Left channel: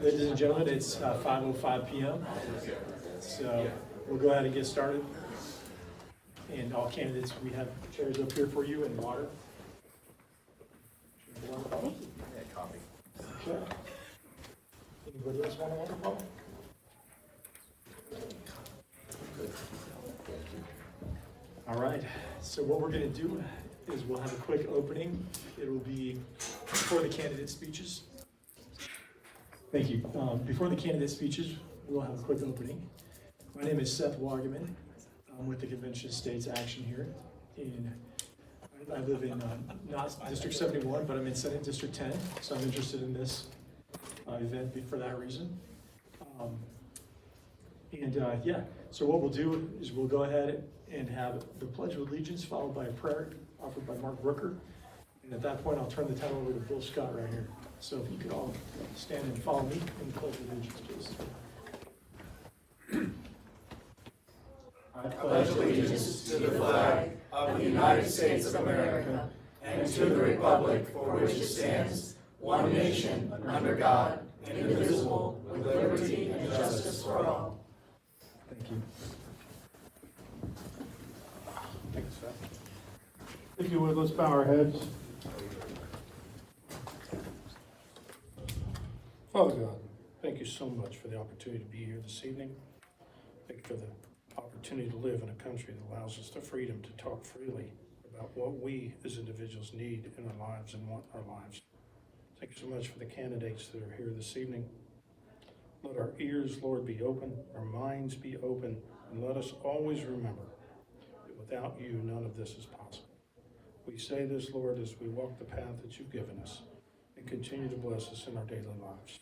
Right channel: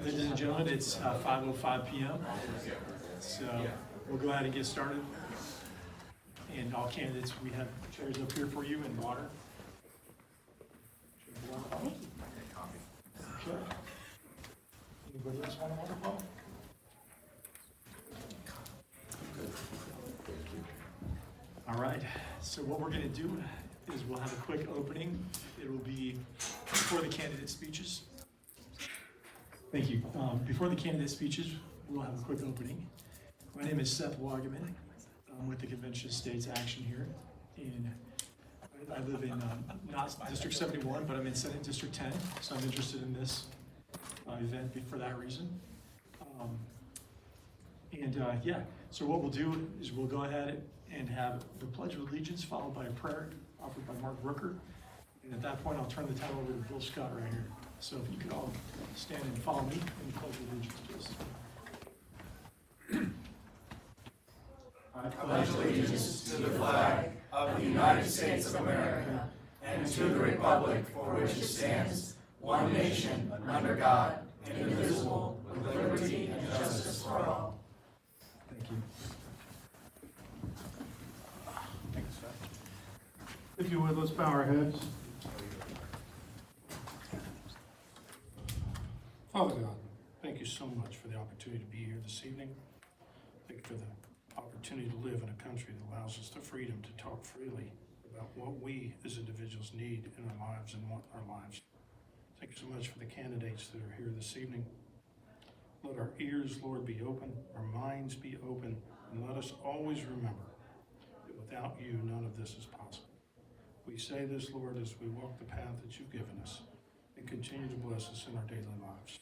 Ladies and gentlemen, it's 5:05 p.m. So we'll go ahead and get started. And all candidates, we have chairs up here for you and water. Sure. Anybody else want a water bottle? All right, so what we're going to do is we'll have a quick opening. It will be before the candidate speeches. Thank you. Before the candidate speeches, we'll have a quick opening. My name is Seth Wagaman. I'm with the Convention of States Action here. I live in not District 71, but I'm in Senate District 10, so I'm interested in this event for that reason. So what we'll do is we'll go ahead and have the Pledge of Allegiance followed by a prayer offered by Mark Brooker. And at that point, I'll turn the title over to Bill Scott right here. So if you could all stand and follow me in the Pledge of Allegiance, please. I pledge allegiance to the flag of the United States of America and to the republic for which it stands, one nation, under God, indivisible, with liberty and justice for all. Thank you. If you would, let's bow our heads. Father God, thank you so much for the opportunity to be here this evening. Thank you for the opportunity to live in a country that allows us the freedom to talk freely about what we as individuals need in our lives and want our lives. Thank you so much for the candidates that are here this evening. Let our ears, Lord, be open, our minds be open, and let us always remember that without you, none of this is possible. We say this, Lord, as we walk the path that you've given us, and continue to bless us in our daily lives.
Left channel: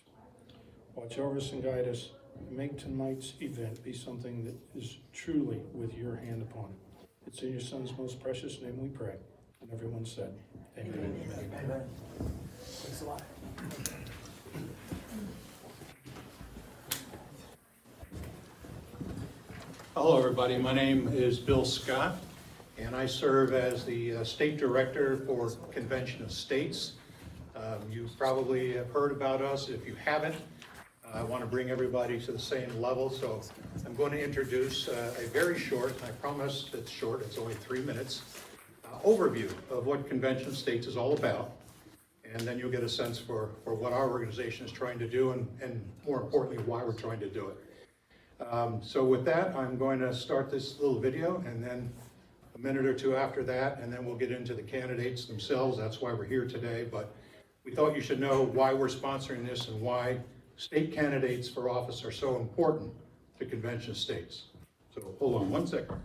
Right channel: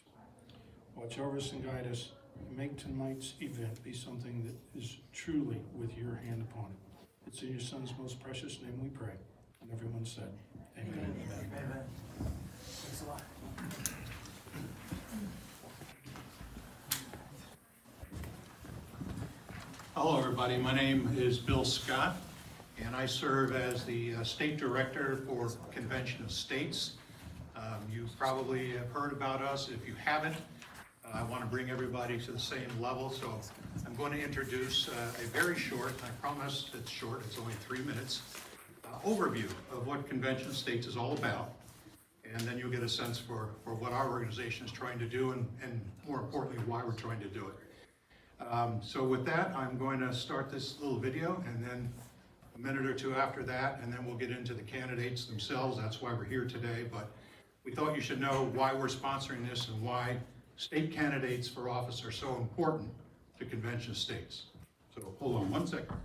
Watch over us and guide us. Make tonight's event be something that is truly with your hand upon it. It's in your Son's most precious name we pray. And everyone said, amen. Amen. Thanks a lot. Hello, everybody. My name is Bill Scott, and I serve as the State Director for Convention of States. You probably have heard about us. If you haven't, I want to bring everybody to the same level, so I'm going to introduce a very short, I promise it's short, it's only 3 minutes, overview of what Convention of States is all about, and then you'll get a sense for what our organization is trying to do and more importantly, why we're trying to do it. So with that, I'm going to start this little video, and then a minute or two after that, and then we'll get into the candidates themselves. That's why we're here today, but we thought you should know why we're sponsoring this and why state candidates for office are so important to Convention of States. So hold on 1 second.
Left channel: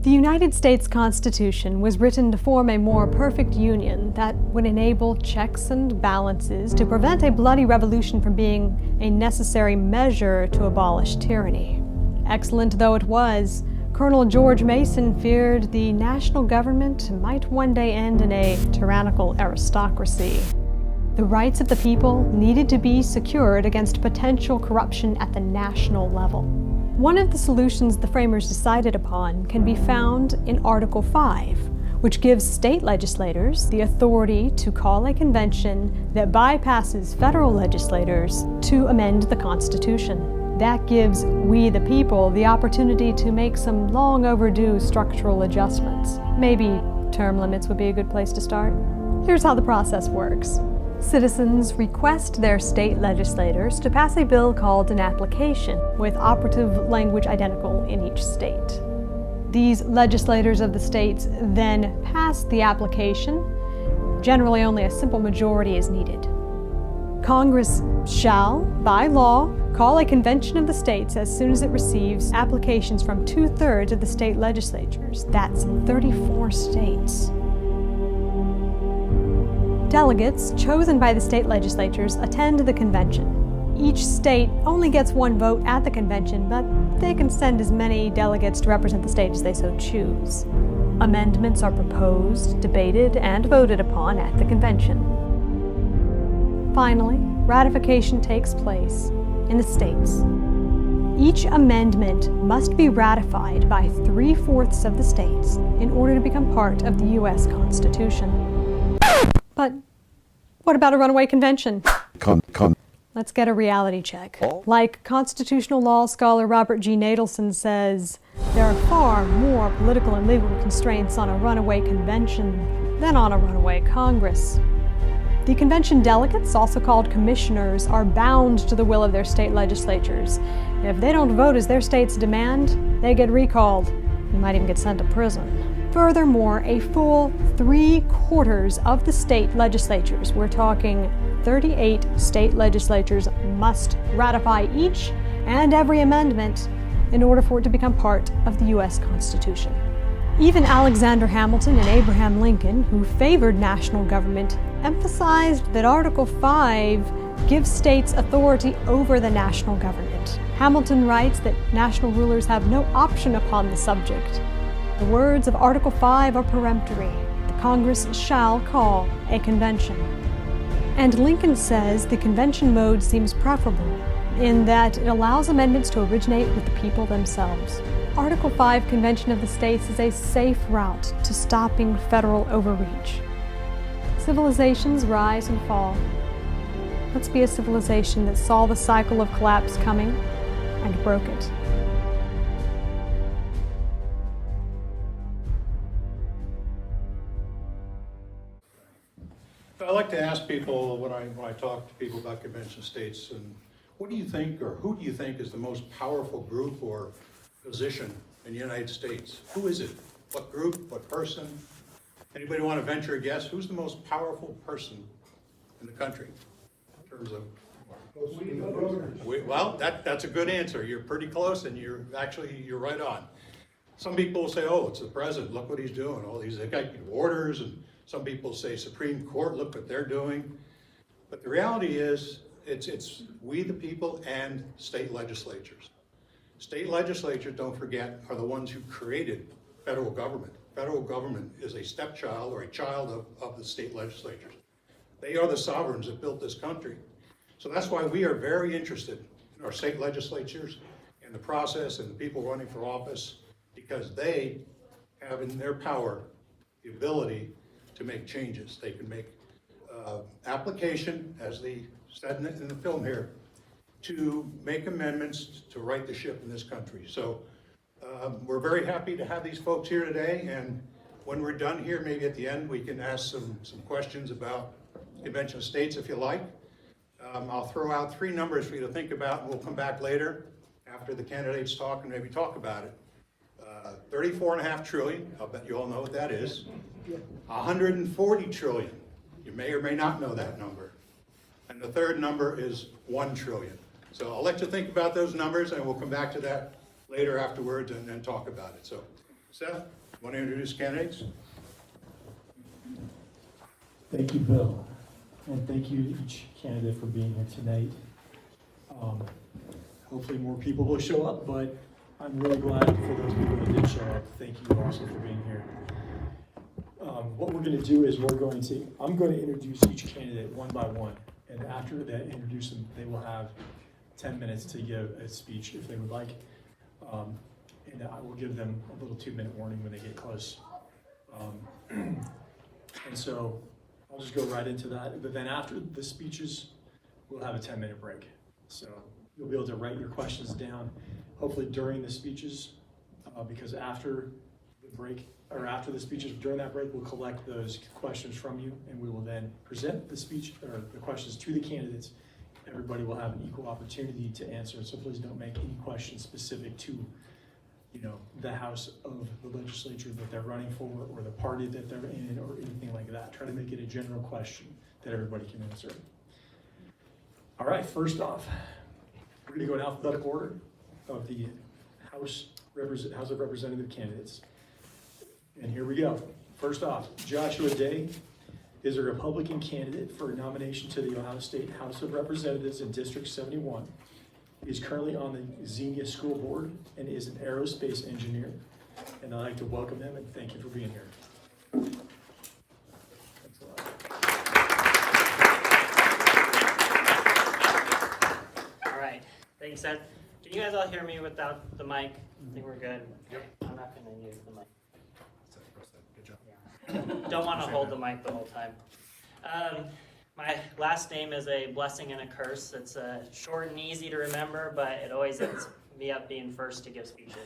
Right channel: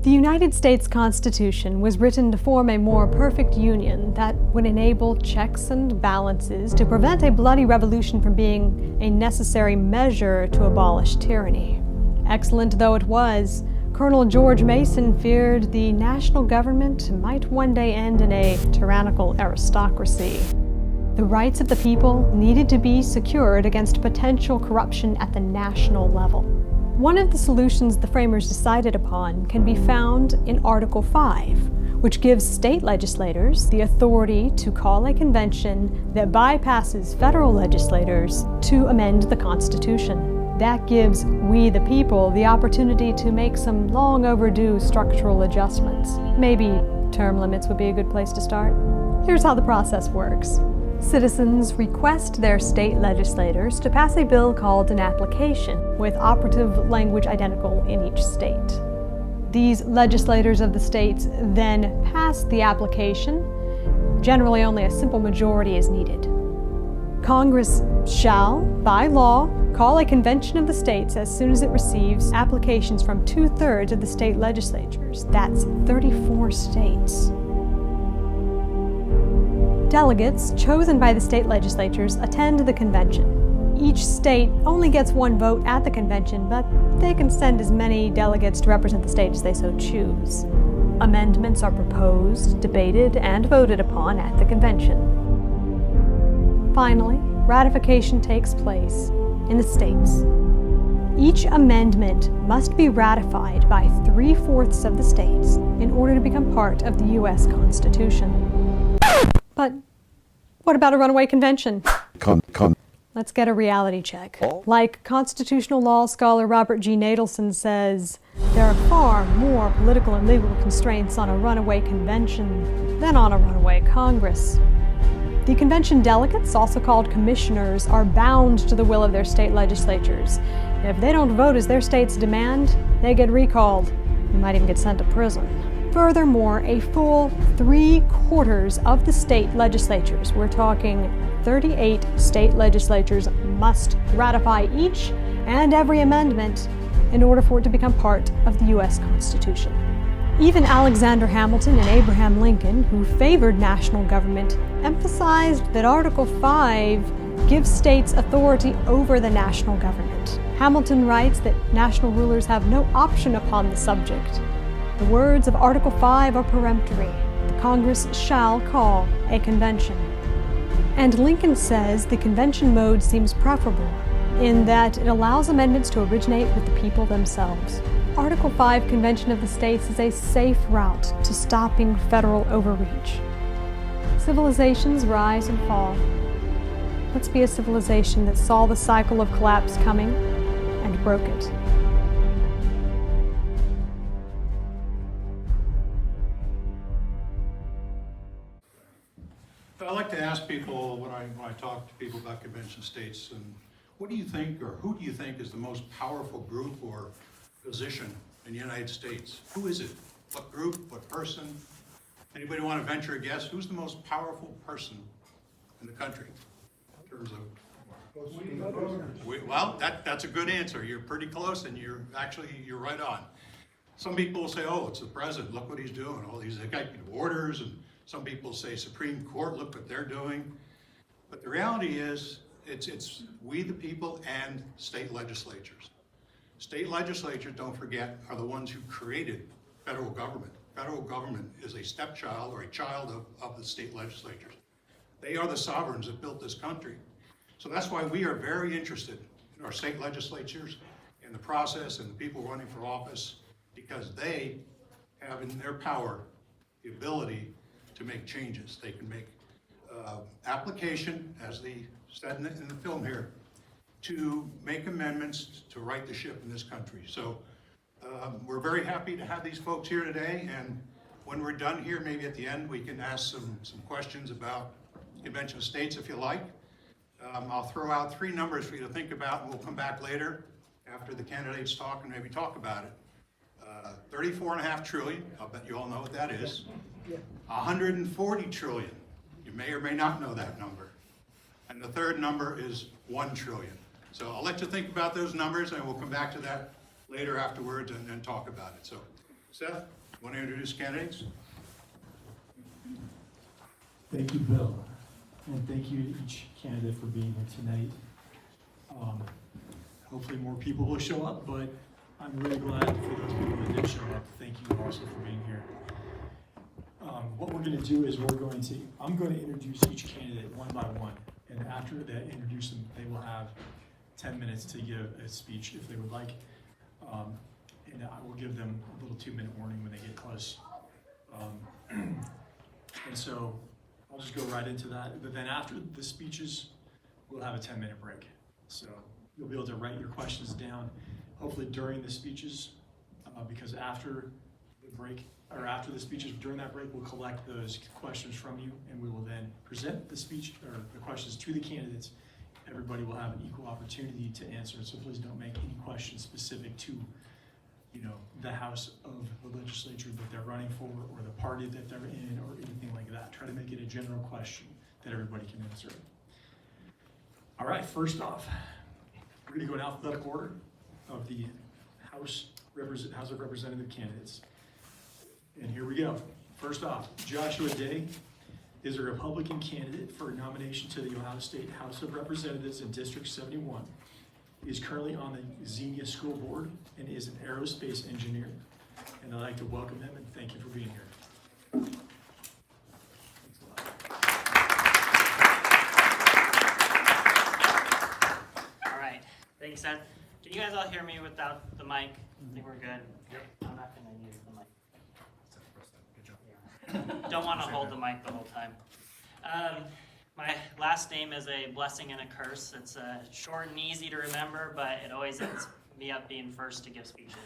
The United States Constitution was written to form a more perfect union that would enable checks and balances to prevent a bloody revolution from being a necessary measure to abolish tyranny. Excellent though it was, Colonel George Mason feared the national government might one day end in a tyrannical aristocracy. The rights of the people needed to be secured against potential corruption at the national level. One of the solutions the framers decided upon can be found in Article 5, which gives state legislators the authority to call a convention that bypasses federal legislators to amend the Constitution. That gives we the people the opportunity to make some long overdue structural adjustments. Maybe term limits would be a good place to start. Here's how the process works. Citizens request their state legislators to pass a bill called an application, with operative language identical in each state. These legislators of the states then pass the application. Generally, only a simple majority is needed. Congress shall, by law, call a convention of the states as soon as it receives applications from 2/3 of the state legislatures. That's 34 states. Delegates chosen by the state legislatures attend the convention. Each state only gets one vote at the convention, but they can send as many delegates to represent the state as they so choose. Amendments are proposed, debated, and voted upon at the convention. Finally, ratification takes place in the states. Each amendment must be ratified by 3/4 of the states in order to become part of the U.S. Constitution. But What about a runaway convention? Let's get a reality check. Like constitutional law scholar Robert G. Nadelson says, there are far more political and legal constraints on a runaway convention than on a runaway Congress. The convention delegates, also called commissioners, are bound to the will of their state legislatures. If they don't vote as their states demand, they get recalled and might even get sent to prison. Furthermore, a full 3/4 of the state legislatures, we're talking 38 state legislatures, must ratify each and every amendment in order for it to become part of the U.S. Constitution. Even Alexander Hamilton and Abraham Lincoln, who favored national government, emphasized that Article 5 gives states authority over the national government. Hamilton writes that national rulers have no option upon the subject. The words of Article 5 are peremptory. The Congress shall call a convention. And Lincoln says the convention mode seems preferable in that it allows amendments to originate with the people themselves. Article 5 Convention of the States is a safe route to stopping federal overreach. Civilizations rise and fall. Let's be a civilization that saw the cycle of collapse coming and broke it. I like to ask people when I talk to people about convention states, and what do you think, or who do you think is the most powerful group or position in the United States? Who is it? What group? What person? Anybody want to venture a guess? Who's the most powerful person in the country in terms of? Well, that's a good answer. You're pretty close, and you're right on. Some people say, "Oh, it's the president. Look what he's doing. All these executive orders," and some people say Supreme Court. Look what they're doing. But the reality is, it's we the people and state legislatures. State legislatures, don't forget, are the ones who created federal government. Federal government is a stepchild or a child of the state legislatures. They are the sovereigns that built this country. So that's why we are very interested in our state legislatures and the process and the people running for office, because they have in their power the ability to make changes. They can make application, as they said in the film here, to make amendments to right the ship in this country. So we're very happy to have these folks here today, and when we're done here, maybe at the end, we can ask some questions about Convention of States if you like. I'll throw out 3 numbers for you to think about, and we'll come back later after the candidates talk and maybe talk about it. 34.5 trillion, I'll bet you all know what that is. 140 trillion, you may or may not know that number. And the third number is 1 trillion. So I'll let you think about those numbers, and we'll come back to that later afterwards and talk about it. So, Seth, want to introduce candidates? Thank you, Bill. And thank you to each candidate for being here tonight. Hopefully more people will show up, but I'm really glad for those people that did show up. Thank you also for being here. What we're going to do is I'm going to introduce each candidate one by one. And after that introduce them, they will have 10 minutes to give a speech if they would like. And I will give them a little 2-minute warning when they get close. And so I'll just go right into that. But then after the speeches, we'll have a 10-minute break. So you'll be able to write your questions down, hopefully during the speeches, because after the break, or after the speeches, during that break, we'll collect those questions from you, and we will then present the speech or the questions to the candidates. Everybody will have an equal opportunity to answer, so please don't make any questions specific to, the house of the legislature that they're running for, or the party that they're in, or anything like that. Try to make it a general question that everybody can answer. All right, first off, we're going to go in alphabetical order of the House of Representative candidates. And here we go. First off, Joshua Day is a Republican candidate for a nomination to the Ohio State House of Representatives in District 71. He is currently on the Xenia School Board and is an aerospace engineer. And I'd like to welcome him and thank you for being here. Thanks a lot. All right. Thanks, Seth. Can you guys all hear me without the mic? I think we're good. Okay. I'm not going to use the mic. Don't want to hold the mic the whole time. My last name is a blessing and a curse. It's short and easy to remember, but it always ends me up being first to give speeches.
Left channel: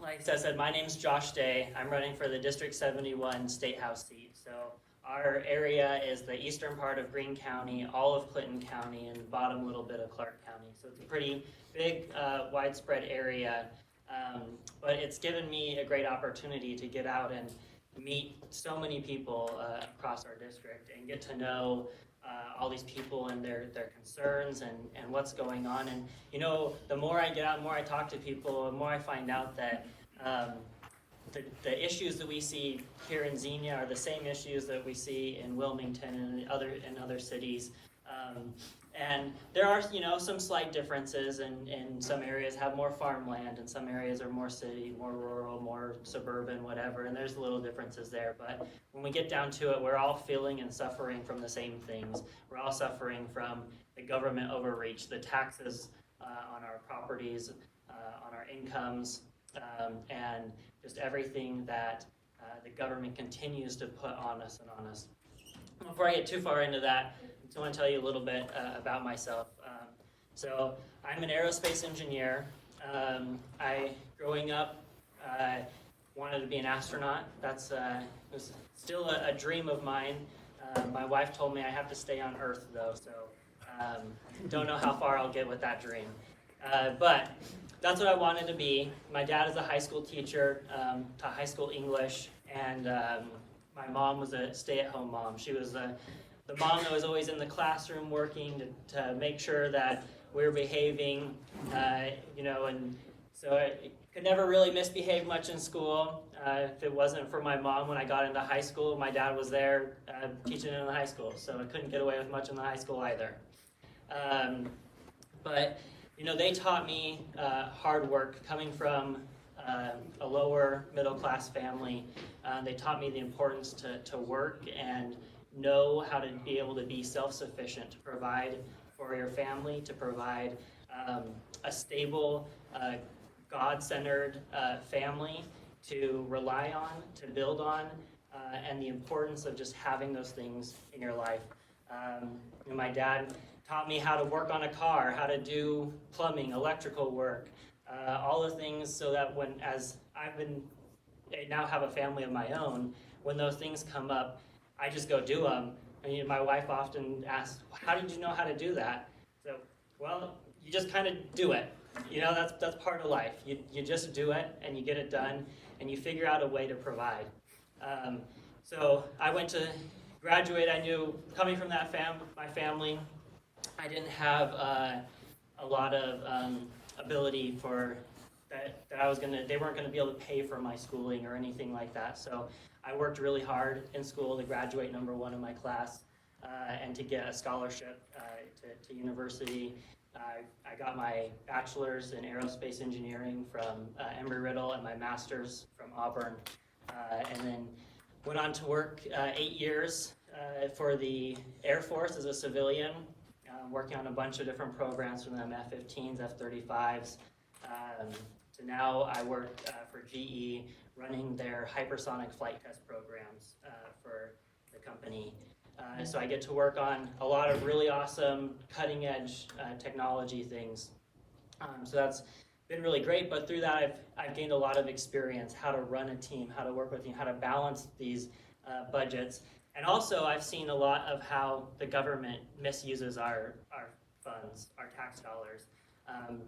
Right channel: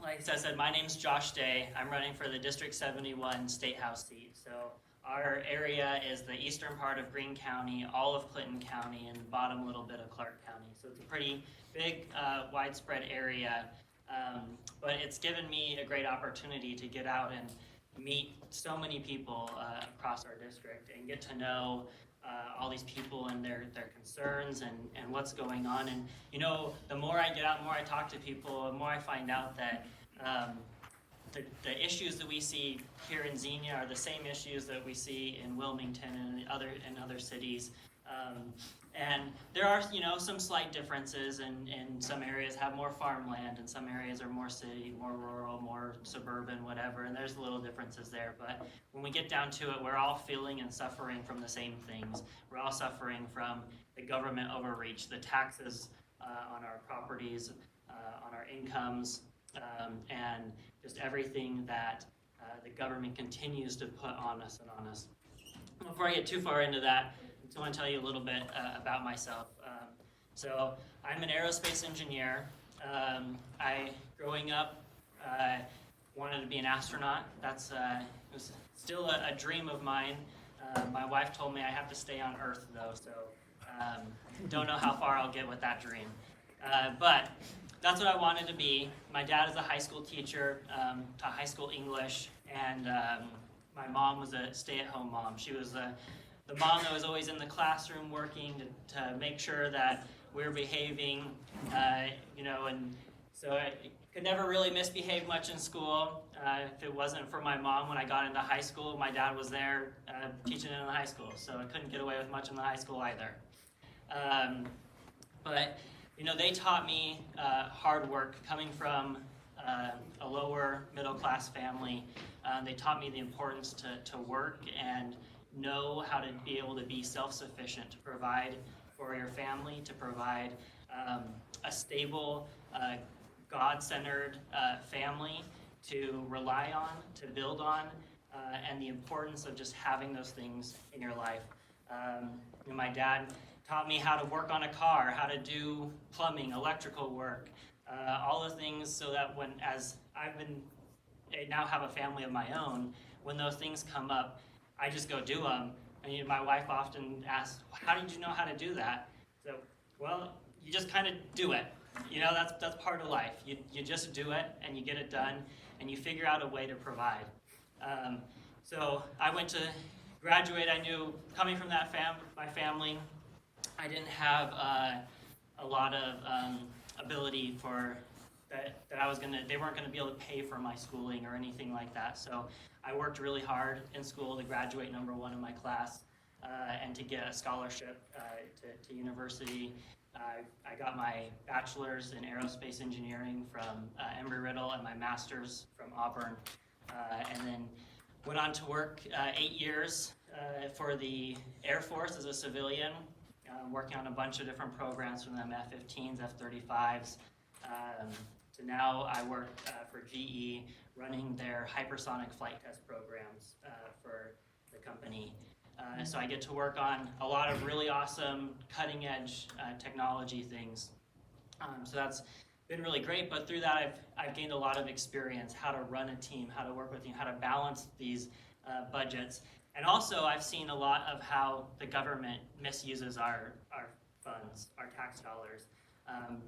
Like I said, my name's Josh Day. I'm running for the District 71 State House seat. So our area is the eastern part of Greene County, all of Clinton County, and the bottom little bit of Clark County. So it's a pretty big, widespread area, but it's given me a great opportunity to get out and meet so many people across our district and get to know all these people and their concerns and what's going on. And you know, the more I get out, the more I talk to people, the more I find out that the issues that we see here in Xenia are the same issues that we see in Wilmington and other cities. And there are, you know, some slight differences, and some areas have more farmland, and some areas are more city, more rural, more suburban, whatever, and there's little differences there. But when we get down to it, we're all feeling and suffering from the same things. We're all suffering from the government overreach, the taxes on our properties, on our incomes, and just everything that the government continues to put on us and on us. Before I get too far into that, I just want to tell you a little bit about myself. So I'm an aerospace engineer. Growing up, wanted to be an astronaut. That's was still a dream of mine. My wife told me I have to stay on Earth, though, so don't know how far I'll get with that dream. But that's what I wanted to be. My dad is a high school teacher, taught high school English, and my mom was a stay-at-home mom. She was the mom that was always in the classroom working to make sure that we were behaving, you know, and so I could never really misbehave much in school. If it wasn't for my mom when I got into high school, my dad was there teaching in the high school, so I couldn't get away with much in the high school either. But you know, they taught me hard work. Coming from a lower middle class family, they taught me the importance to work and know how to be able to be self-sufficient, to provide for your family, to provide a stable, God-centered family to rely on, to build on, and the importance of just having those things in your life. You know, my dad taught me how to work on a car, how to do plumbing, electrical work, all the things, so that as I now have a family of my own, when those things come up, I just go do them. I mean, my wife often asks, how did you know how to do that? So, well, you just kind of do it. You know, that's part of life. You just do it, and you get it done, and you figure out a way to provide. So I went to graduate. I knew, coming from that my family, I didn't have a lot of ability for that they weren't gonna be able to pay for my schooling or anything like that. So I worked really hard in school to graduate number one in my class and to get a scholarship to university. I got my bachelor's in aerospace engineering from Embry-Riddle and my master's from Auburn, and then went on to work 8 years for the Air Force as a civilian, working on a bunch of different programs from them, F-15s, F-35s. So now I work for GE, running their hypersonic flight test programs for the company. So I get to work on a lot of really awesome cutting edge technology things. So that's been really great, but through that I've gained a lot of experience, how to run a team, how to work with a team, how to balance these budgets. And also I've seen a lot of how the government misuses our funds, our tax dollars.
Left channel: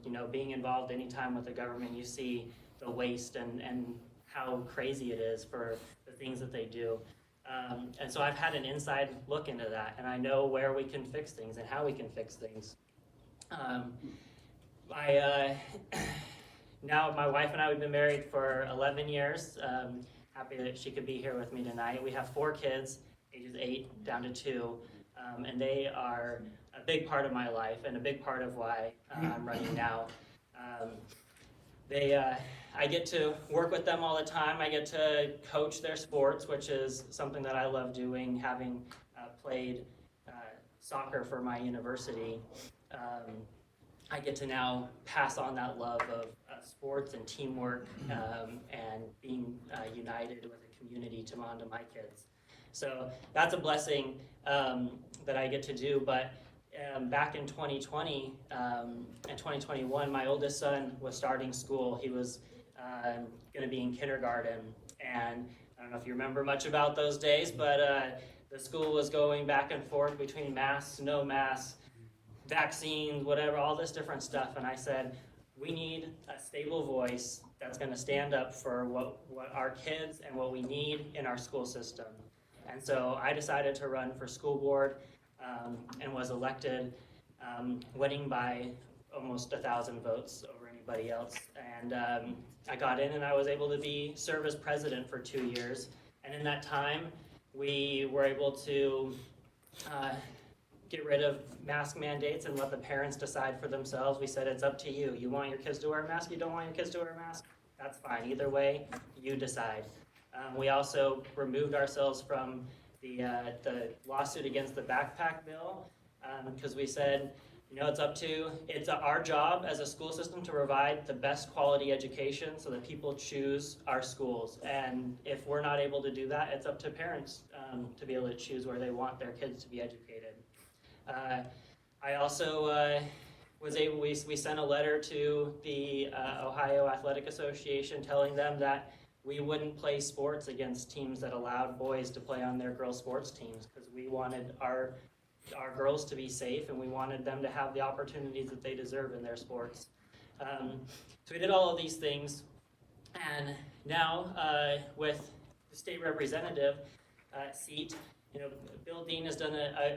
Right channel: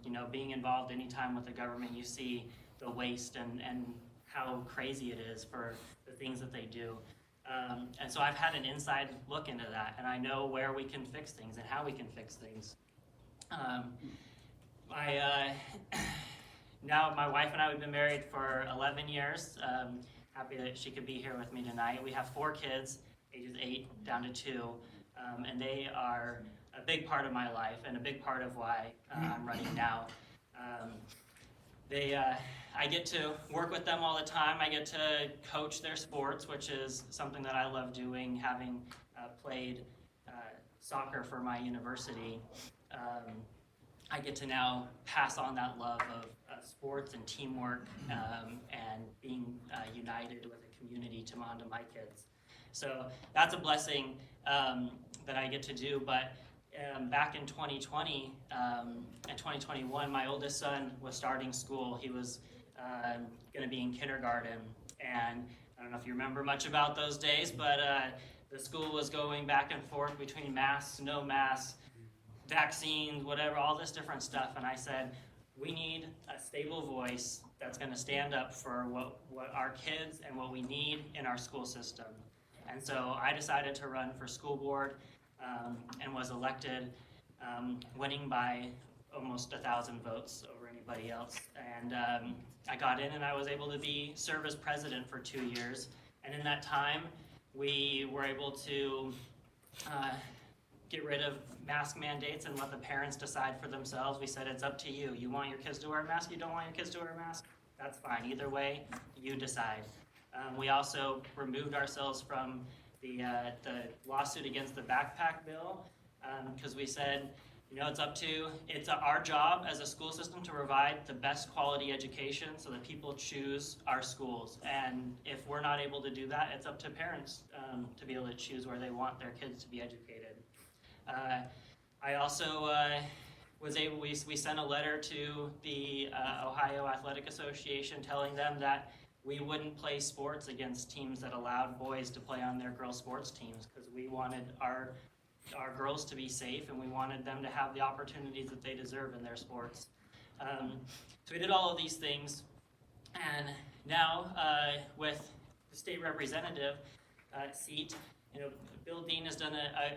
You know, being involved anytime with the government, you see the waste and how crazy it is for the things that they do. And so I've had an inside look into that, and I know where we can fix things and how we can fix things. Now my wife and I, we've been married for 11 years. Happy that she could be here with me tonight. We have 4 kids, ages 8 down to 2, and they are a big part of my life and a big part of why I'm running now. I get to work with them all the time. I get to coach their sports, which is something that I love doing, having played soccer for my university. I get to now pass on that love of sports and teamwork and being united with a community onto my kids. So that's a blessing that I get to do. But back in 2020 and 2021, my oldest son was starting school. He was going to be in kindergarten. And I don't know if you remember much about those days, but the school was going back and forth between masks, no masks, vaccines, whatever, all this different stuff. And I said, we need a stable voice that's going to stand up for what our kids and what we need in our school system. And so I decided to run for school board and was elected, winning by almost 1,000 votes over anybody else. And I got in and I was able to serve as president for 2 years. And in that time, we were able to get rid of mask mandates and let the parents decide for themselves. We said, it's up to you. You want your kids to wear a mask? You don't want your kids to wear a mask? That's fine. Either way, you decide. We also removed ourselves from the lawsuit against the backpack bill because we said, it's our job as a school system to provide the best quality education so that people choose our schools. And if we're not able to do that, it's up to parents to be able to choose where they want their kids to be educated. I also we sent a letter to the Ohio Athletic Association telling them that we wouldn't play sports against teams that allowed boys to play on their girls' sports teams because we wanted our girls to be safe and we wanted them to have the opportunities that they deserve in their sports. So we did all of these things, and now with the state representative seat, Bill Dean has done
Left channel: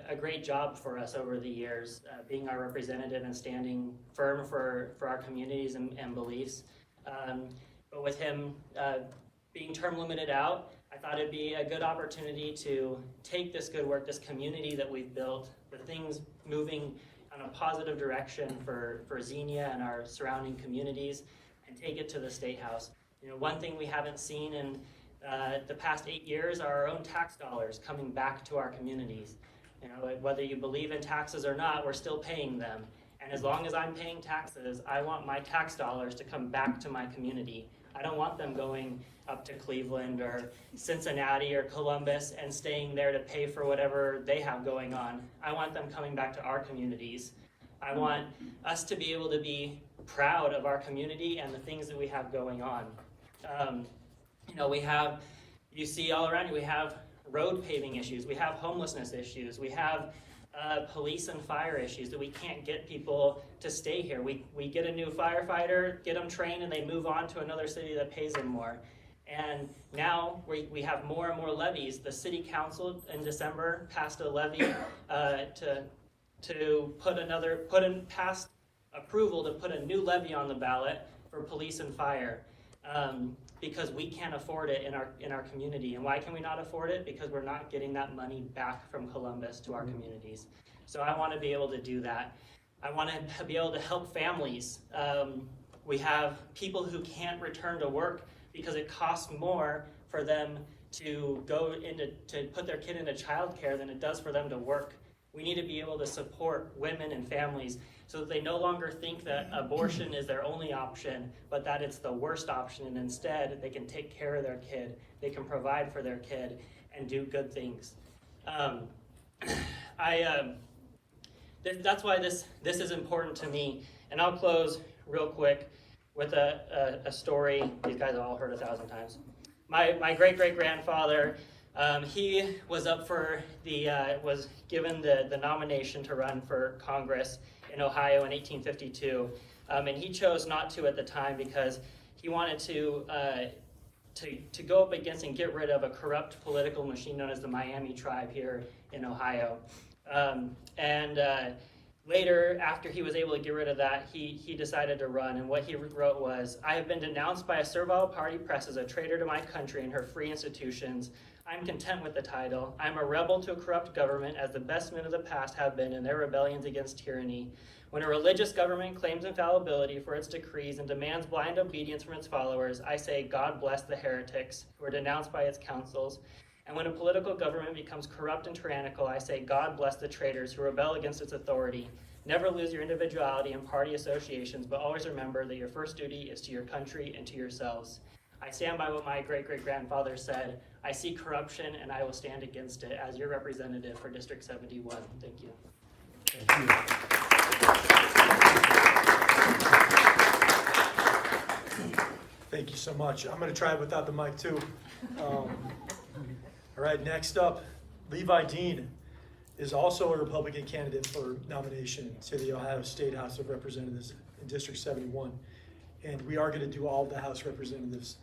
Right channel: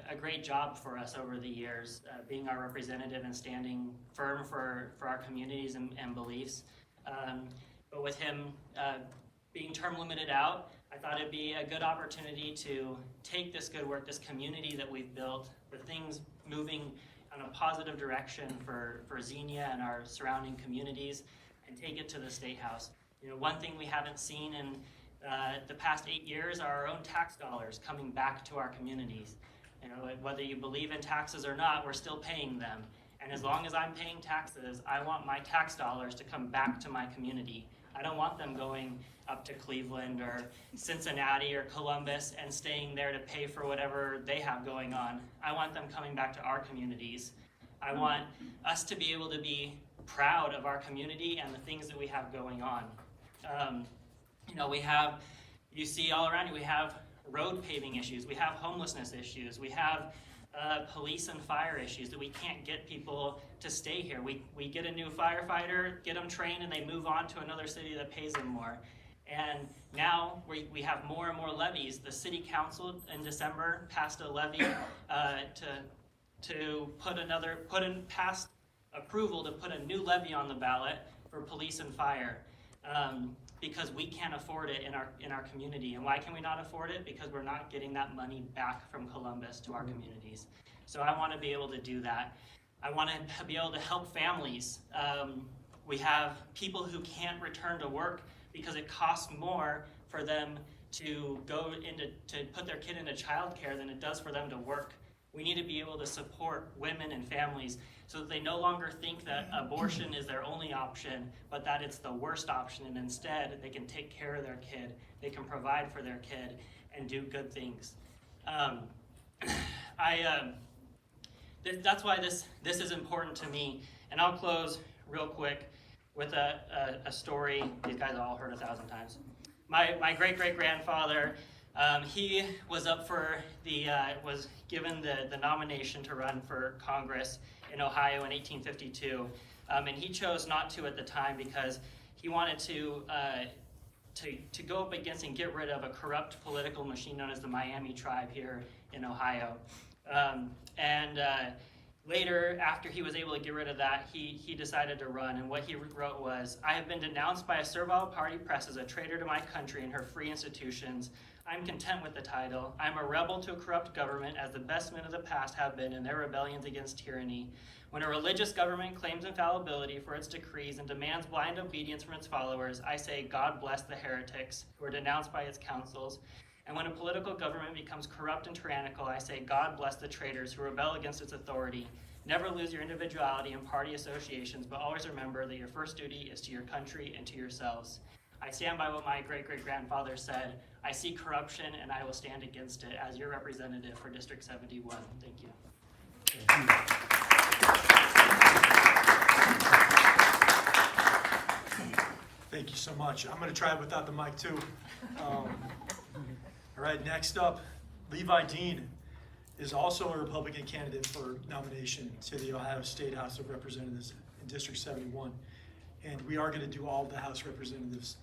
a great job for us over the years, being our representative and standing firm for our communities and beliefs. But with him being term limited out, I thought it'd be a good opportunity to take this good work, this community that we've built, the things moving on a positive direction for Xenia and our surrounding communities, and take it to the State House. One thing we haven't seen in the past 8 years are our own tax dollars coming back to our communities. Whether you believe in taxes or not, we're still paying them. And as long as I'm paying taxes, I want my tax dollars to come back to my community. I don't want them going up to Cleveland or Cincinnati or Columbus and staying there to pay for whatever they have going on. I want them coming back to our communities. I want us to be able to be proud of our community and the things that we have going on. You see all around you, we have road paving issues, we have homelessness issues, we have police and fire issues that we can't get people to stay here. We get a new firefighter, get them trained, and they move on to another city that pays them more. And now we have more and more levies. The city council in December passed a levy passed approval to put a new levy on the ballot for police and fire. Because we can't afford it in our community. And why can we not afford it? Because we're not getting that money back from Columbus to our communities. So I want to be able to do that. I want to be able to help families. We have people who can't return to work because it costs more for them to put their kid into childcare than it does for them to work. We need to be able to support women and families so that they no longer think that abortion is their only option, but that it's the worst option, and instead they can take care of their kid, they can provide for their kid, and do good things. That's why this is important to me, and I'll close real quick with a story these guys have all heard 1,000 times. My great-great-grandfather, he was up for was given the nomination to run for Congress in Ohio in 1852, and he chose not to at the time because he wanted to go up against and get rid of a corrupt political machine known as the Miami tribe here in Ohio. Later, after he was able to get rid of that, he decided to run, and what he wrote was, "I have been denounced by a servile party press as a traitor to my country and her free institutions. I'm content with the title. I'm a rebel to a corrupt government, as the best men of the past have been in their rebellions against tyranny. When a religious government claims infallibility for its decrees and demands blind obedience from its followers, I say, God bless the heretics who are denounced by its councils. And when a political government becomes corrupt and tyrannical, I say, God bless the traitors who rebel against its authority. Never lose your individuality and party associations, but always remember that your first duty is to your country and to yourselves. I stand by what my great-great-grandfather said. I see corruption and I will stand against it as your representative for District 71. Thank you. Thank you. Thank you so much. I'm going to try it without the mic too. All right, next up, Levi Dean is also a Republican candidate for nomination to the Ohio State House of Representatives in District 71. And we are going to do all the House Representatives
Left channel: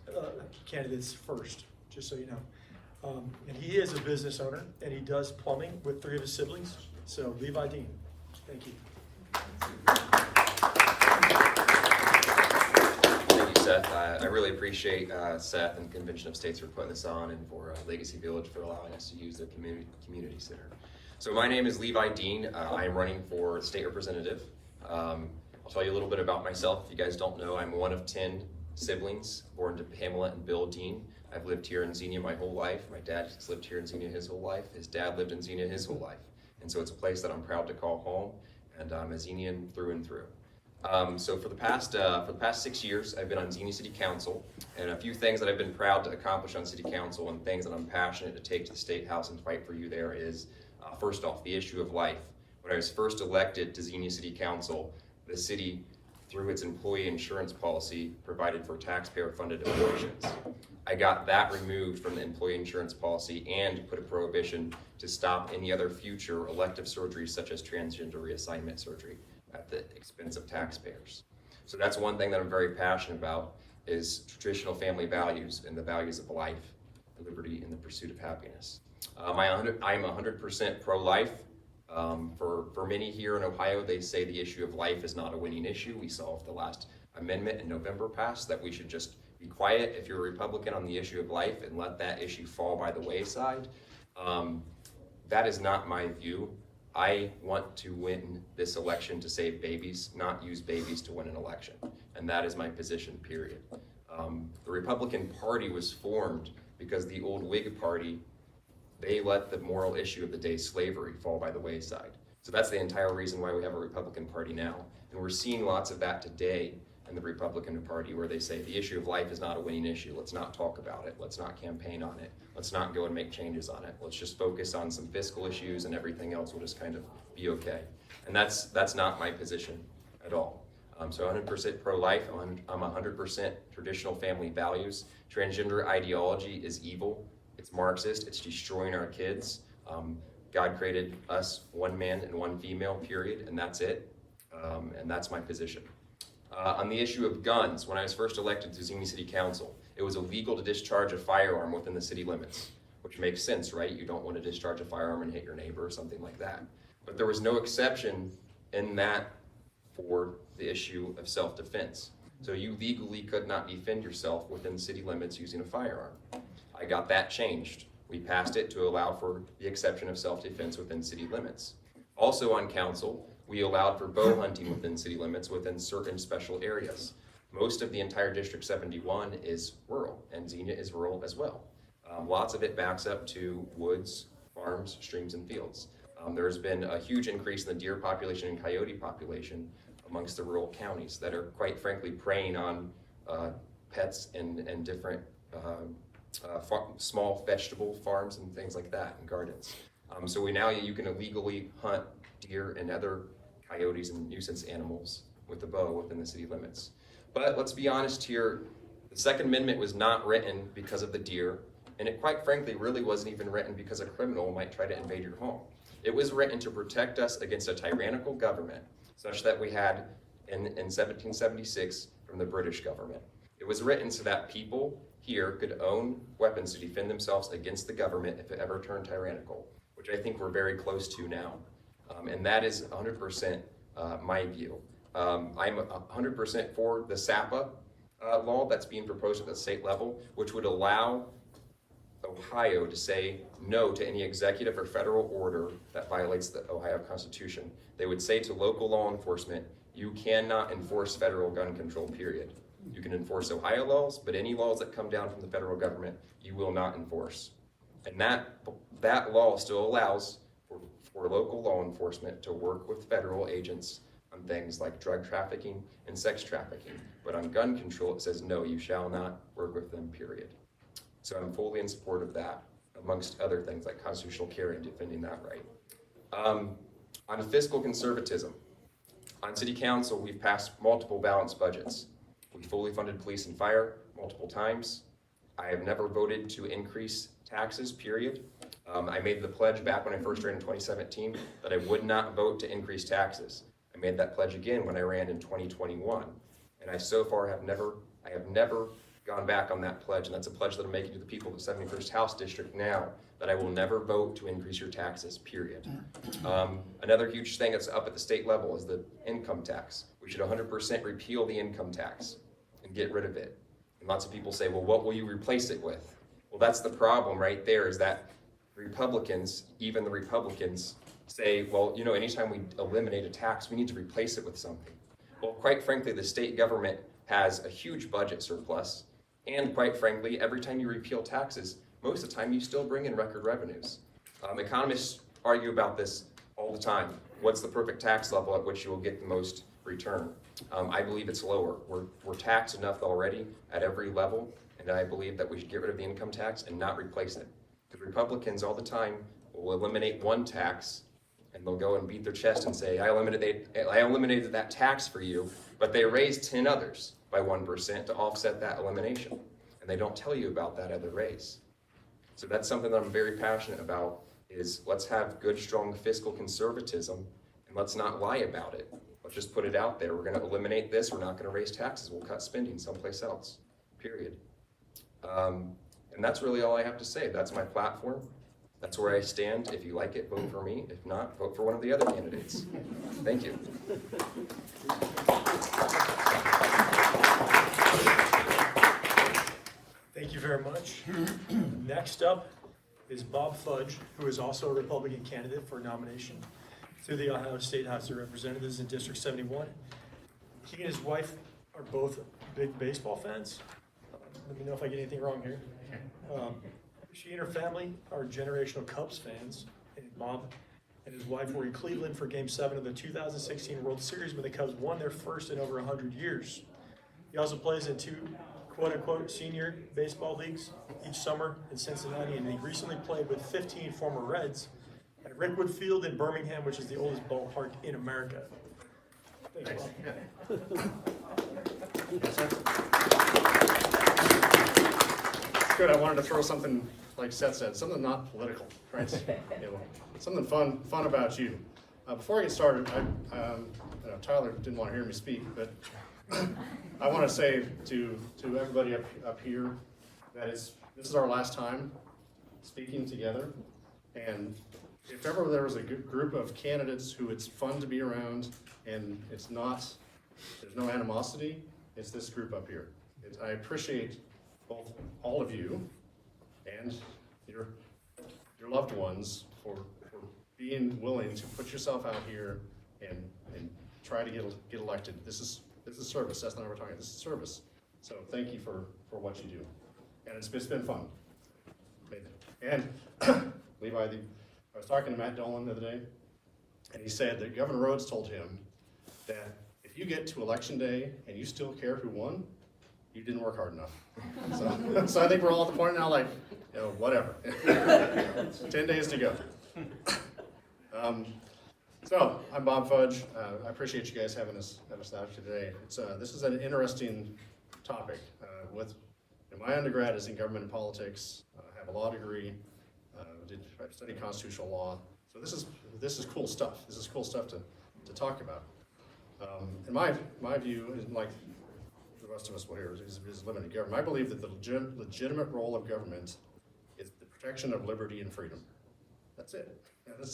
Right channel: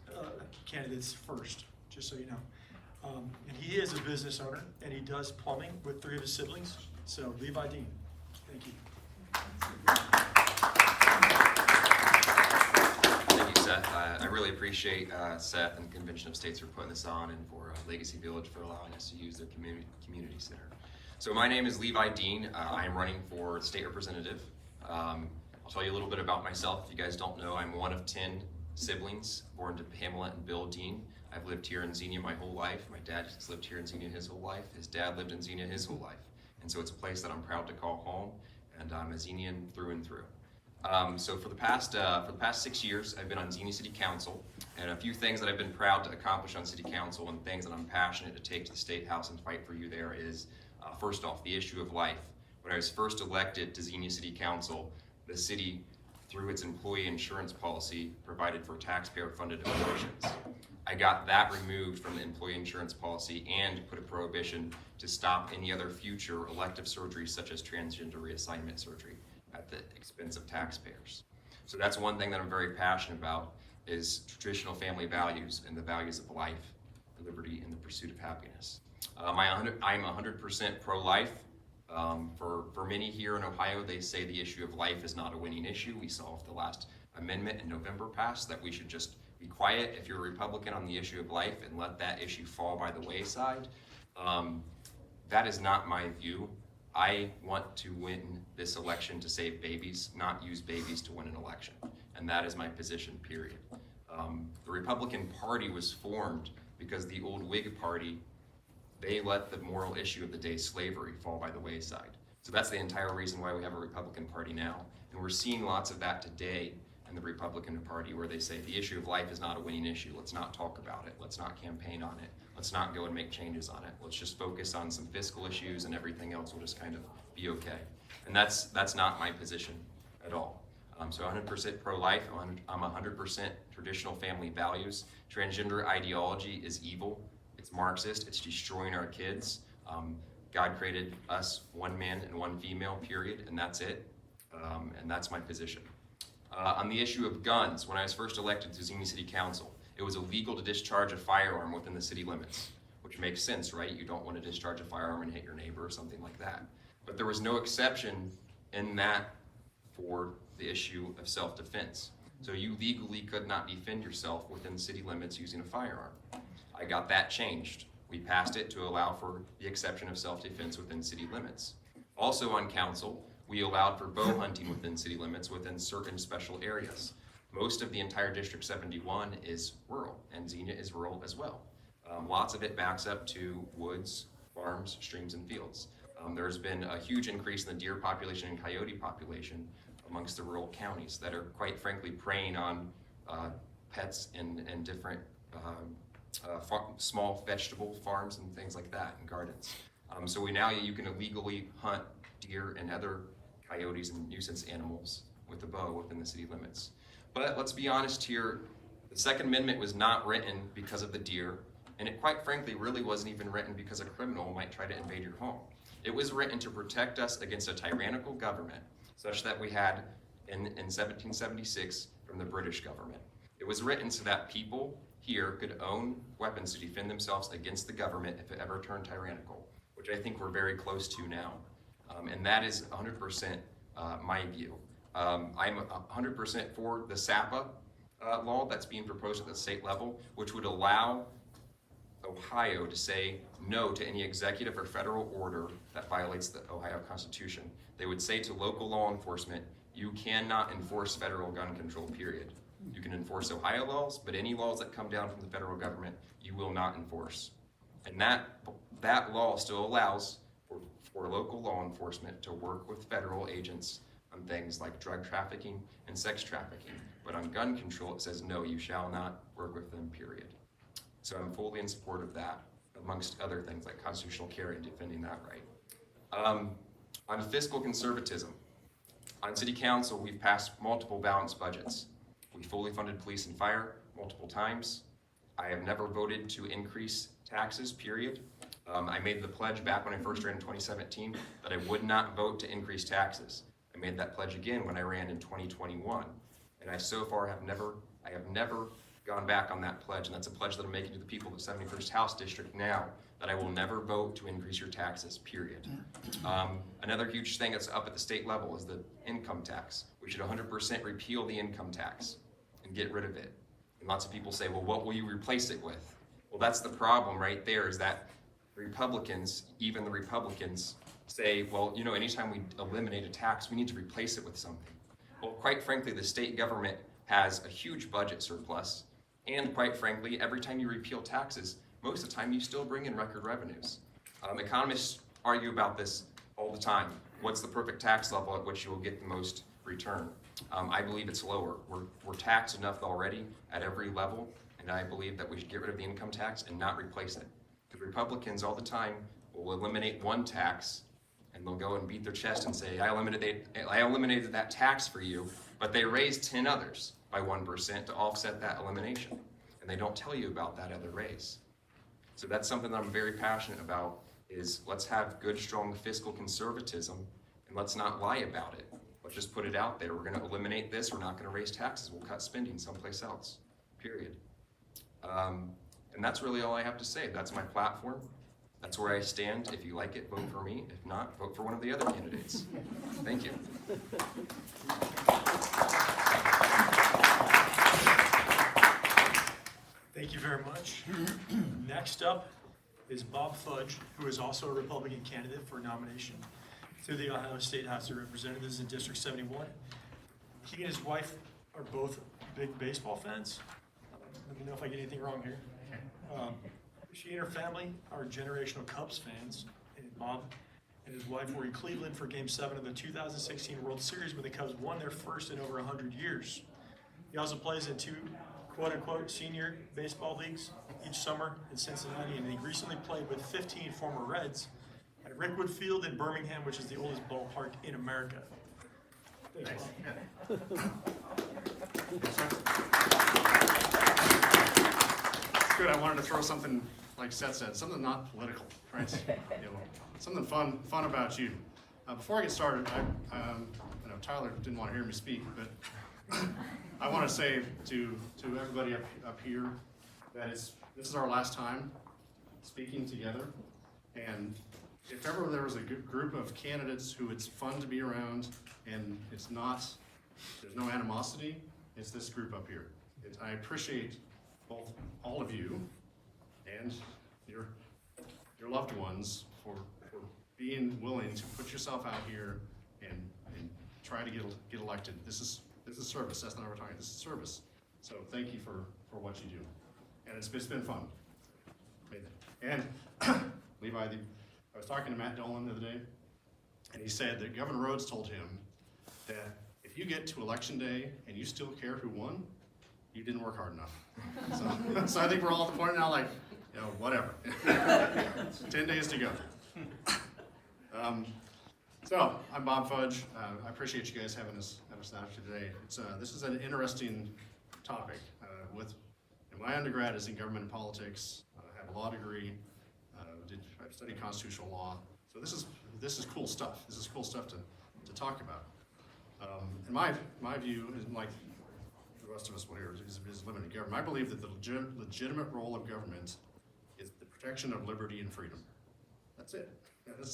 candidates first, just so you know. And he is a business owner, and he does plumbing with 3 of his siblings. So, Levi Dean, thank you. Thank you, Seth. I really appreciate Seth and Convention of States for putting this on, and for Legacy Village for allowing us to use their community center. So my name is Levi Dean. I am running for state representative. I'll tell you a little bit about myself. If you guys don't know, I'm one of 10 siblings born to Pamela and Bill Dean. I've lived here in Xenia my whole life. My dad has lived here in Xenia his whole life. His dad lived in Xenia his whole life. And so it's a place that I'm proud to call home, and I'm a Xenian through and through. So for the past 6 years, I've been on Xenia City Council, and a few things that I've been proud to accomplish on City Council and things that I'm passionate to take to the State House and fight for you there is, first off, the issue of life. When I was first elected to Xenia City Council, the city, through its employee insurance policy, provided for taxpayer-funded abortions. I got that removed from the employee insurance policy and put a prohibition to stop any other future elective surgeries such as transgender reassignment surgery at the expense of taxpayers. So that's one thing that I'm very passionate about, is traditional family values and the values of life, liberty, and the pursuit of happiness. I'm 100% pro-life. For many here in Ohio, they say the issue of life is not a winning issue. We saw if the last amendment in November passed that we should just be quiet if you're a Republican on the issue of life and let that issue fall by the wayside. That is not my view. I want to win this election to save babies, not use babies to win an election. And that is my position, period. The Republican Party was formed because the old Whig Party, they let the moral issue of the day, slavery, fall by the wayside. So that's the entire reason why we have a Republican Party now. And we're seeing lots of that today in the Republican Party, where they say the issue of life is not a winning issue. Let's not talk about it. Let's not campaign on it. Let's not go and make changes on it. Let's just focus on some fiscal issues, and everything else will just kind of be okay. And that's not my position at all. So 100% pro-life. I'm 100% traditional family values. Transgender ideology is evil. It's Marxist. It's destroying our kids. God created us one man and one female, period, and that's it. And that's my position. On the issue of guns, when I was first elected to Xenia City Council, it was illegal to discharge a firearm within the city limits, which makes sense, right? You don't want to discharge a firearm and hit your neighbor or something like that. But there was no exception in that for the issue of self-defense. So you legally could not defend yourself within city limits using a firearm. I got that changed. We passed it to allow for the exception of self-defense within city limits. Also on council, we allowed for bow hunting within city limits within certain special areas. Most of the entire District 71 is rural, and Xenia is rural as well. Lots of it backs up to woods, farms, streams, and fields. There's been a huge increase in the deer population and coyote population amongst the rural counties that are, quite frankly, preying on pets and different small vegetable farms and things like that, and gardens. So you can illegally hunt deer and other coyotes and nuisance animals with a bow within the city limits. But let's be honest here, the Second Amendment was not written because of the deer, and it quite frankly really wasn't even written because a criminal might try to invade your home. It was written to protect us against a tyrannical government, such that we had in 1776 from the British government. It was written so that people here could own weapons to defend themselves against the government if it ever turned tyrannical, which I think we're very close to now. And that is 100% my view. I'm 100% for the SAPA law that's being proposed at the state level, which would allow Ohio to say no to any executive or federal order that violates the Ohio Constitution. They would say to local law enforcement, you cannot enforce federal gun control, period. You can enforce Ohio laws, but any laws that come down from the federal government, you will not enforce. And that law still allows for local law enforcement to work with federal agents on things like drug trafficking and sex trafficking. But on gun control, it says, no, you shall not work with them, period. So I'm fully in support of that, amongst other things like constitutional carry and defending that right. On fiscal conservatism, on city council, we've passed multiple balanced budgets. We fully funded police and fire multiple times. I have never voted to increase taxes, period. I made the pledge back when I first ran in 2017 that I would not vote to increase taxes. I made that pledge again when I ran in 2021. And I so far have never gone back on that pledge, and that's a pledge that I'm making to the people of the 71st House District now, that I will never vote to increase your taxes, period. Another huge thing that's up at the state level is the income tax. We should 100% repeal the income tax and get rid of it. And lots of people say, well, what will you replace it with? Well, that's the problem right there, is that Republicans, even the Republicans, say, well, you know, anytime we eliminate a tax, we need to replace it with something. Well, quite frankly, the state government has a huge budget surplus, and quite frankly, every time you repeal taxes, most of the time you still bring in record revenues. Economists argue about this all the time. What's the perfect tax level at which you will get the most return? I believe it's lower. We're taxed enough already at every level, and I believe that we should get rid of the income tax and not replace it. Because Republicans all the time will eliminate one tax, and they'll go and beat their chest and say, I eliminated that tax for you, but they raised 10 others by 1% to offset that elimination. And they don't tell you about that other raise. So that's something that I'm very passionate about, is let's have good, strong fiscal conservatism, and let's not lie about it. Let's just put it out there. We're gonna eliminate this, we're not gonna raise taxes, we'll cut spending someplace else, period. And that's really all I have to say. That's my platform. That's where I stand. If you like it, vote for me. If not, vote for one of the other candidates. Thank you. Thank you very much. Next up is Bob Fudge, who is also a Republican candidate for nomination to the Ohio State House of Representatives in District 71. He and his wife are both big baseball fans. Let me know if I get anything wrong here. She and her family are generational Cubs fans, and Bob and his wife were in Cleveland for Game 7 of the 2016 World Series when the Cubs won their first in over 100 years. He also plays in 2 quote-unquote senior baseball leagues each summer in Cincinnati, and he recently played with 15 former Reds at Rickwood Field in Birmingham, which is the oldest ballpark in America. Thanks, Bob. Yes, sir. Good. I wanted to throw something, like Seth said, something not political, right? Something fun about you. Before I get started, Tyler didn't want to hear me speak, but I want to say to everybody up here that this is our last time speaking together, and if ever there was a group of candidates who it's fun to be around and there's no animosity, it's this group up here. I appreciate all of you and your loved ones for being willing to put yourself out here and try to get elected. This is service. That's not what we're talking about. This is service. So thank you for what you do, and it's been fun. And Levi, I was talking to Matt Dolan the other day, and he said that Governor Rhodes told him that if you get to election day and you still care who won, you didn't work hard enough. So I think we're all at the point now, like, whatever. 10 days to go. So I'm Bob Fudge. I appreciate you guys having us out today. This is an interesting topic. My undergrad is in government and politics. I have a law degree. I studied constitutional law. So this is cool stuff. This is cool stuff to talk about. And my view is, like the rest of us will hear, is limited government. I believe that the legitimate role of government is the protection of liberty and freedom. That's it.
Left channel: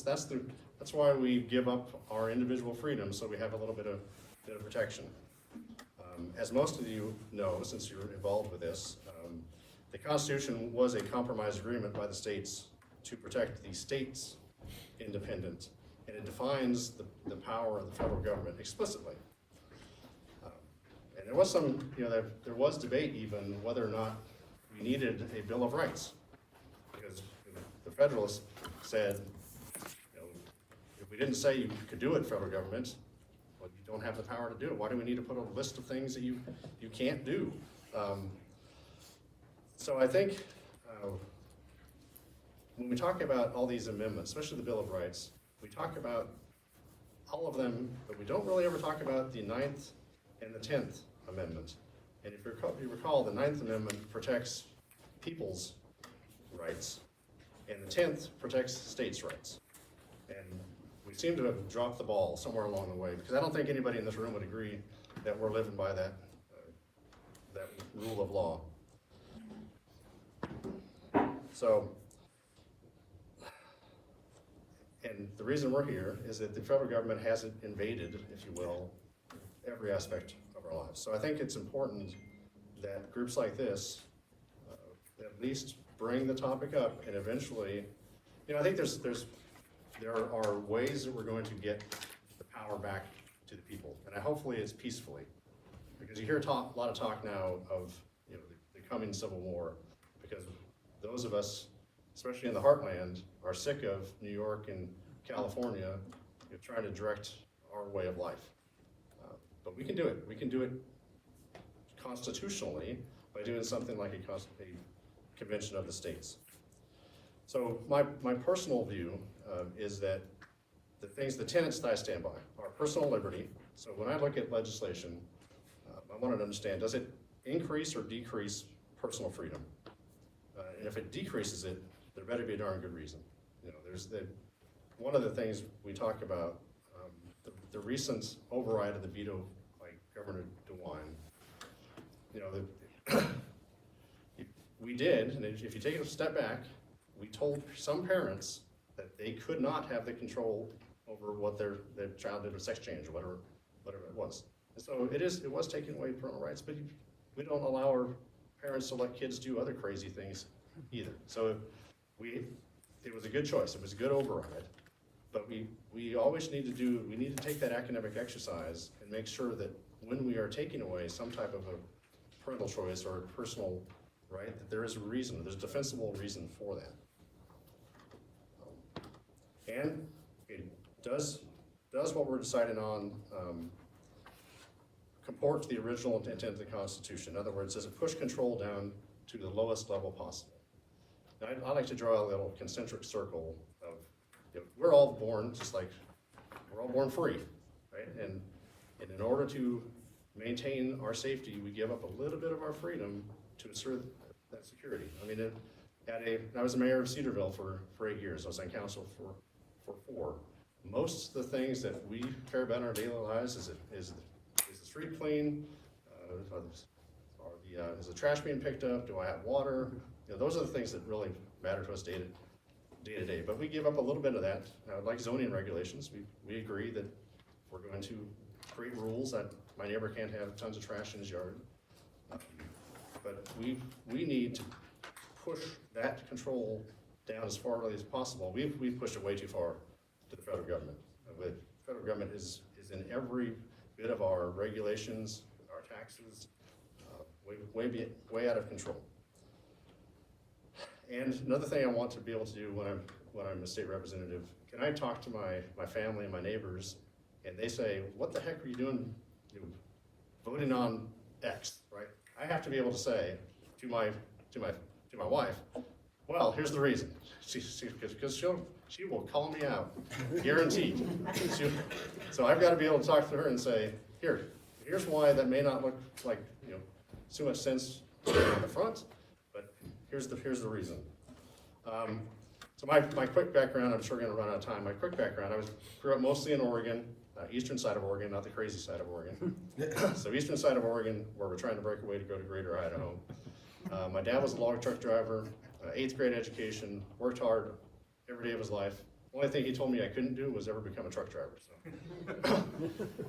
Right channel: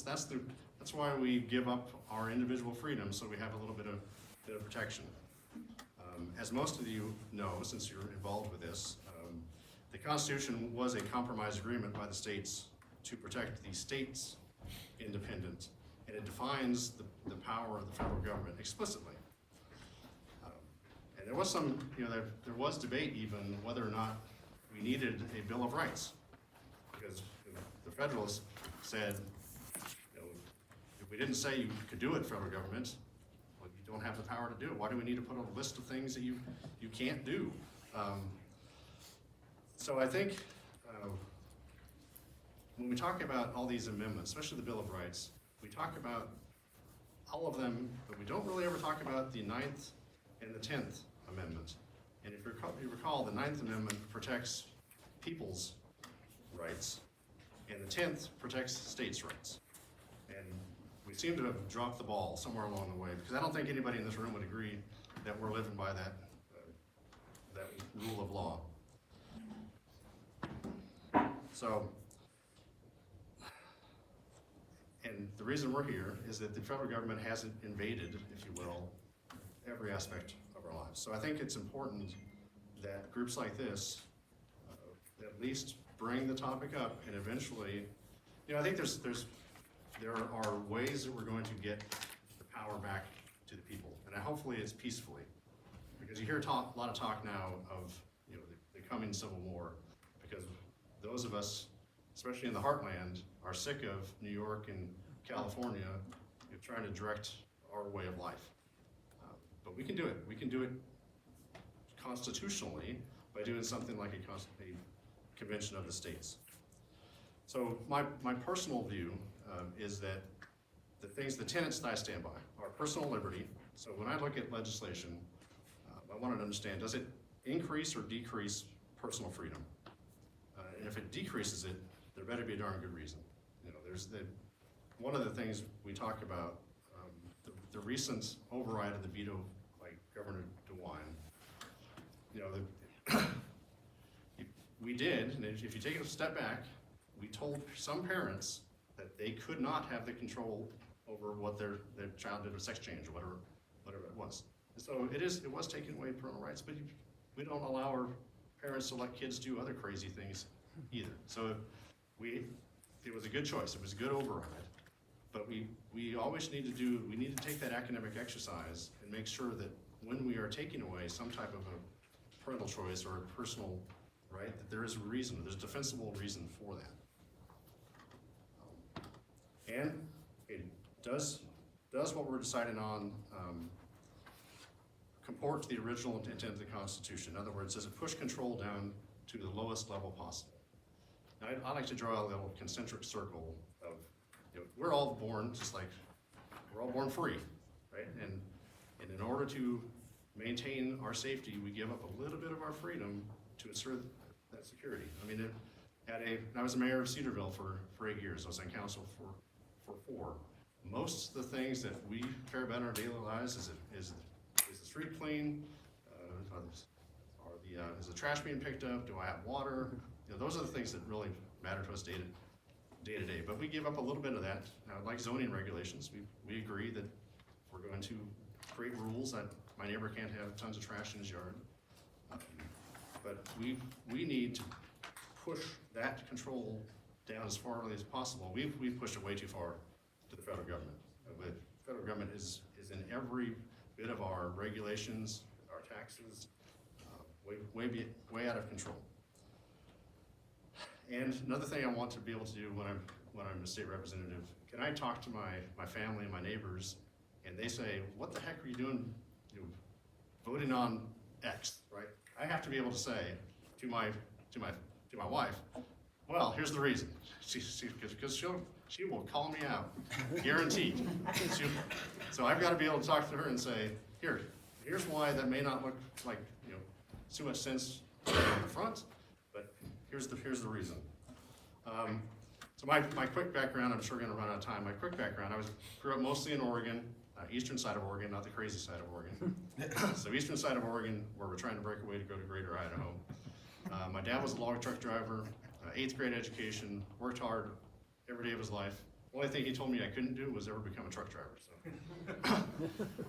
That's why we give up our individual freedom, so we have a little bit of protection. As most of you know, since you're involved with this, the Constitution was a compromise agreement by the states to protect the states' independence, and it defines the power of the federal government explicitly. And there was there was debate even whether or not we needed a Bill of Rights, because the Federalists said, if we didn't say you could do it, federal government, Well, you don't have the power to do it. Why do we need to put a list of things that you can't do? So I think when we talk about all these amendments, especially the Bill of Rights, we talk about all of them, but we don't really ever talk about the 9th and the 10th Amendment. And if you recall, the 9th Amendment protects people's rights, and the 10th protects states' rights. And we seem to have dropped the ball somewhere along the way, because I don't think anybody in this room would agree that we're living by that rule of law. So, and the reason we're here is that the federal government hasn't invaded, if you will, every aspect of our lives. So I think it's important that groups like this at least bring the topic up, and eventually, I think there are ways that we're going to get the power back to the people, and hopefully it's peacefully, because you hear a lot of talk now of the coming Civil War, because those of us, especially in the heartland, are sick of New York and California trying to direct our way of life. But we can do it. We can do it constitutionally by doing something like a convention of the states. So my personal view is that the tenets that I stand by are personal liberty. So when I look at legislation, I wanted to understand, does it increase or decrease personal freedom? And if it decreases it, there better be a darn good reason. One of the things we talk about, the recent override of the veto by Governor DeWine, we did, and if you take a step back, we told some parents that they could not have the control over what their child did with sex change or whatever it was. And so it was taking away parental rights, but we don't allow our parents to let kids do other crazy things either. So it was a good choice. It was a good override. But we always need to take that academic exercise and make sure that when we are taking away some type of a parental choice or a personal right, that there is a reason, there's a defensible reason for that. And it does what we're deciding on comport to the original intent of the Constitution? In other words, does it push control down to the lowest level possible? Now, I like to draw a little concentric circle of, we're all born just like, we're all born free, right? And in order to maintain our safety, we give up a little bit of our freedom to assert that security. I mean, I was the mayor of Cedarville for 8 years. I was on council for 4. Most of the things that we care about in our daily lives is the street clean? Is the trash being picked up? Do I have water? Those are the things that really matter to us day to day. But we give up a little bit of that. Like zoning regulations, we agree that we're going to create rules that my neighbor can't have tons of trash in his yard. But we need to push that control down as far as possible. We've pushed it way too far to the federal government. The federal government is in every bit of our regulations, our taxes, way out of control. And another thing I want to be able to do when I'm a state representative, can I talk to my family and my neighbors, and they say, "What the heck are you doing, voting on X?" Right? I have to be able to say to my wife, "Well, here's the reason," because she will call me out, guaranteed. So I've got to be able to talk to her and say, here's why that may not look like too much sense on the front, but here's the reason. So my quick background, I'm sure we're going to run out of time. My quick background, I grew up mostly in Oregon, eastern side of Oregon, not the crazy side of Oregon. So eastern side of Oregon, where we're trying to break away to go to Greater Idaho. My dad was a log truck driver, 8th grade education, worked hard every day of his life. The only thing he told me I couldn't do was ever become a truck driver. So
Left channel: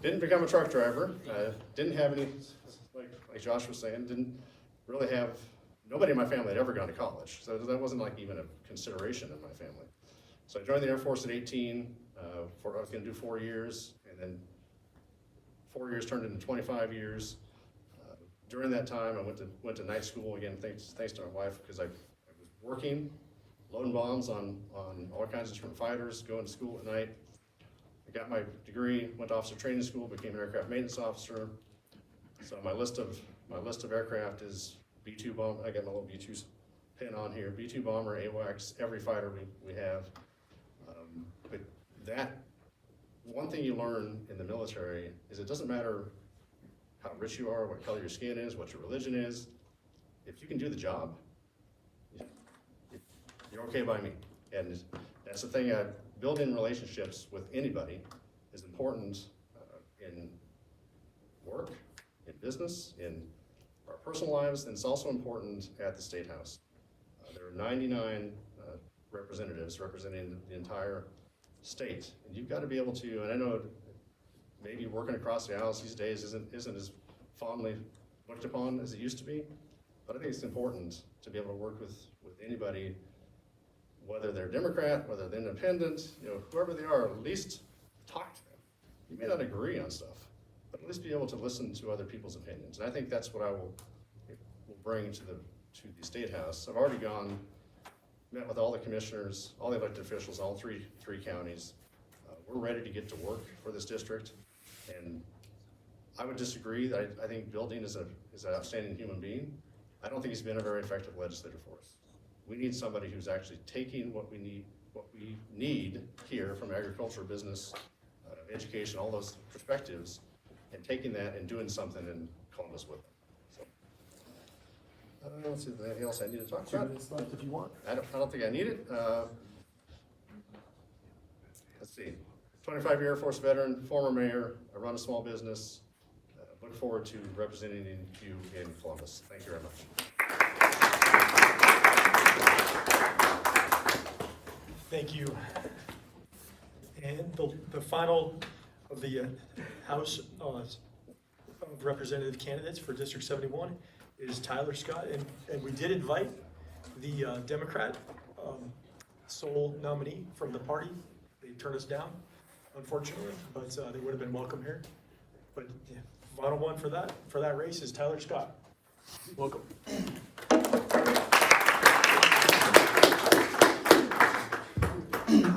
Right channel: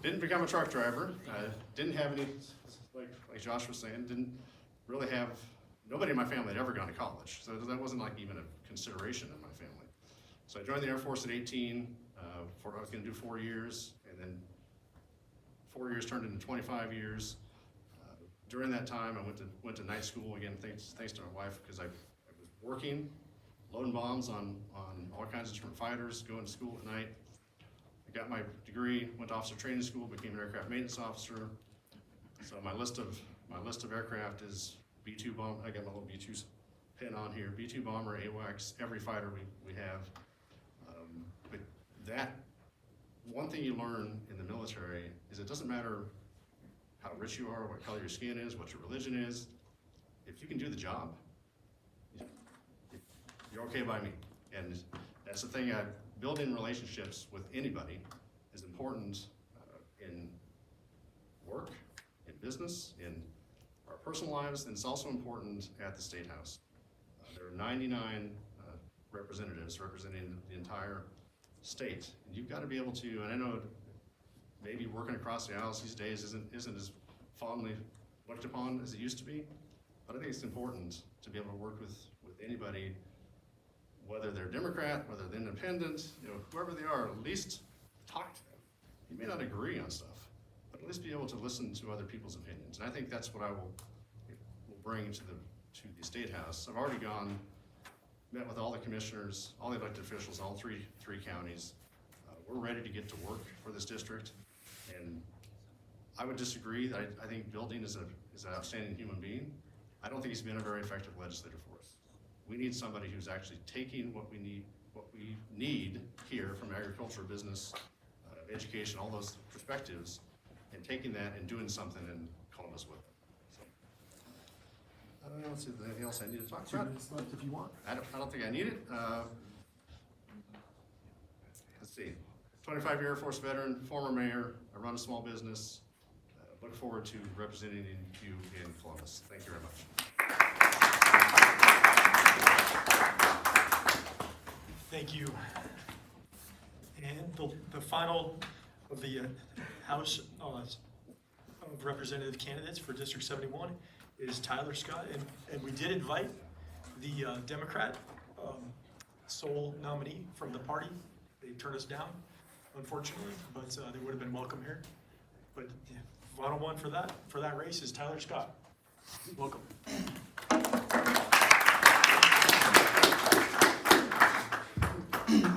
didn't become a truck driver. Didn't have any, like Josh was saying, didn't really have, nobody in my family had ever gone to college. So that wasn't like even a consideration in my family. So I joined the Air Force at 18. I was going to do 4 years, and then 4 years turned into 25 years. During that time, I went to night school again, thanks to my wife, because I was working, loading bombs on all kinds of different fighters, going to school at night. I got my degree, went to officer training school, became an aircraft maintenance officer. So my list of aircraft is B-2 bomber. I got my little B-2 pin on here. B-2 bomber, AWACS, every fighter we have. But that one thing you learn in the military is it doesn't matter how rich you are, what color your skin is, what your religion is. If you can do the job, you're okay by me. And that's the thing. Building relationships with anybody is important in work, in business, in our personal lives, and it's also important at the State House. There are 99 representatives representing the entire state, and you've got to be able to, and I know maybe working across the aisles these days isn't as fondly looked upon as it used to be, but I think it's important to be able to work with anybody, whether they're Democrat, whether they're independent, whoever they are, at least talk to them. You may not agree on stuff, but at least be able to listen to other people's opinions. And I think that's what I will bring to the State House. I've already met with all the commissioners, all the elected officials, all three counties. We're ready to get to work for this district. And I would disagree that I think Bill Dean is an outstanding human being. I don't think he's been a very effective legislator for us. We need somebody who's actually taking what we need here from agriculture, business, education, all those perspectives, and taking that and doing something in Columbus with it. So, I don't know if there's anything else I need to talk about. 2 minutes left if you want. I don't think I need it. Let's see. 25-year Air Force veteran, former mayor. I run a small business. Look forward to representing you in Columbus. Thank you very much. Thank you. And the final of the House of Representative candidates for District 71 is Tyler Scott. And we did invite the Democrat sole nominee from the party. They turned us down, unfortunately, but they would have been welcome here. But yeah, final one for that race is Tyler Scott. Welcome.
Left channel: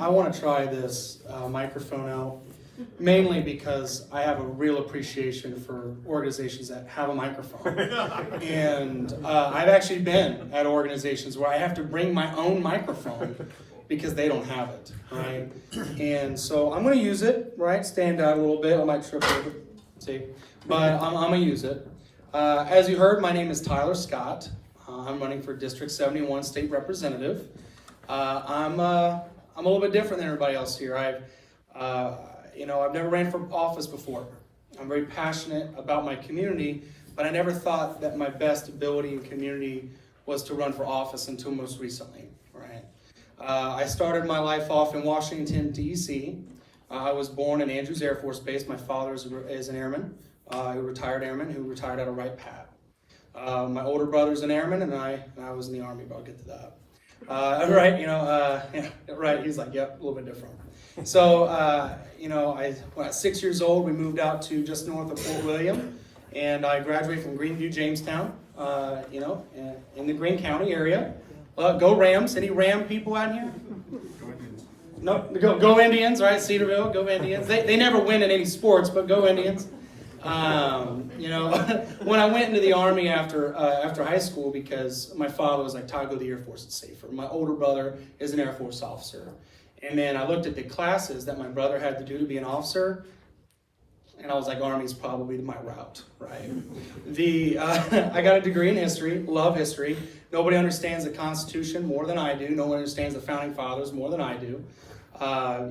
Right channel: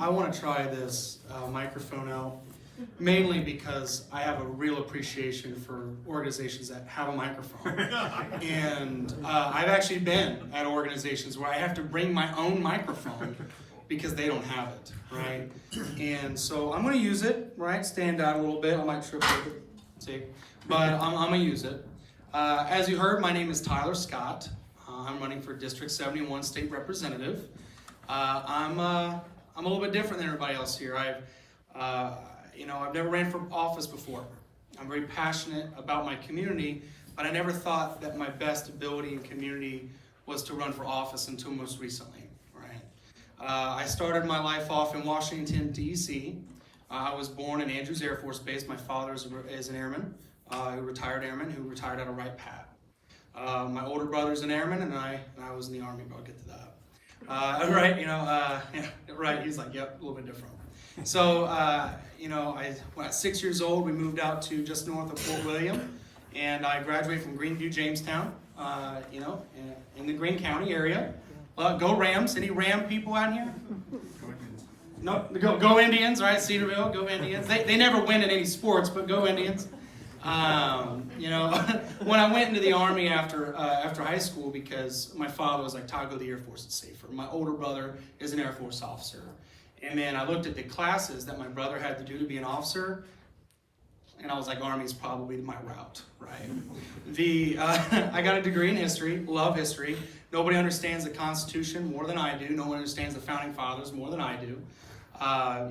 I want to try this microphone out, mainly because I have a real appreciation for organizations that have a microphone. And I've actually been at organizations where I have to bring my own microphone because they don't have it, right? And so I'm going to use it, right? Stand out a little bit. I might trip over, see? But I'm going to use it. As you heard, my name is Tyler Scott. I'm running for District 71 State Representative. I'm a little bit different than everybody else here. I've never ran for office before. I'm very passionate about my community, but I never thought that my best ability in community was to run for office until most recently, right? I started my life off in Washington, D.C. I was born in Andrews Air Force Base. My father is an airman, a retired airman who retired out of Wright Pat. My older brother's an airman, and I was in the Army, but I'll get to that. Right, he's like, yep, a little bit different. So, when I was 6 years old, we moved out to just north of Fort William, and I graduated from Greenview, Jamestown, in the Greene County area. Go Rams. Any Ram people out here? No, go Indians, right? Cedarville, go Indians. They never win in any sports, but go Indians. When I went into the Army after high school, because my father was like, Todd, go to the Air Force, it's safer. My older brother is an Air Force officer. And then I looked at the classes that my brother had to do to be an officer, and I was like, Army's probably my route, right? I got a degree in history, love history. Nobody understands the Constitution more than I do. No one understands the Founding Fathers more than I do. I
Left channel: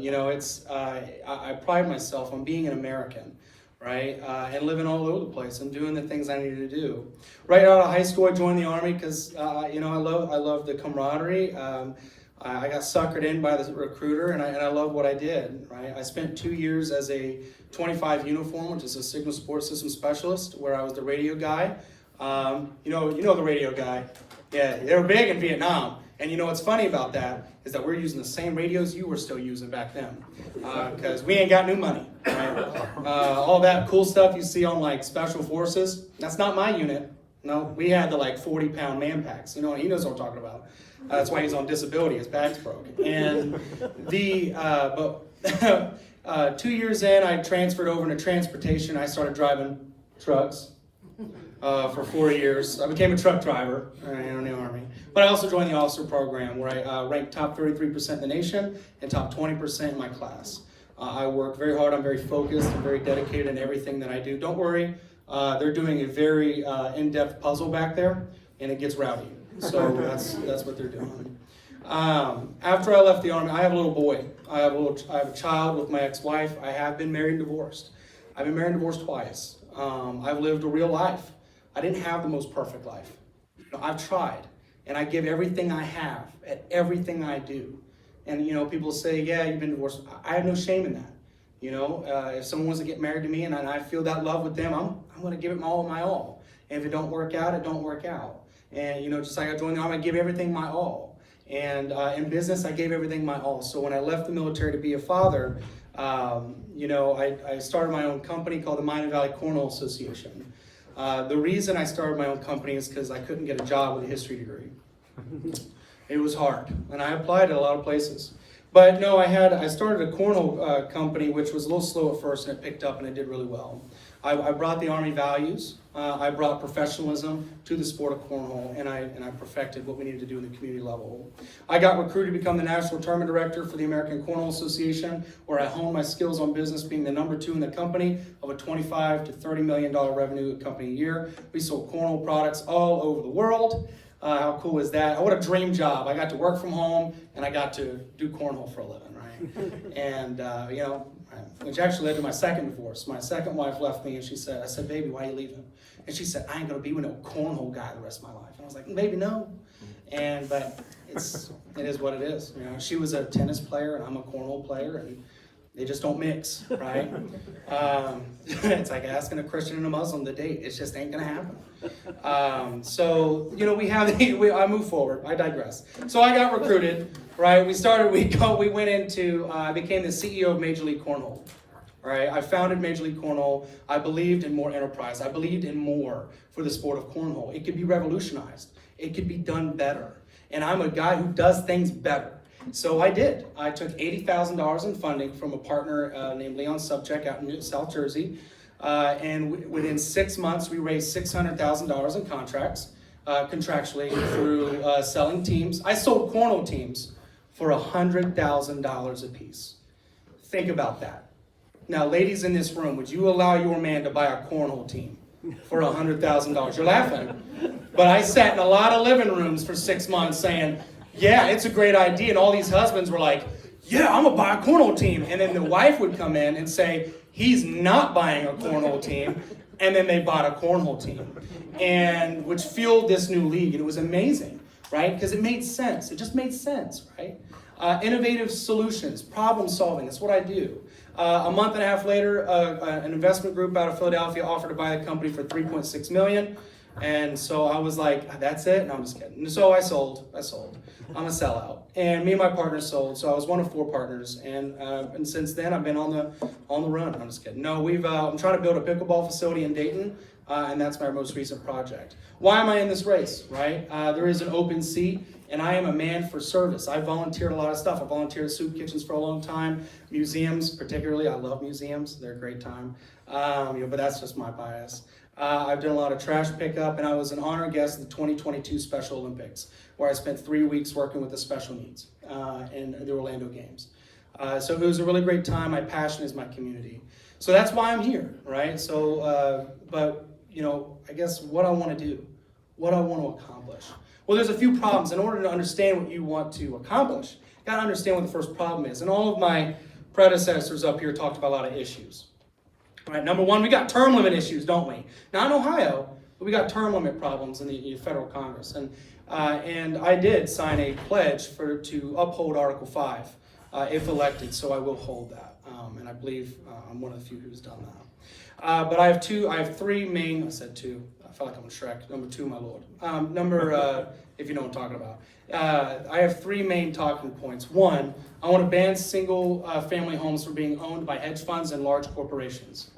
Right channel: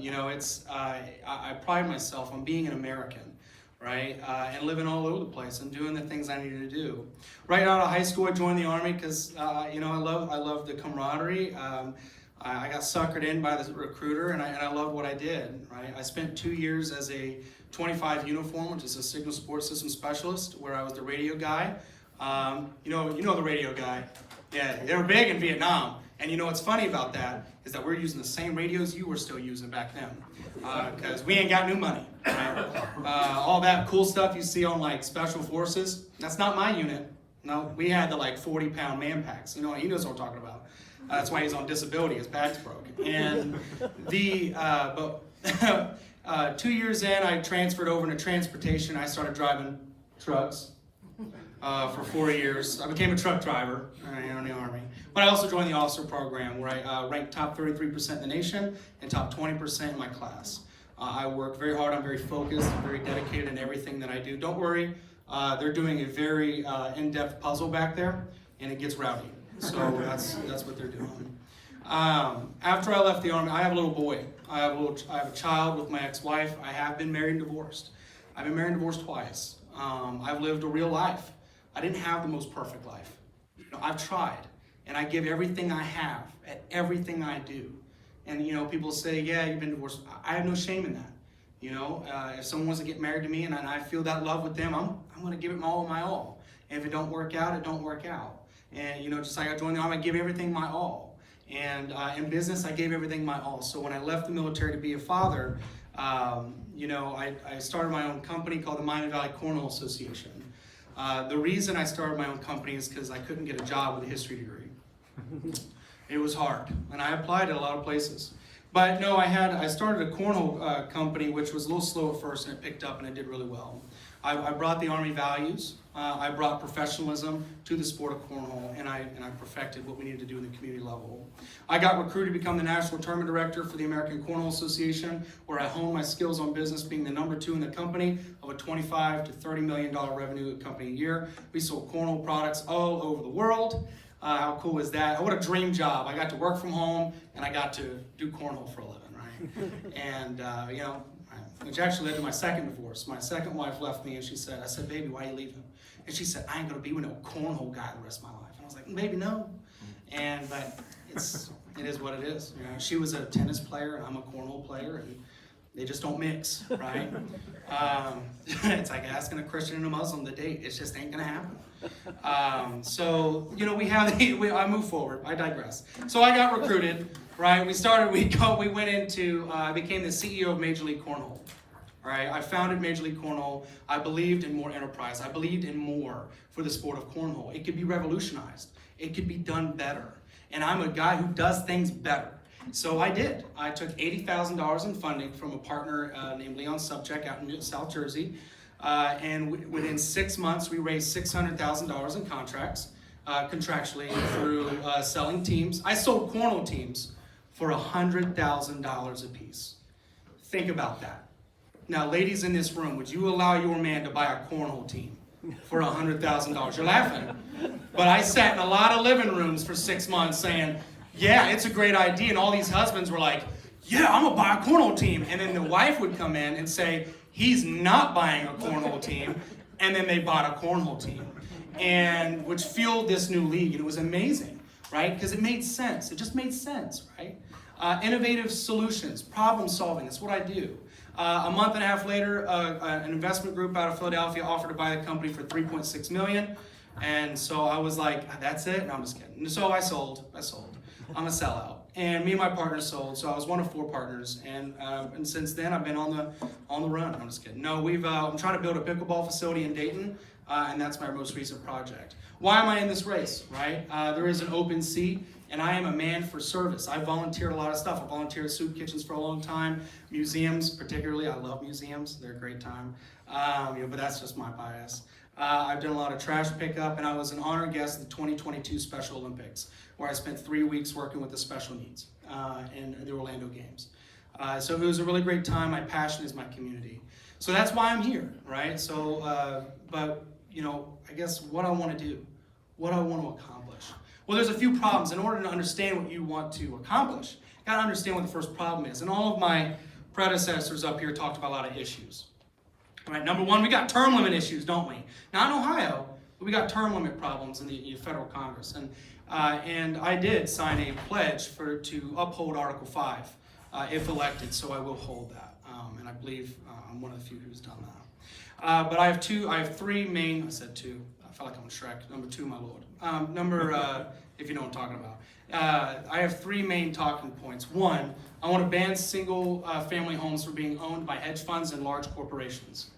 pride myself on being an American, right? And living all over the place and doing the things I needed to do. Right out of high school, I joined the Army because, I love the camaraderie. I got suckered in by the recruiter, and I love what I did, right? I spent 2 years as a 25 uniform, which is a signal support system specialist, where I was the radio guy. You know the radio guy. Yeah, they were big in Vietnam. And what's funny about that is that we're using the same radios you were still using back then, because we ain't got new money, right? All that cool stuff you see on like Special Forces, that's not my unit. No, we had the like 40-pound man packs. He knows what I'm talking about. That's why he's on disability. His back's broken. And 2 years in, I transferred over into transportation. I started driving trucks for 4 years. I became a truck driver in the Army. But I also joined the officer program where I ranked top 33% in the nation and top 20% in my class. I work very hard. I'm very focused and very dedicated in everything that I do. Don't worry, they're doing a very in-depth puzzle back there, and it gets rowdy. So that's what they're doing. After I left the Army, I have a little boy. I have a child with my ex-wife. I have been married and divorced. I've been married and divorced twice. I've lived a real life. I didn't have the most perfect life. I've tried, and I give everything I have at everything I do. And people say, yeah, you've been divorced. I have no shame in that. If someone wants to get married to me and I feel that love with them, I'm going to give it my all. And if it don't work out, it don't work out. And just like I joined the Army, I give everything my all. And in business, I gave everything my all. So when I left the military to be a father, I started my own company called the Miami Valley Cornhole Association. The reason I started my own company is because I couldn't get a job with a history degree. It was hard, and I applied at a lot of places. But no, I started a cornhole company, which was a little slow at first, and it picked up, and it did really well. I brought the Army values. I brought professionalism to the sport of cornhole, and I perfected what we needed to do in the community level. I got recruited to become the National Tournament Director for the American Cornhole Association, where I honed my skills on business, being the number 2 in the company of a $25 to $30 million revenue company a year. We sold cornhole products all over the world. How cool is that? What a dream job. I got to work from home, and I got to do cornhole for a living, right? And, which actually led to my second divorce. My second wife left me, and I said, baby, why are you leaving? And she said, I ain't going to be with no cornhole guy the rest of my life. And I was like, baby, no. But it is what it is. She was a tennis player, and I'm a cornhole player, and they just don't mix, right? It's like asking a Christian and a Muslim to date. It just ain't going to happen. I move forward. I digress. So I got recruited, right? I became the CEO of Major League Cornhole, right? I founded Major League Cornhole. I believed in more enterprise. I believed in more for the sport of cornhole. It could be revolutionized. It could be done better. And I'm a guy who does things better. So I did. I took $80,000 in funding from a partner named Leon Subcheck out in South Jersey. Within 6 months, we raised $600,000 in contracts, contractually through selling teams. I sold cornhole teams for $100,000 a piece. Think about that. Now, ladies in this room, would you allow your man to buy a cornhole team for $100,000? You're laughing. But I sat in a lot of living rooms for 6 months saying, yeah, it's a great idea. And all these husbands were like, yeah, I'm going to buy a cornhole team. And then the wife would come in and say, he's not buying a cornhole team. And then they bought a cornhole team, and which fueled this new league. And it was amazing, right? Because it made sense. It just made sense, right? Innovative solutions, problem solving. That's what I do. A month and a half later, an investment group out of Philadelphia offered to buy the company for $3.6 million. And so I was like, that's it? No, I'm just kidding. And so I sold. I'm a sellout. And me and my partner sold. So I was one of 4 partners. And since then, I've been on the run. I'm just kidding. No, I'm trying to build a pickleball facility in Dayton. And that's my most recent project. Why am I in this race, right? There is an open seat, and I am a man for service. I volunteered a lot of stuff. I volunteered at soup kitchens for a long time. Museums, particularly. I love museums. They're a great time. But that's just my bias. I've done a lot of trash pickup, and I was an honored guest of the 2022 Special Olympics, where I spent 3 weeks working with the special needs in the Orlando Games. So it was a really great time. My passion is my community. So that's why I'm here, right? So, I guess what I want to do, what I want to accomplish. Well, there's a few problems. In order to understand what you want to accomplish, you got to understand what the first problem is. And all of my predecessors up here talked about a lot of issues. All right, number 1, we got term limit issues, don't we? Not in Ohio, but we got term limit problems in the federal Congress. And I did sign a pledge to uphold Article 5 if elected, so I will hold that. And I believe I'm one of the few who's done that. But I have 3 main, I said 2, I felt like I'm in Shrek, number 2, my lord. If you know what I'm talking about. I have 3 main talking points. 1, I want to ban single family homes from being owned by hedge funds and large corporations.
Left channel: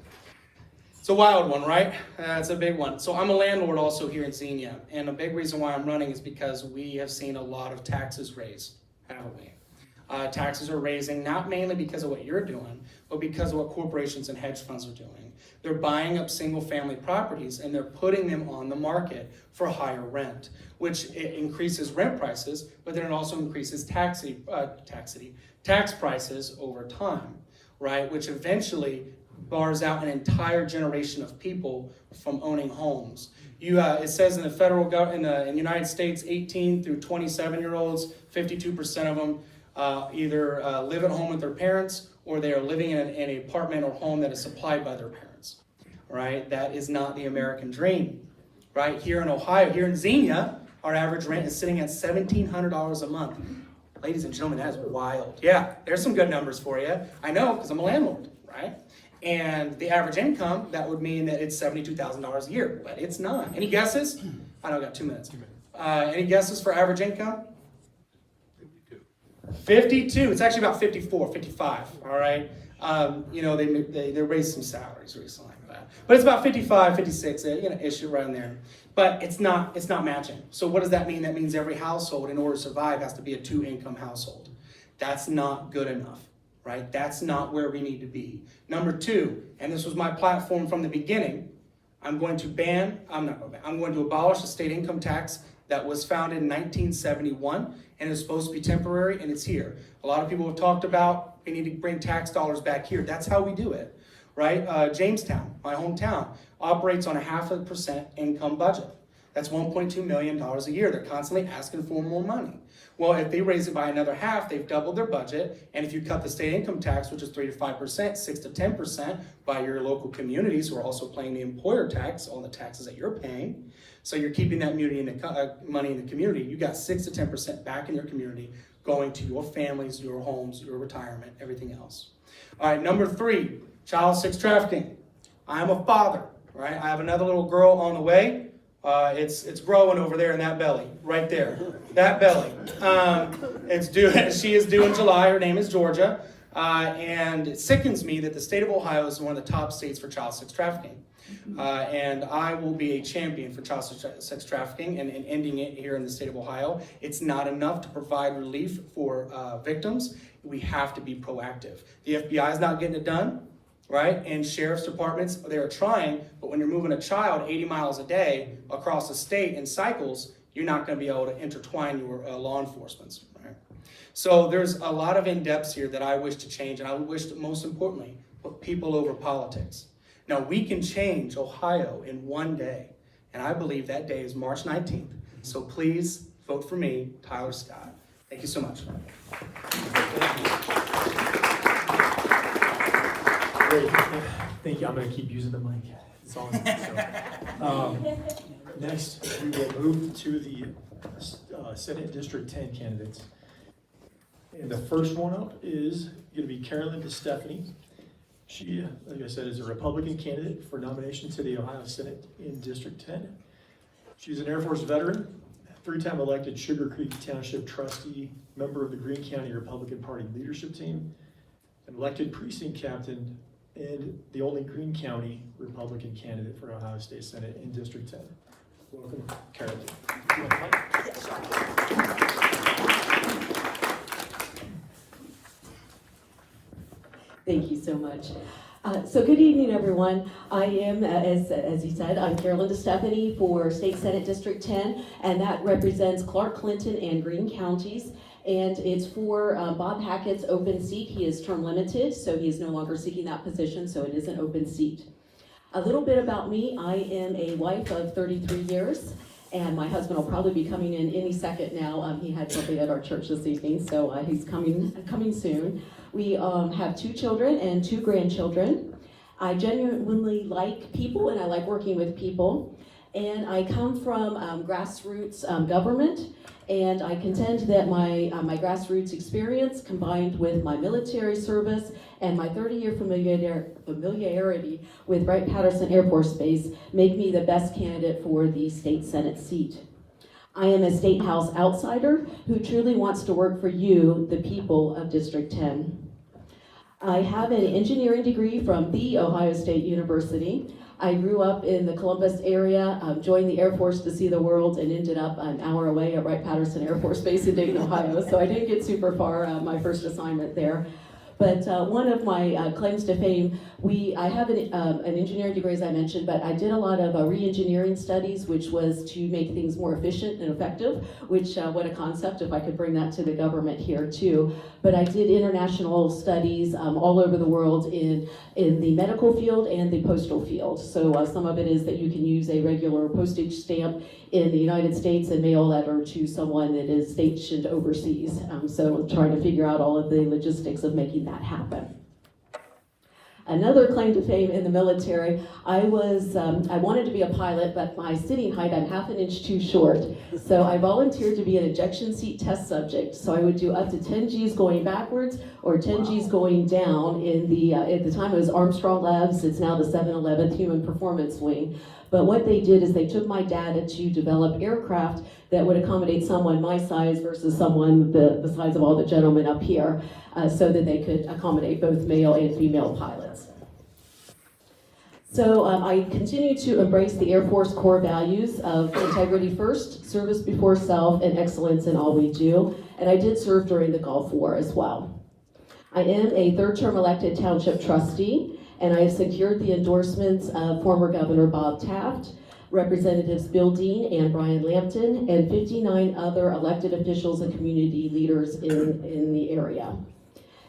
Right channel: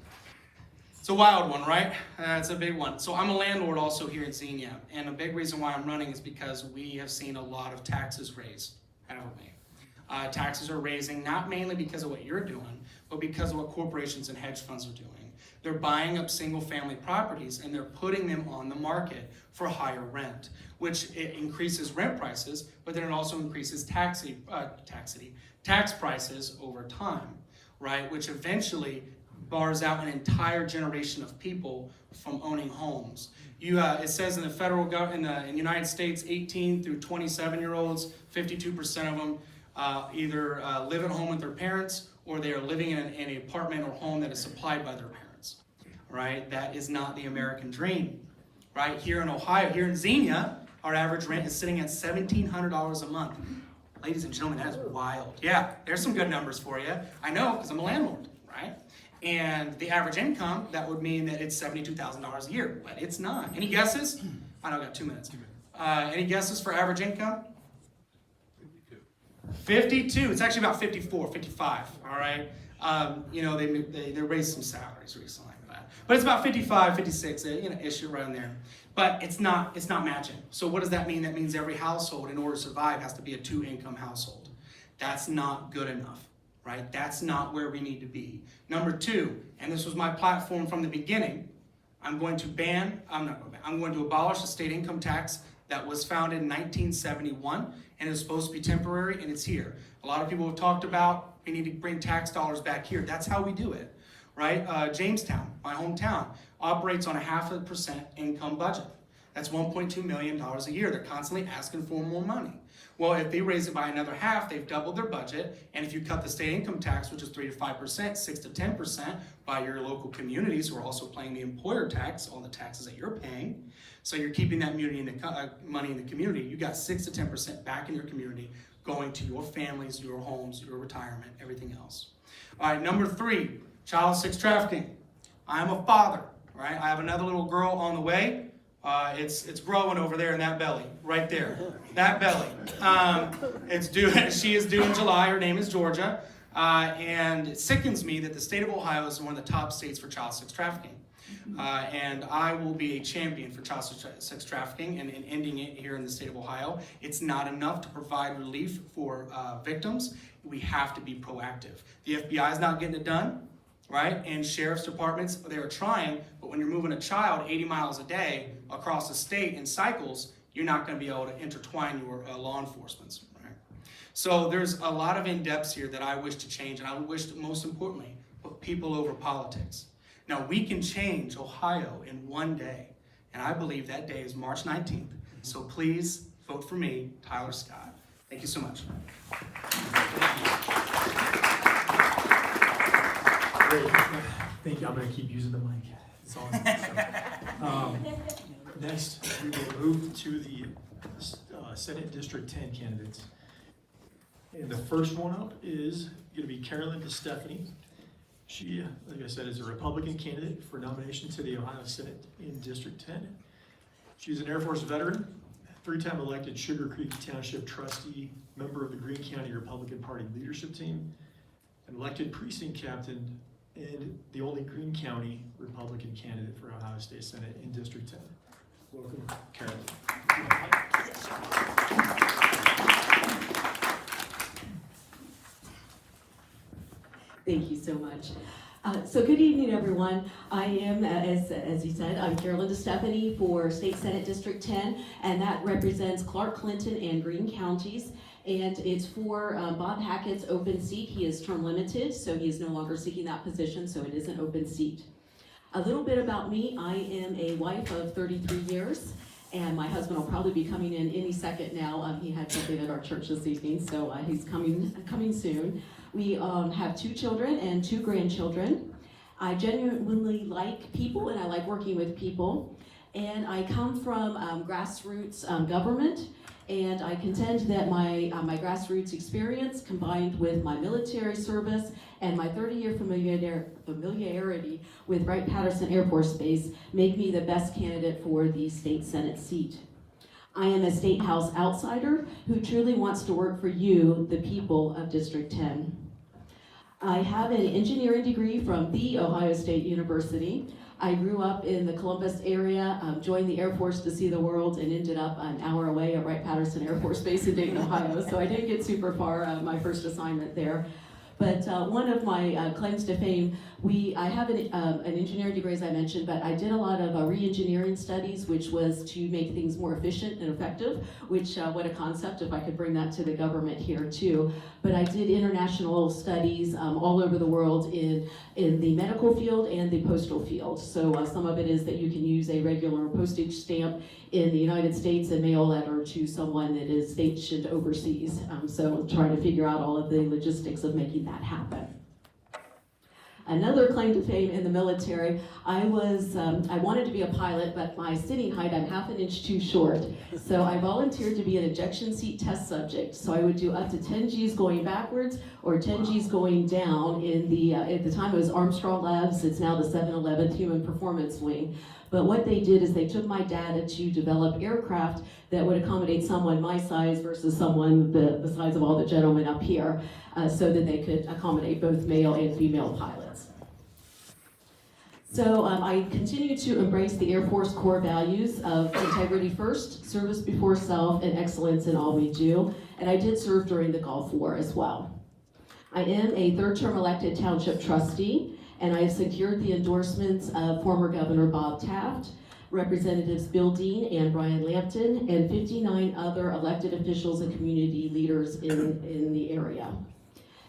It's a wild one, right? It's a big one. So I'm a landlord also here in Xenia, and a big reason why I'm running is because we have seen a lot of taxes raised, haven't we? Taxes are raising, not mainly because of what you're doing, but because of what corporations and hedge funds are doing. They're buying up single-family properties and they're putting them on the market for higher rent, which it increases rent prices, but then it also increases tax prices over time, right? Which eventually bars out an entire generation of people from owning homes. It says in the federal in the United States, 18 through 27-year-olds, 52% of them either live at home with their parents or they are living in an apartment or home that is supplied by their parents, right? That is not the American dream, right? Here in Ohio, here in Xenia, our average rent is sitting at $1,700 a month. Ladies and gentlemen, that is wild. Yeah, there's some good numbers for you. I know, because I'm a landlord, right? And the average income, that would mean that it's $72,000 a year, but it's not. Any guesses? I know I got 2 minutes. Any guesses for average income? 52. It's actually about 54, 55, all right? They raised some salaries recently, but it's about 55, 56, issue right in there. But it's not matching. So what does that mean? That means every household, in order to survive, has to be a 2-income household. That's not good enough, right? That's not where we need to be. Number 2, and this was my platform from the beginning, I'm going to abolish the state income tax that was founded in 1971, and it's supposed to be temporary, and it's here. A lot of people have talked about we need to bring tax dollars back here. That's how we do it, right? Jamestown, my hometown, operates on a 0.5% income budget. That's $1.2 million a year. They're constantly asking for more money. Well, if they raise it by another half, they've doubled their budget. And if you cut the state income tax, which is 3 to 5%, 6 to 10% by your local communities who are also paying the employer tax, all the taxes that you're paying, so you're keeping that money in the community, you got 6 to 10% back in your community going to your families, your homes, your retirement, everything else. All right, number 3, child sex trafficking. I'm a father, right? I have another little girl on the way. It's growing over there in that belly, right there. That belly. She is due in July. Her name is Georgia. And it sickens me that the state of Ohio is one of the top states for child sex trafficking. And I will be a champion for child sex trafficking and ending it here in the state of Ohio. It's not enough to provide relief for victims. We have to be proactive. The FBI is not getting it done, right? And sheriff's departments, they are trying, but when you're moving a child 80 miles a day across the state in cycles, you're not going to be able to intertwine your law enforcement, right? So there's a lot of in-depths here that I wish to change, and I wish to, most importantly, put people over politics. Now, we can change Ohio in one day, and I believe that day is March 19th. So please vote for me, Tyler Scott. Thank you so much. Great. Thank you. I'm going to keep using the mic. It's on. Next, we will move to the Senate District 10 candidates. And the first one up is going to be Carolyn DeStefani. She, like I said, is a Republican candidate for nomination to the Ohio Senate in District 10. She's an Air Force veteran, 3-time elected Sugar Creek Township trustee, member of the Greene County Republican Party leadership team, an elected precinct captain, and the only Greene County Republican candidate for Ohio State Senate in District 10. Welcome, Carolyn. Thank you so much. So good evening, everyone. I am, as you said, I'm Carolyn DeStefani for State Senate District 10, and that represents Clark, Clinton, and Greene counties. And it's for Bob Hackett's open seat. He is term limited, so he is no longer seeking that position, so it is an open seat. A little bit about me. I am a wife of 33 years, and my husband will probably be coming in any second now. He had something at our church this evening, so he's coming soon. We have 2 children and 2 grandchildren. I genuinely like people, and I like working with people. And I come from grassroots government, and I contend that my grassroots experience combined with my military service and my 30-year familiarity with Wright-Patterson Air Force Base make me the best candidate for the state Senate seat. I am a State House outsider who truly wants to work for you, the people of District 10. I have an engineering degree from The Ohio State University. I grew up in the Columbus area, joined the Air Force to see the world, and ended up an hour away at Wright-Patterson Air Force Base in Dayton, Ohio. So I didn't get super far my first assignment there. But one of my claims to fame, I have an engineering degree, as I mentioned, but I did a lot of re-engineering studies, which was to make things more efficient and effective, which, what a concept, if I could bring that to the government here too. But I did international studies all over the world in the medical field and the postal field. So some of it is that you can use a regular postage stamp in the United States and mail a letter to someone that is stationed overseas. So I'm trying to figure out all of the logistics of making that happen. Another claim to fame in the military, I wanted to be a pilot, but my sitting height, I'm half an inch too short. So I volunteered to be an ejection seat test subject. So I would do up to 10 Gs going backwards or 10 Gs going down in the, at the time it was Armstrong Labs, it's now the 711th Human Performance Wing. But what they did is they took my data to develop aircraft that would accommodate someone my size versus someone the size of all the gentlemen up here, so that they could accommodate both male and female pilots. So I continue to embrace the Air Force core values of integrity first, service before self, and excellence in all we do. And I did serve during the Gulf War as well. I am a third-term elected township trustee, and I have secured the endorsements of former Governor Bob Taft, Representatives Bill Dean and Brian Lampton, and 59 other elected officials and community leaders in the area.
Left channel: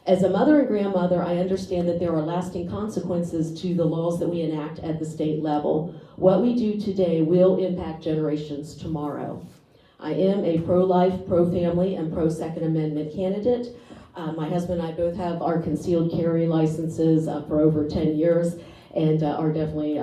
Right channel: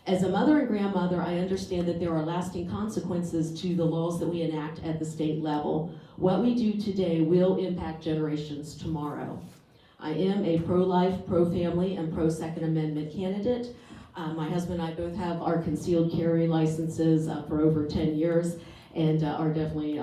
As a mother and grandmother, I understand that there are lasting consequences to the laws that we enact at the state level. What we do today will impact generations tomorrow. I am a pro-life, pro-family, and pro-Second Amendment candidate. My husband and I both have our concealed carry licenses for over 10 years and are definitely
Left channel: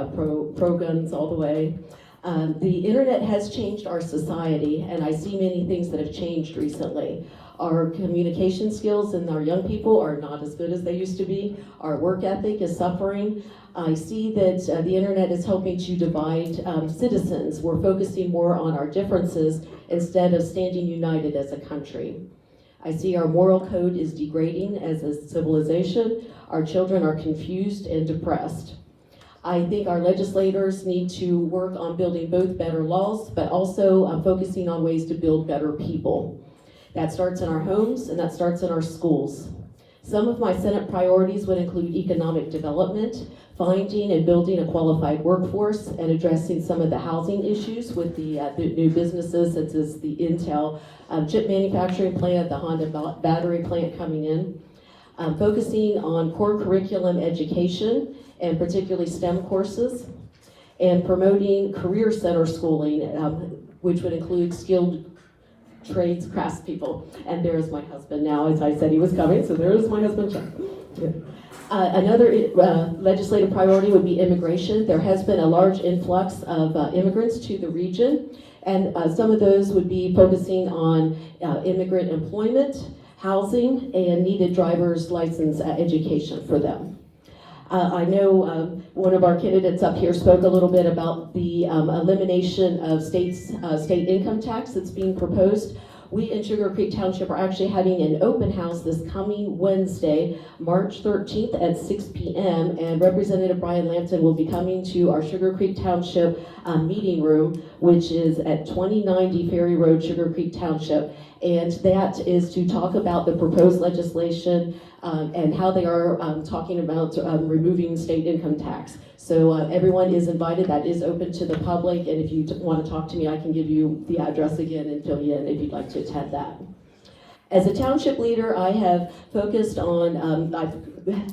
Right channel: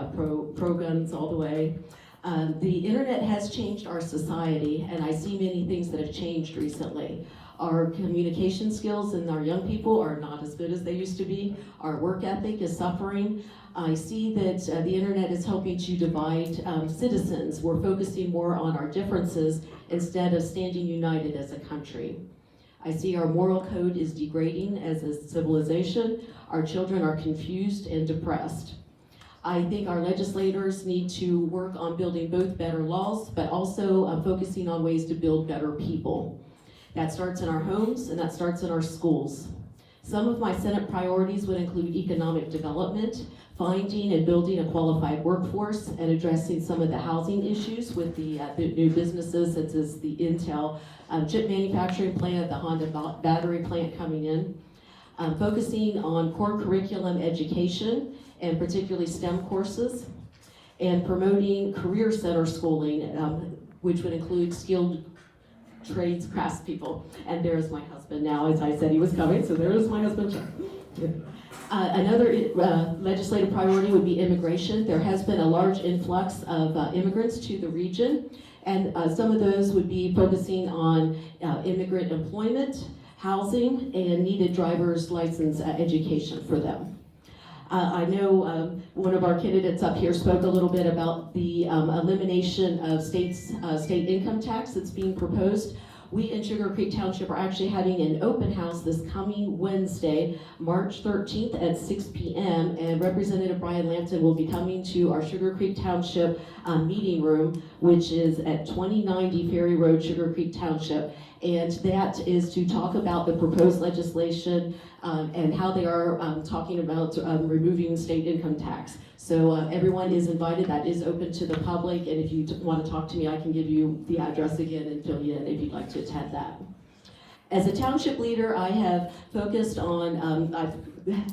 pro-guns all the way. The internet has changed our society, and I see many things that have changed recently. Our communication skills in our young people are not as good as they used to be. Our work ethic is suffering. I see that the internet is helping to divide citizens. We're focusing more on our differences instead of standing united as a country. I see our moral code is degrading as a civilization. Our children are confused and depressed. I think our legislators need to work on building both better laws, but also focusing on ways to build better people. That starts in our homes and that starts in our schools. Some of my Senate priorities would include economic development, finding and building a qualified workforce, and addressing some of the housing issues with the new businesses such as the Intel chip manufacturing plant, the Honda battery plant coming in. Focusing on core curriculum education and particularly STEM courses, and promoting career center schooling, which would include skilled trades craftspeople. And there's my husband now, as I said he was coming, so there's my husband. Another legislative priority would be immigration. There has been a large influx of immigrants to the region, and some of those would be focusing on immigrant employment, housing, and needed driver's license education for them. I know one of our candidates up here spoke a little bit about the elimination of state income tax that's being proposed. We in Sugar Creek Township are actually having an open house this coming Wednesday, March 13th at 6 p.m. and Representative Brian Lampton will be coming to our Sugar Creek Township meeting room, which is at 2090 Ferry Road, Sugar Creek Township. And that is to talk about the proposed legislation and how they are talking about removing state income tax. So everyone is invited. That is open to the public, and if you want to talk to me, I can give you the address again and fill you in if you'd like to attend that. As a township leader, I have focused on, I've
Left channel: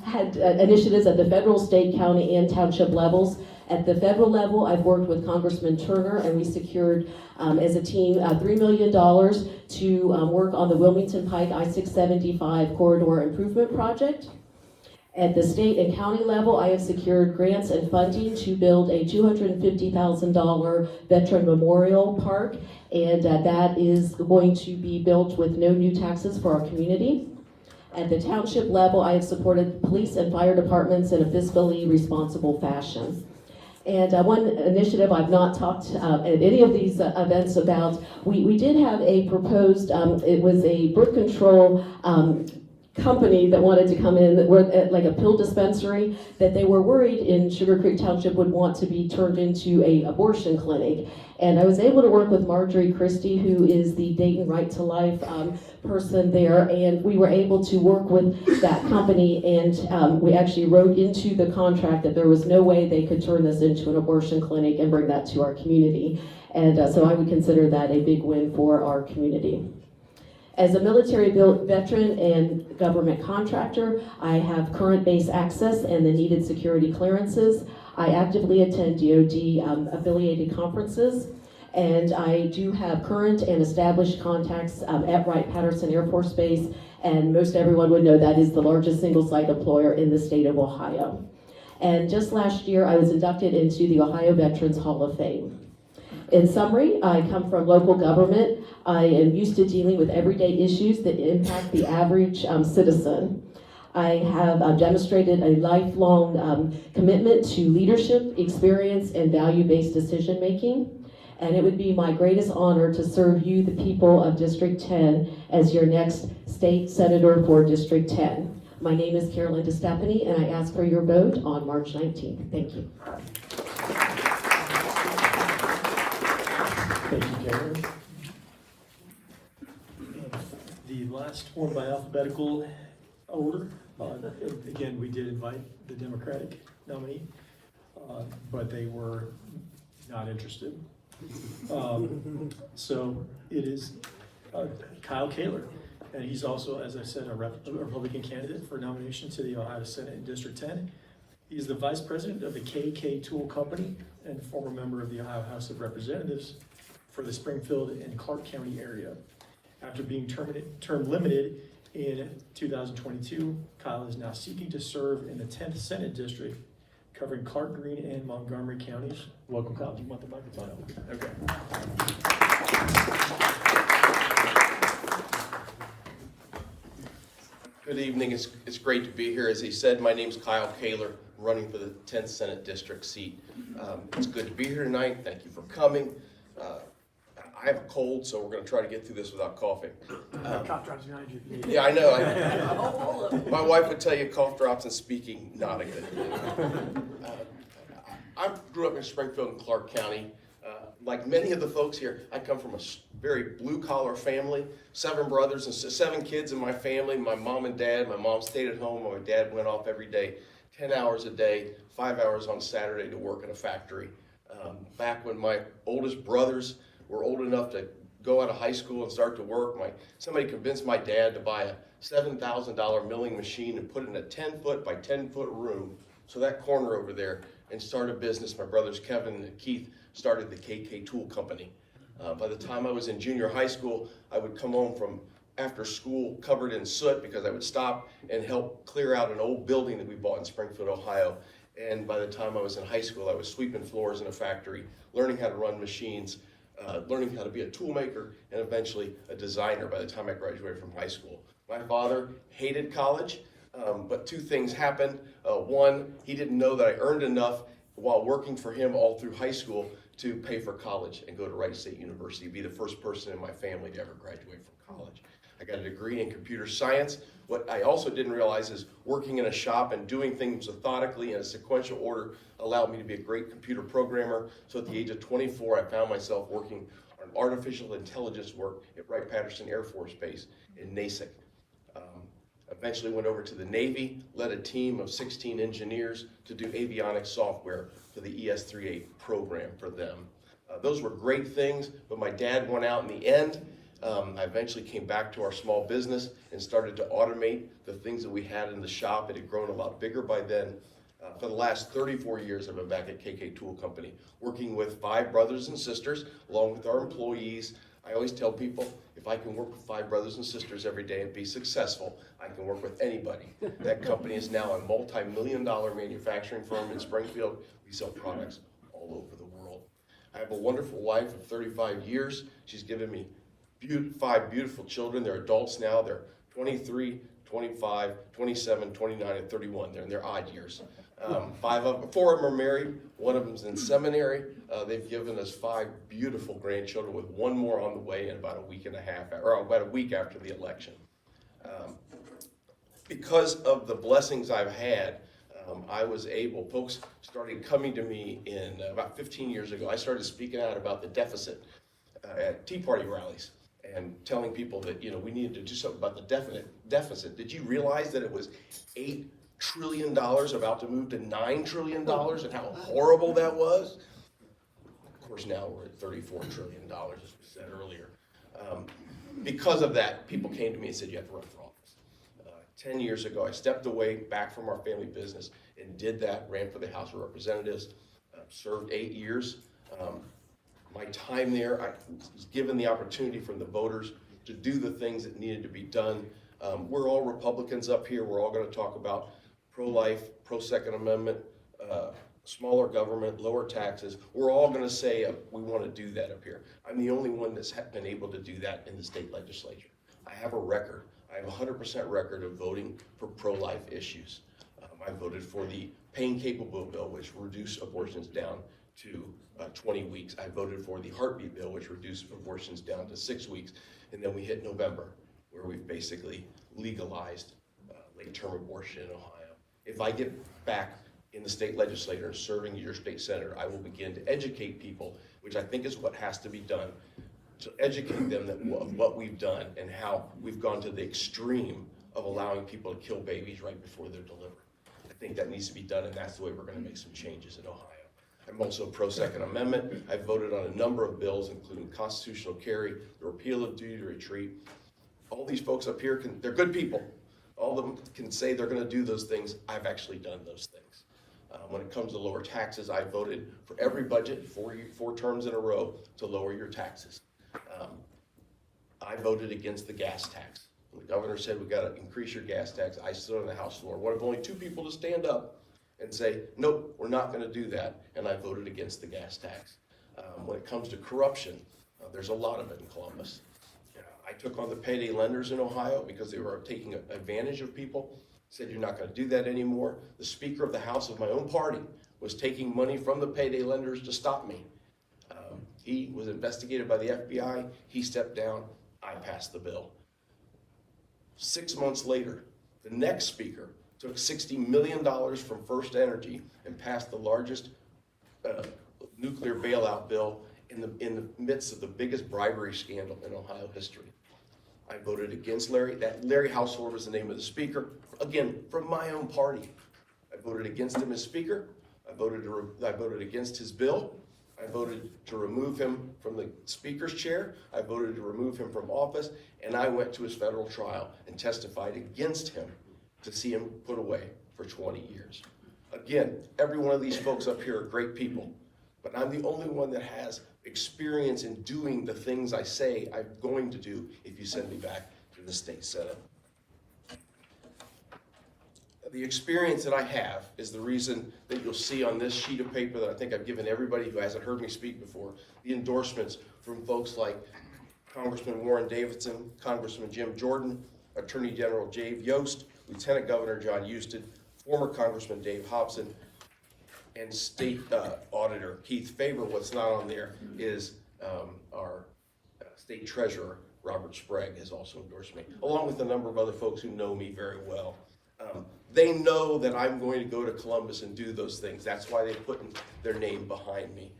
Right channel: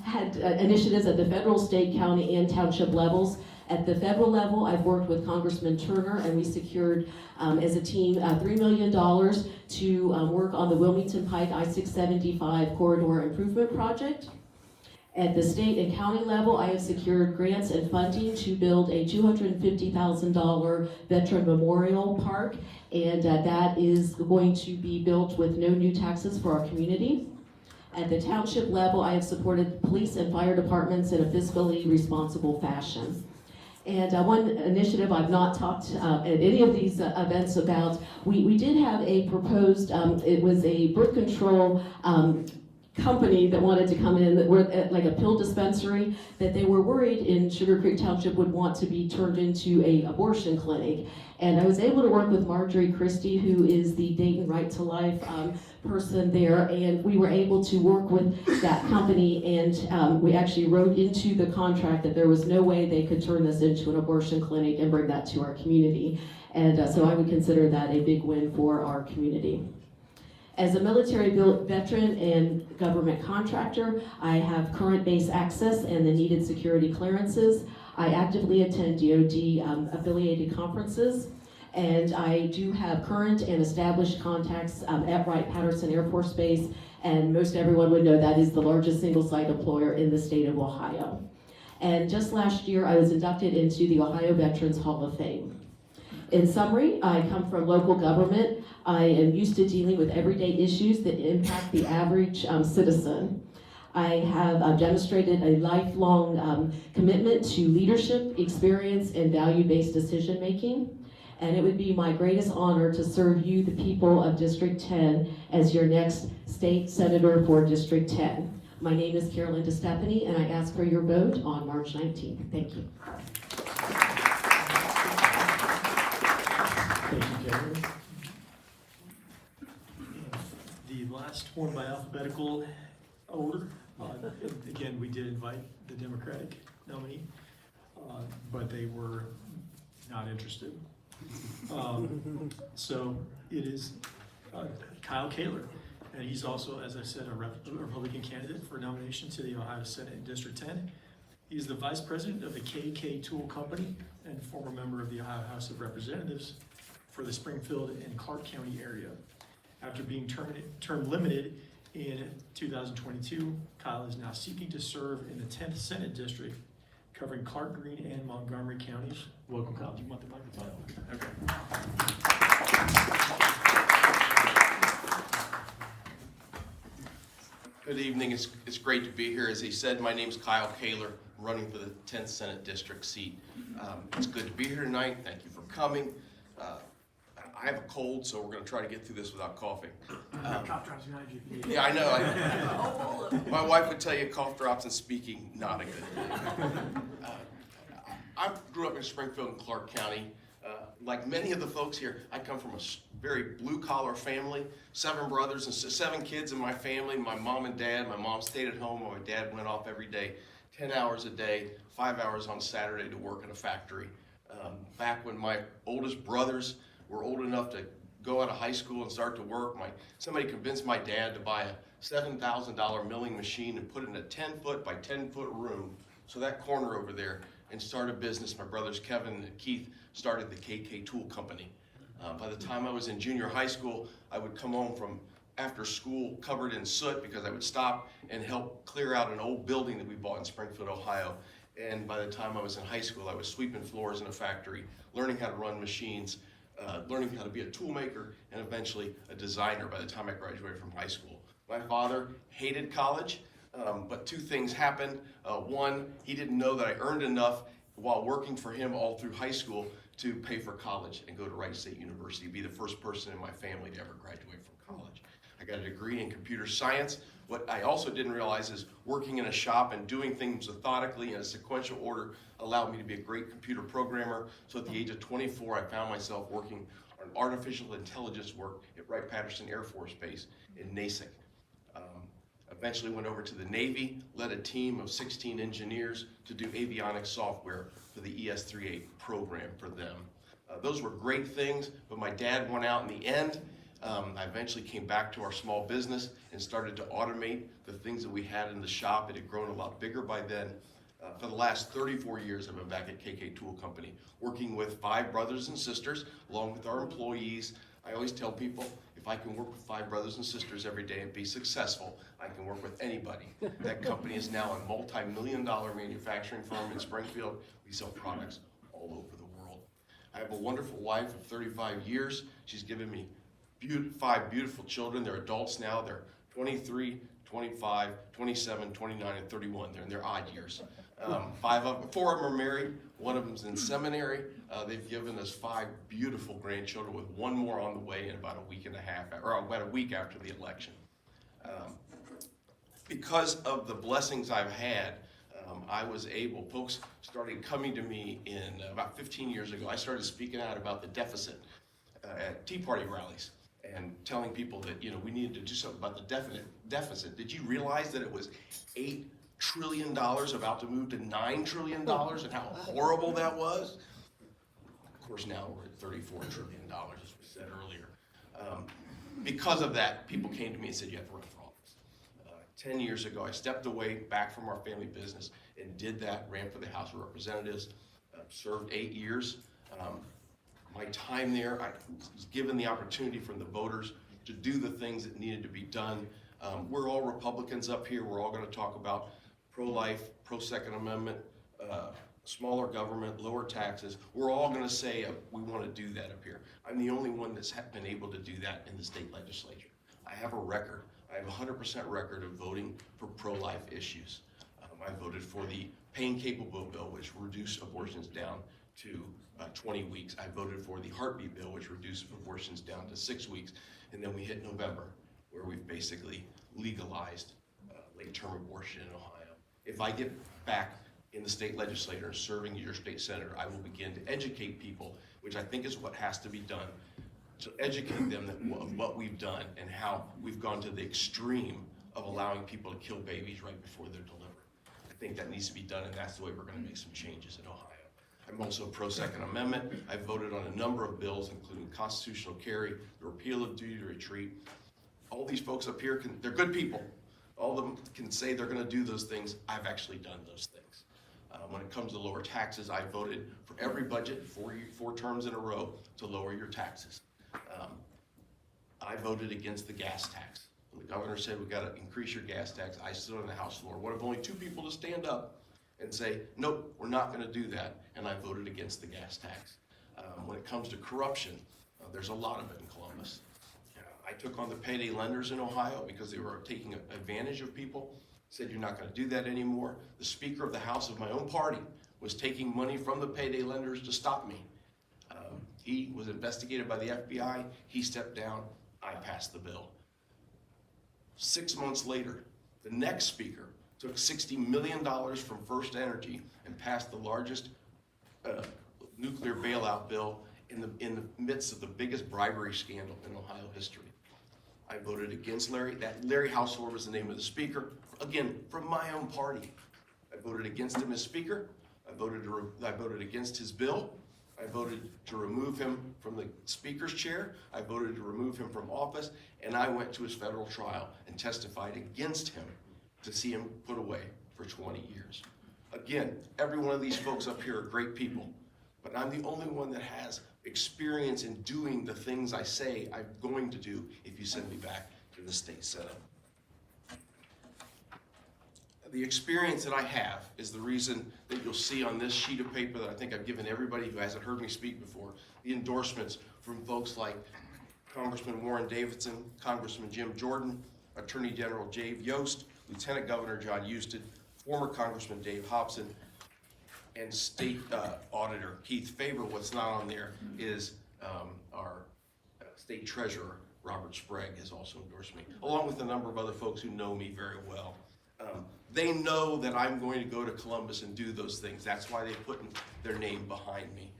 had initiatives at the federal, state, county, and township levels. At the federal level, I've worked with Congressman Turner, and we secured, as a team, $3 million to work on the Wilmington Pike I-675 corridor improvement project. At the state and county level, I have secured grants and funding to build a $250,000 veteran memorial park, and that is going to be built with no new taxes for our community. At the township level, I have supported police and fire departments in a fiscally responsible fashion. And one initiative I've not talked at any of these events about, we did have a proposed, it was a birth control company that wanted to come in, that were like a pill dispensary, that they were worried in Sugar Creek Township would want to be turned into a abortion clinic. And I was able to work with Marjorie Christie, who is the Dayton Right to Life person there, and we were able to work with that company, and we actually wrote into the contract that there was no way they could turn this into an abortion clinic and bring that to our community. And so I would consider that a big win for our community. As a military veteran and government contractor, I have current base access and the needed security clearances. I actively attend DoD affiliated conferences, and I do have current and established contacts at Wright-Patterson Air Force Base, and most everyone would know that is the largest single-site employer in the state of Ohio. And just last year, I was inducted into the Ohio Veterans Hall of Fame. In summary, I come from local government. I am used to dealing with everyday issues that impact the average citizen. I have demonstrated a lifelong commitment to leadership, experience, and value-based decision-making. And it would be my greatest honor to serve you, the people of District 10, as your next state senator for District 10. My name is Carolyn DeStefani, and I ask for your vote on March 19th. Thank you. Thank you, Jared. The last one by alphabetical order. Again, we did invite the Democratic nominee, but they were not interested. So it is Kyle Kaler, and he's also, as I said, a Republican candidate for nomination to the Ohio Senate in District 10. He's the vice president of the KK Tool Company and former member of the Ohio House of Representatives for the Springfield and Clark County area. After being term limited in 2022, Kyle is now seeking to serve in the 10th Senate District, covering Clark, Greene, and Montgomery counties. Welcome, Kyle. Do you want the microphone? Okay. Good evening. It's great to be here. As he said, my name is Kyle Kaler, running for the 10th Senate District seat. It's good to be here tonight. Thank you for coming. I have a cold, so we're going to try to get through this without coughing. Cough drops behind you. Yeah, I know. My wife would tell you cough drops and speaking, not a good thing. I grew up in Springfield and Clark County. Like many of the folks here, I come from a very blue-collar family, 7 brothers and 7 kids in my family. My mom and dad, my mom stayed at home, my dad went off every day, 10 hours a day, 5 hours on Saturday to work in a factory. Back when my oldest brothers were old enough to go out of high school and start to work, somebody convinced my dad to buy a $7,000 milling machine and put it in a 10-foot by 10-foot room, so that corner over there, and start a business. My brothers Kevin and Keith started the KK Tool Company. By the time I was in junior high school, I would come home from after school covered in soot because I would stop and help clear out an old building that we bought in Springfield, Ohio. And by the time I was in high school, I was sweeping floors in a factory, learning how to run machines, learning how to be a tool maker, and eventually a designer by the time I graduated from high school. My father hated college, but 2 things happened. One, he didn't know that I earned enough while working for him all through high school to pay for college and go to Wright State University, be the first person in my family to ever graduate from college. I got a degree in computer science. What I also didn't realize is working in a shop and doing things methodically in a sequential order allowed me to be a great computer programmer. So at the age of 24, I found myself working on artificial intelligence work at Wright-Patterson Air Force Base in Nasick. Eventually went over to the Navy, led a team of 16 engineers to do avionics software for the ES-38 program for them. Those were great things, but my dad won out in the end. I eventually came back to our small business and started to automate the things that we had in the shop. It had grown a lot bigger by then. For the last 34 years, I've been back at KK Tool Company, working with 5 brothers and sisters, along with our employees. I always tell people, if I can work with 5 brothers and sisters every day and be successful, I can work with anybody. That company is now a multi-million-dollar manufacturing firm in Springfield. We sell products all over the world. I have a wonderful wife of 35 years. She's given me 5 beautiful children. They're adults now. They're 23, 25, 27, 29, and 31. They're in their odd years. 4 of them are married. 1 of them's in seminary. They've given us 5 beautiful grandchildren, with 1 more on the way in about a week and a half, or about a week after the election. because of the blessings I've had, I was able, folks started coming to me in about 15 years ago. I started speaking out about the deficit at Tea Party rallies and telling people that, you know, we needed to do something about the deficit. Did you realize that it was $8 trillion about to move to $9 trillion and how horrible that was? Of course, now we're at $34 trillion, as we said earlier. Because of that, people came to me and said, you have to run for office. 10 years ago, I stepped away back from our family business and did that, ran for the House of Representatives, served 8 years. My time there, I was given the opportunity from the voters to do the things that needed to be done. We're all Republicans up here. We're all going to talk about pro-life, pro-Second Amendment, smaller government, lower taxes. We're all going to say we want to do that up here. I'm the only one that's been able to do that in the state legislature. I have a record. I have a 100% record of voting for pro-life issues. I voted for the pain-capable bill, which reduced abortions down to 20 weeks. I voted for the heartbeat bill, which reduced abortions down to 6 weeks. And then we hit November, where we've basically legalized late-term abortion in Ohio. If I get back in the state legislature serving as your state senator, I will begin to educate people, which I think is what has to be done, to educate them that what we've done and how we've gone to the extreme of allowing people to kill babies right before they're delivered. I think that needs to be done, and that's the way we're going to make some changes in Ohio. I'm also pro-Second Amendment. I've voted on a number of bills, including constitutional carry, the repeal of duty to retreat. All these folks up here, they're good people. All of them can say they're going to do those things. I've actually done those things. When it comes to lower taxes, I voted for every budget, four terms in a row, to lower your taxes. I voted against the gas tax. When the governor said we got to increase your gas tax, I stood on the House floor, one of only 2 people to stand up and say, nope, we're not going to do that, and I voted against the gas tax. When it comes to corruption, there's a lot of it in Columbus. I took on the payday lenders in Ohio because they were taking advantage of people. Said you're not going to do that anymore. The Speaker of the House of my own party was taking money from the payday lenders to stop me. He was investigated by the FBI. He stepped down. I passed the bill. 6 months later, the next speaker took $60 million from First Energy and passed the largest nuclear bailout bill in the midst of the biggest bribery scandal in Ohio history. I voted against Larry. That Larry Household was the name of the speaker. Again, from my own party. I voted against him as speaker. I voted against his bill. I voted to remove him from the speaker's chair. I voted to remove him from office. And I went to his federal trial and testified against him to see him put away for 20 years. Again, every one of these folks up here are great people. But I'm the only one that has experience in doing the things I say I'm going to do if you send me back to the state senate. The experience that I have is the reason that you'll see on this sheet of paper that I think I've given everybody who hasn't heard me speak before, the endorsements from folks like Congressman Warren Davidson, Congressman Jim Jordan, Attorney General Dave Yost, Lieutenant Governor John Husted, former Congressman Dave Hobson, and State Auditor Keith Faber. What's not on there is our State Treasurer, Robert Sprague, has also endorsed me, along with a number of other folks who know me very well. They know that I'm going to go to Columbus and do those things. That's why they put their name behind me.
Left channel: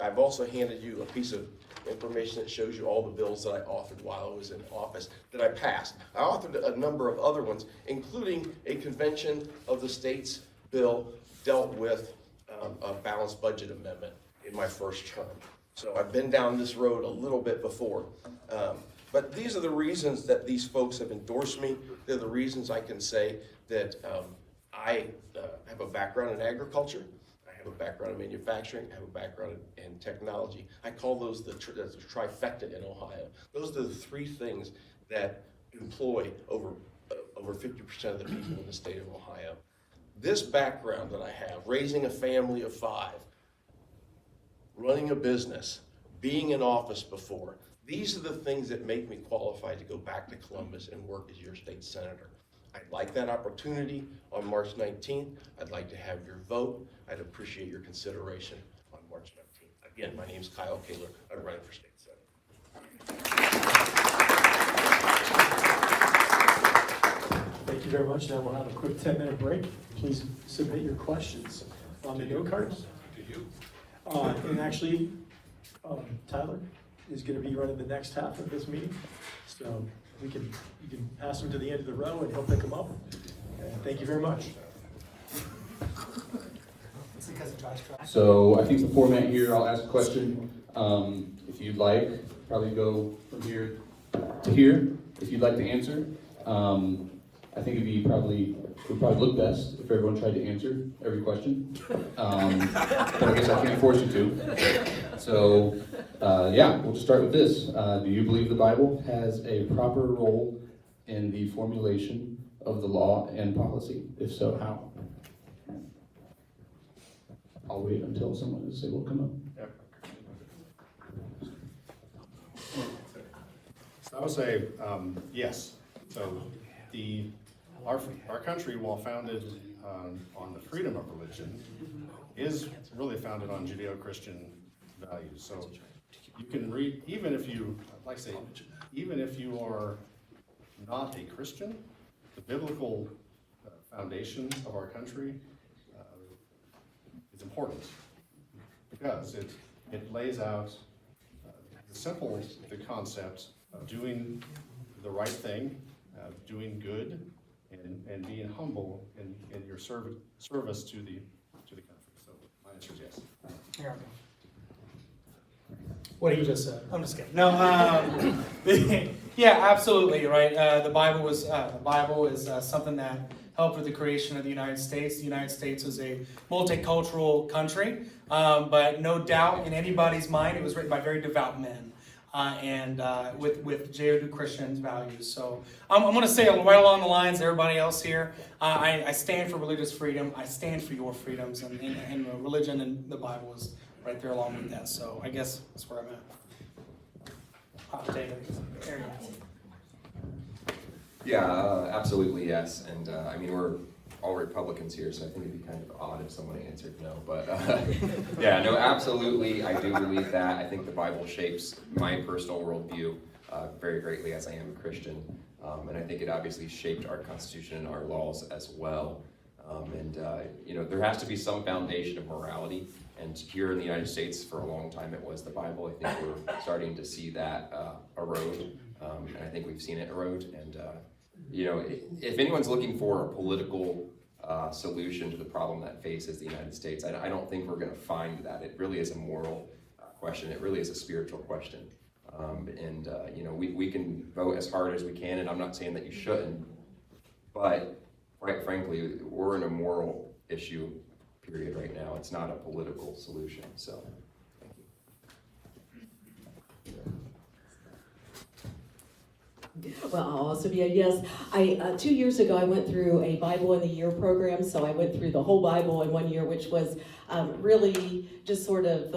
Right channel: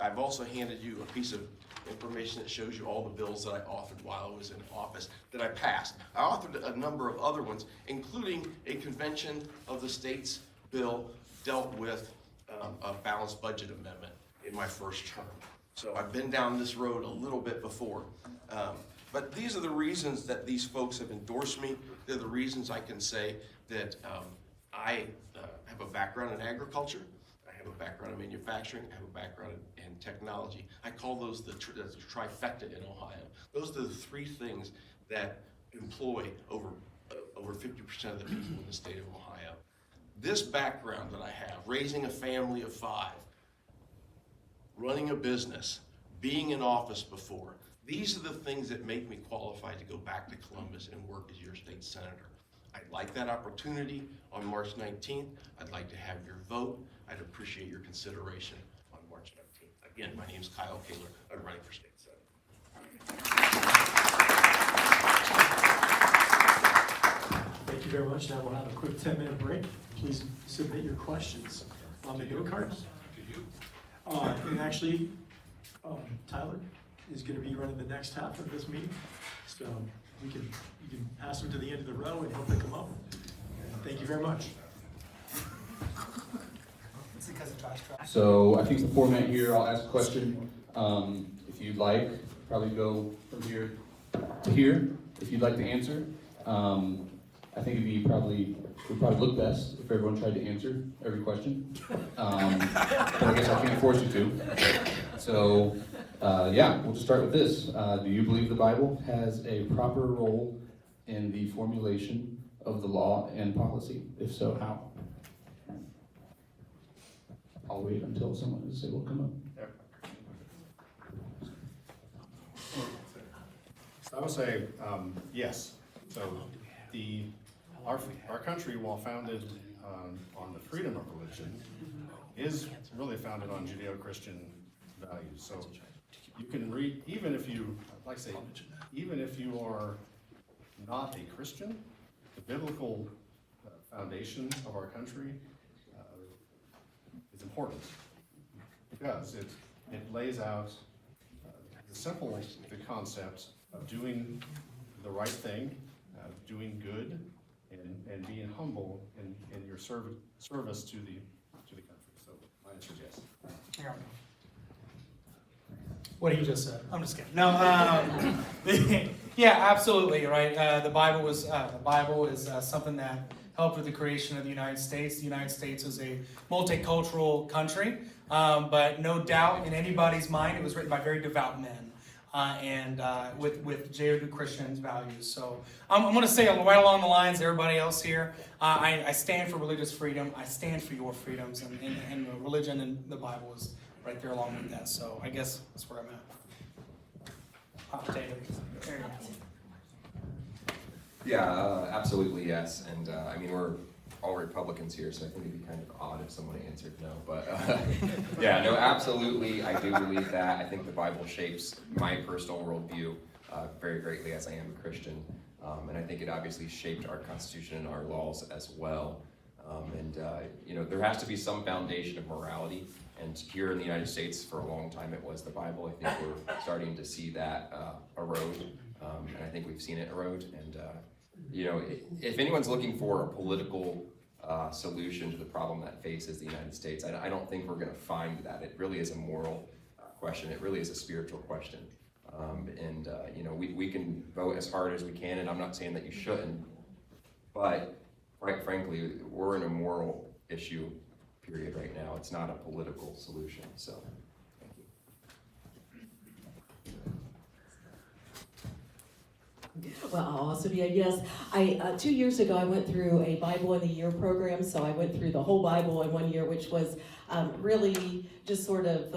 I've also handed you a piece of information that shows you all the bills that I authored while I was in office that I passed. I authored a number of other ones, including a convention of the states bill dealt with a balanced budget amendment in my first term. So I've been down this road a little bit before. But these are the reasons that these folks have endorsed me. They're the reasons I can say that I have a background in agriculture. I have a background in manufacturing. I have a background in technology. I call those the trifecta in Ohio. Those are the 3 things that employ over 50% of the people in the state of Ohio. This background that I have, raising a family of 5, running a business, being in office before, these are the things that make me qualified to go back to Columbus and work as your state senator. I'd like that opportunity on March 19th. I'd like to have your vote. I'd appreciate your consideration on March 19th. Again, my name is Kyle Kaler. I'm running for state senator. Thank you very much. Now we'll have a quick 10-minute break. Please submit your questions on the note cards. And actually, Tyler is going to be running the next half of this meeting. So you can pass them to the end of the row and he'll pick them up. And thank you very much. So I think the format here, I'll ask a question. If you'd like, probably go from here to here. If you'd like to answer, I think it would probably look best if everyone tried to answer every question. But I guess I can't force you to. So yeah, we'll just start with this. Do you believe the Bible has a proper role in the formulation of the law and policy? If so, how? I'll wait until someone is able to come up. I would say yes. So our country, while founded on the freedom of religion, is really founded on Judeo-Christian values. So you can read, even if you are not a Christian, the biblical foundation of our country is important because it lays out the concept of doing the right thing, doing good, and being humble in your service to the country. So my answer is yes. What he just said. I'm just kidding. No, yeah, absolutely, right. The Bible is something that helped with the creation of the United States. The United States is a multicultural country, but no doubt in anybody's mind, it was written by very devout men. And with Judeo-Christian values. So I'm going to say right along the lines, everybody else here, I stand for religious freedom. I stand for your freedoms, and religion and the Bible is right there along with that. So I guess that's where I'm at. Hot potato. Yeah, absolutely yes. And I mean, we're all Republicans here, so I think it'd be kind of odd if someone answered no. But yeah, no, absolutely, I do believe that. I think the Bible shapes my personal worldview very greatly, as I am a Christian. And I think it obviously shaped our Constitution and our laws as well. You know, there has to be some foundation of morality. And here in the United States, for a long time, it was the Bible. I think we're starting to see that erode. And I think we've seen it erode. And you know, if anyone's looking for a political solution to the problem that faces the United States, I don't think we're going to find that. It really is a moral question. It really is a spiritual question. You know, we can vote as hard as we can, and I'm not saying that you shouldn't, but quite frankly, we're in a moral issue period right now. It's not a political solution. So, thank you. Well, I'll also be a yes. 2 years ago, I went through a Bible in a Year program, so I went through the whole Bible in 1 year, which was really just sort of,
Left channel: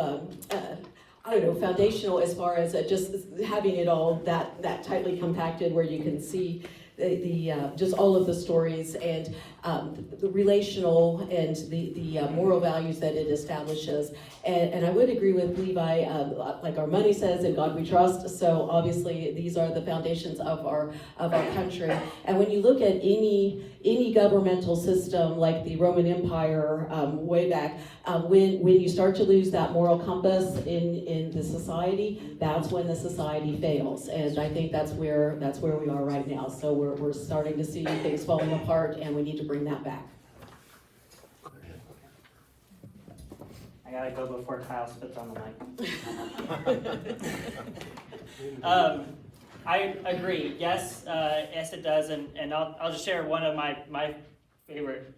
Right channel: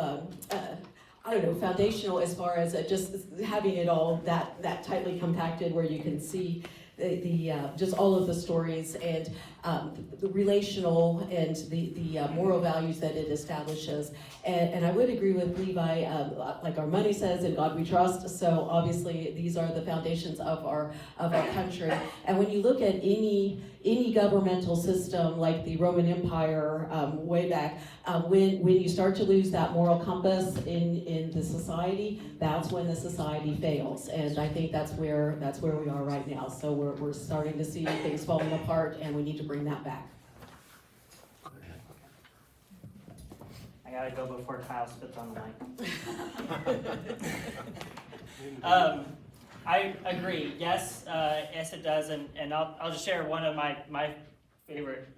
I don't know, foundational as far as just having it all that tightly compacted where you can see the just all of the stories and the relational and the moral values that it establishes. And I would agree with Levi, like our money says, in God we trust. So obviously these are the foundations of our country. And when you look at any governmental system like the Roman Empire way back, when you start to lose that moral compass in the society, that's when the society fails. And I think that's where we are right now. So we're starting to see things falling apart, and we need to bring that back. I gotta go before Kyle spits on the mic. I agree. Yes, yes, it does, and I'll just share one of my favorite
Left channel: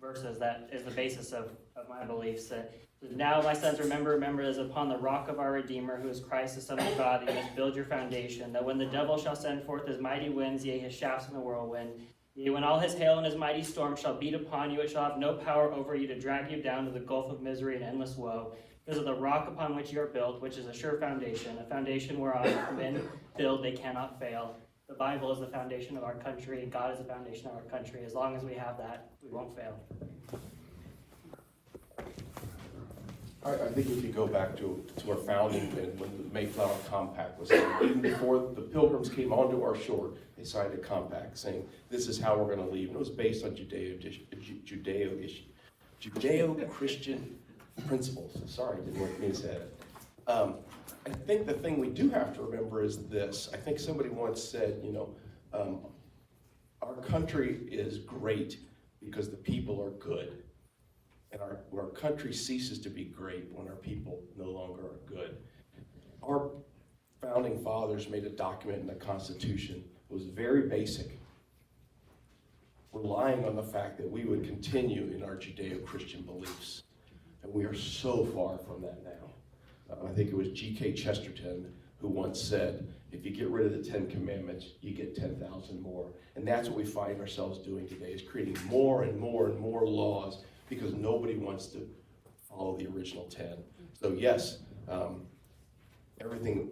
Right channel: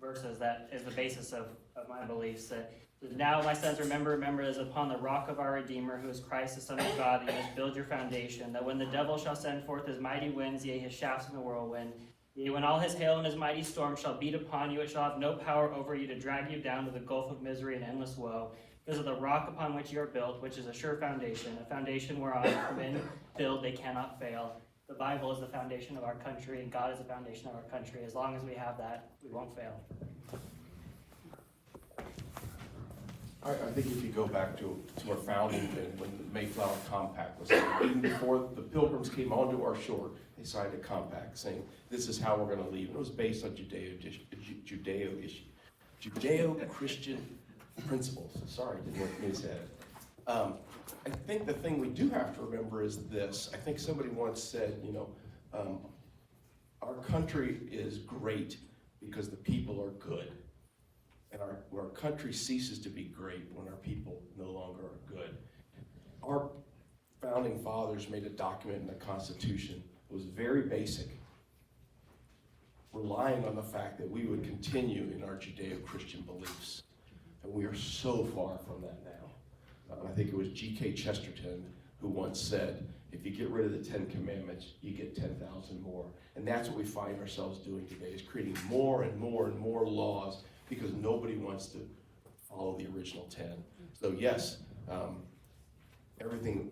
verses that is the basis of my beliefs. That now, my sons, remember that it is upon the rock of our Redeemer, who is Christ, the Son of God, that you must build your foundation. That when the devil shall send forth his mighty winds, yea, his shafts in the whirlwind, yea, when all his hail and his mighty storm shall beat upon you, it shall have no power over you to drag you down to the gulf of misery and endless woe. Because of the rock upon which you are built, which is a sure foundation, a foundation whereon if men build, they cannot fail. The Bible is the foundation of our country, and God is the foundation of our country. As long as we have that, we won't fail. I think if you go back to our founding and when the Mayflower Compact was signed, even before the Pilgrims came onto our shore, they signed a compact saying, this is how we're going to leave. And it was based on Judeo-Christian principles. Sorry, didn't want me to say it. I think the thing we do have to remember is this. I think somebody once said, our country is great because the people are good. And our country ceases to be great when our people no longer are good. Our founding fathers made a document in the Constitution that was very basic, relying on the fact that we would continue in our Judeo-Christian beliefs. And we are so far from that now. I think it was G.K. Chesterton who once said, if you get rid of the 10 Commandments, you get 10,000 more. And that's what we find ourselves doing today, is creating more and more and more laws because nobody wants to follow the original 10. So yes, everything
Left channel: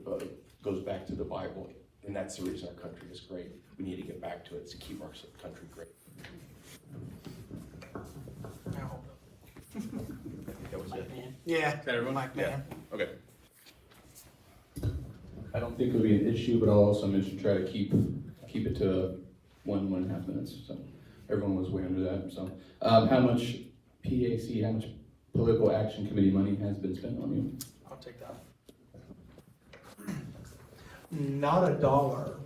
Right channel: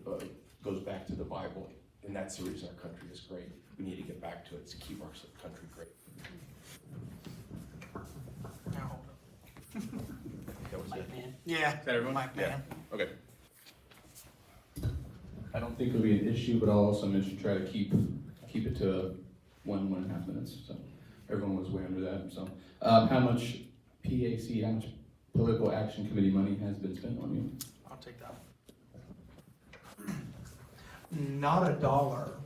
goes back to the Bible, and that's the reason our country is great. We need to get back to it to keep our country great. Yeah, Mike, man. Okay. I don't think it'll be an issue, but I'll also mention try to keep it to 1.5 minutes. So everyone was way under that. So how much PAC, how much Political Action Committee money has been spent on you? I'll take that. Not a dollar,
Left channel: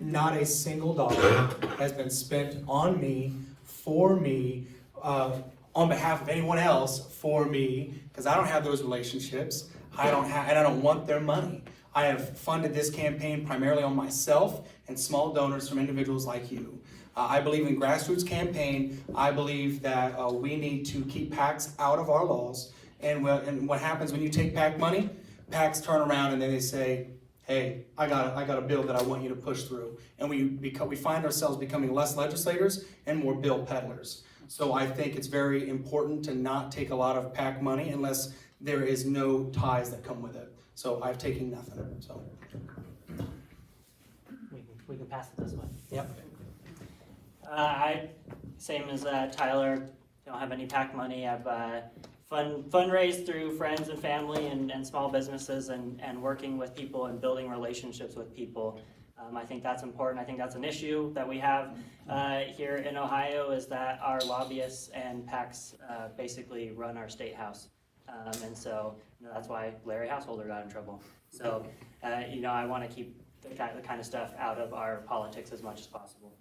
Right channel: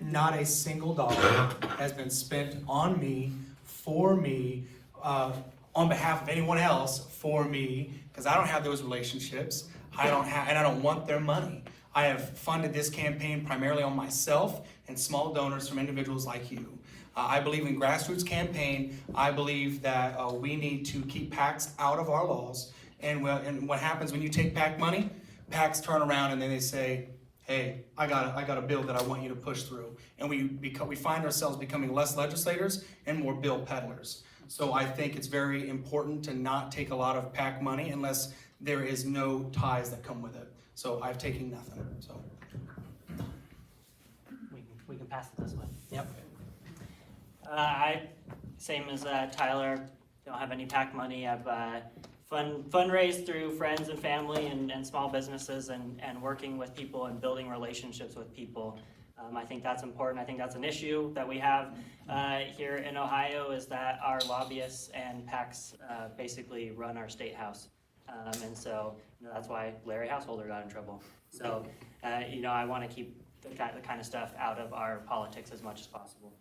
not a single dollar has been spent on me, for me, on behalf of anyone else, for me, because I don't have those relationships. I don't want their money. I have funded this campaign primarily on myself and small donors from individuals like you. I believe in grassroots campaign. I believe that we need to keep PACs out of our laws. And what happens when you take PAC money? PACs turn around and then they say, hey, I got a bill that I want you to push through. And we find ourselves becoming less legislators and more bill peddlers. So I think it's very important to not take a lot of PAC money unless there is no ties that come with it. So I've taken nothing. So We can pass it this way. yep. Same as Tyler, don't have any PAC money. I've fundraised through friends and family and small businesses and working with people and building relationships with people. I think that's important. I think that's an issue that we have here in Ohio, is that our lobbyists and PACs basically run our state house. And so that's why Larry Householder got in trouble. So, I want to keep the kind of stuff out of our politics as much as possible.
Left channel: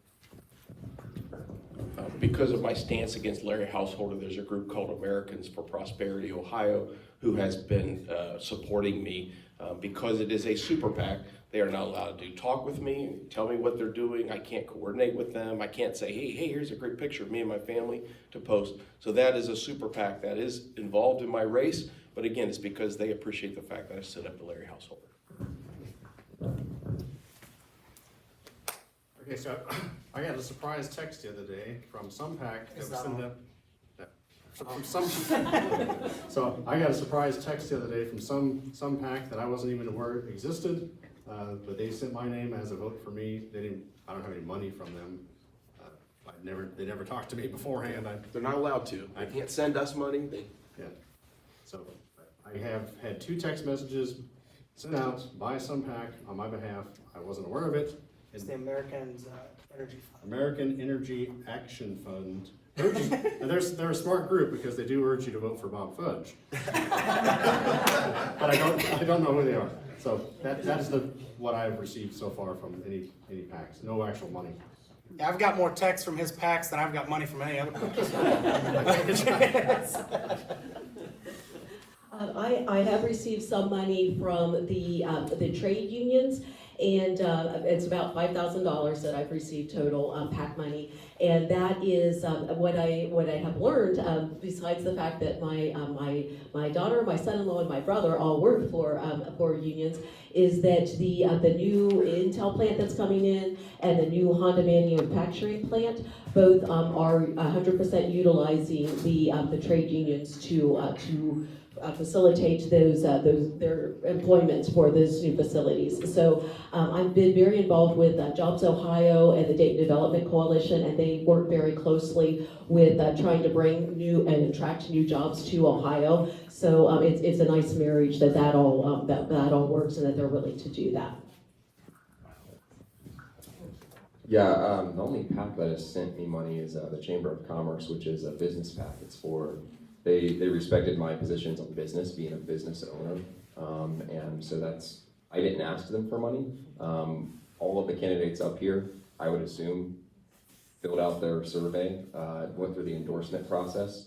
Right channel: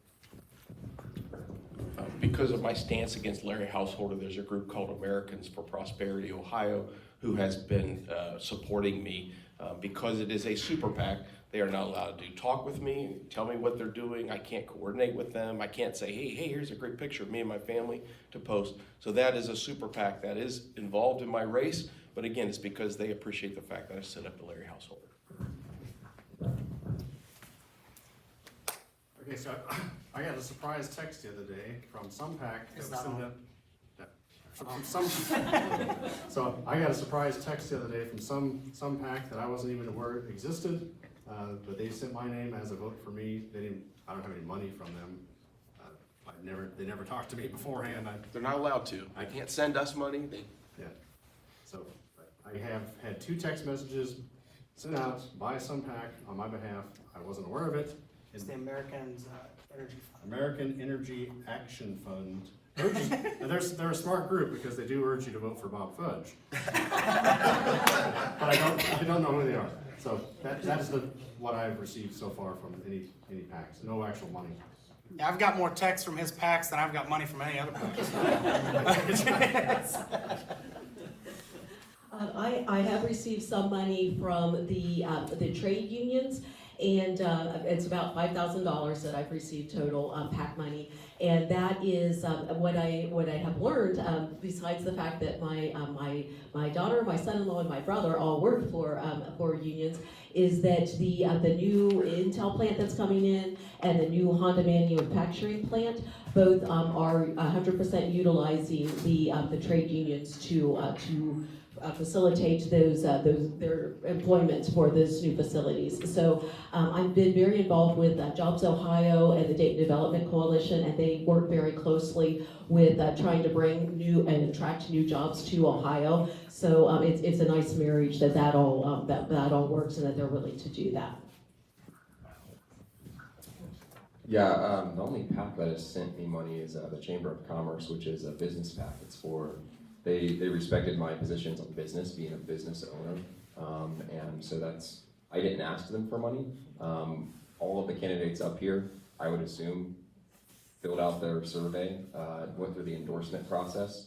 Because of my stance against Larry Householder, there's a group called Americans for Prosperity Ohio who has been supporting me because it is a super PAC. They are not allowed to talk with me, tell me what they're doing. I can't coordinate with them. I can't say, hey, here's a great picture of me and my family to post. So that is a super PAC that is involved in my race. But again, it's because they appreciate the fact that I set up the Larry Householder. Okay, so I got a surprise text the other day from some PAC that was sending up. So I got a surprise text the other day from some PAC that I wasn't even aware existed, but they sent my name as a vote for me. I don't have any money from them. They never talked to me beforehand. They're not allowed to. They can't send us money. Yeah. So I have had 2 text messages sent out by some PAC on my behalf. I wasn't aware of it. It's the American Energy Fund. American Energy Action Fund. And they're a smart group because they do urge you to vote for Bob Fudge. But I don't know who they are. So that's what I've received so far from any PACs. No actual money. Yeah, I've got more texts from his PACs than I've got money from any other PACs. I have received some money from the trade unions, and it's about $5,000 that I've received total PAC money, and that is what I have learned. Besides the fact that my daughter, my son-in-law, and my brother all work for unions, is that the new Intel plant that's coming in and the new Honda manufacturing plant both are 100% utilizing the trade unions to facilitate their employment for those new facilities. So I've been very involved with Jobs Ohio and the Dayton Development Coalition, and they Committee work very closely with trying to bring new and attract new jobs to Ohio. So it's a nice marriage that all works and that they're willing to do that. Yeah, the only PAC that has sent me money is the Chamber of Commerce, which is a business PAC. It's for, they respected my positions on business, being a business owner. And so I didn't ask them for money. All of the candidates up here, I would assume, filled out their survey, went through the endorsement process.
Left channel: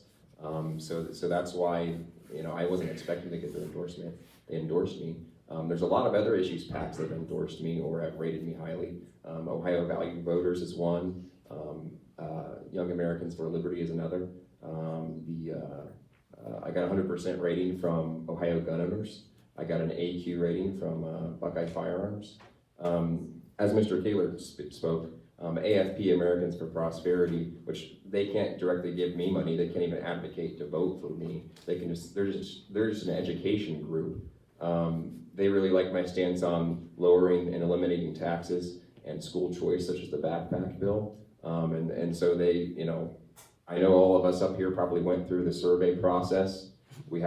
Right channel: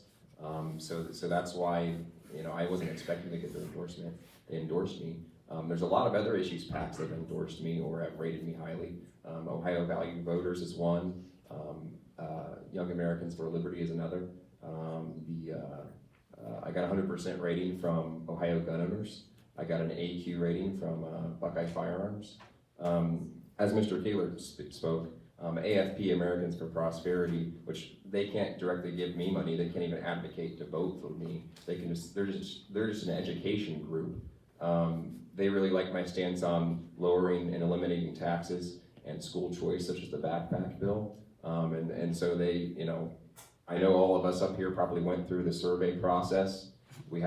So that's why, I wasn't expecting to get their endorsement. They endorsed me. There's a lot of other issues PACs that have endorsed me or have rated me highly. Ohio Value Voters is one. Young Americans for Liberty is another. I got a 100% rating from Ohio Gun Owners. I got an AQ rating from Buckeye Firearms. As Mr. Taylor spoke, AFP, Americans for Prosperity, which they can't directly give me money. They can't even advocate to vote for me. They're just an education group. They really like my stance on lowering and eliminating taxes and school choice, such as the backpack bill. And so they, I know all of us up here probably went through the survey process. We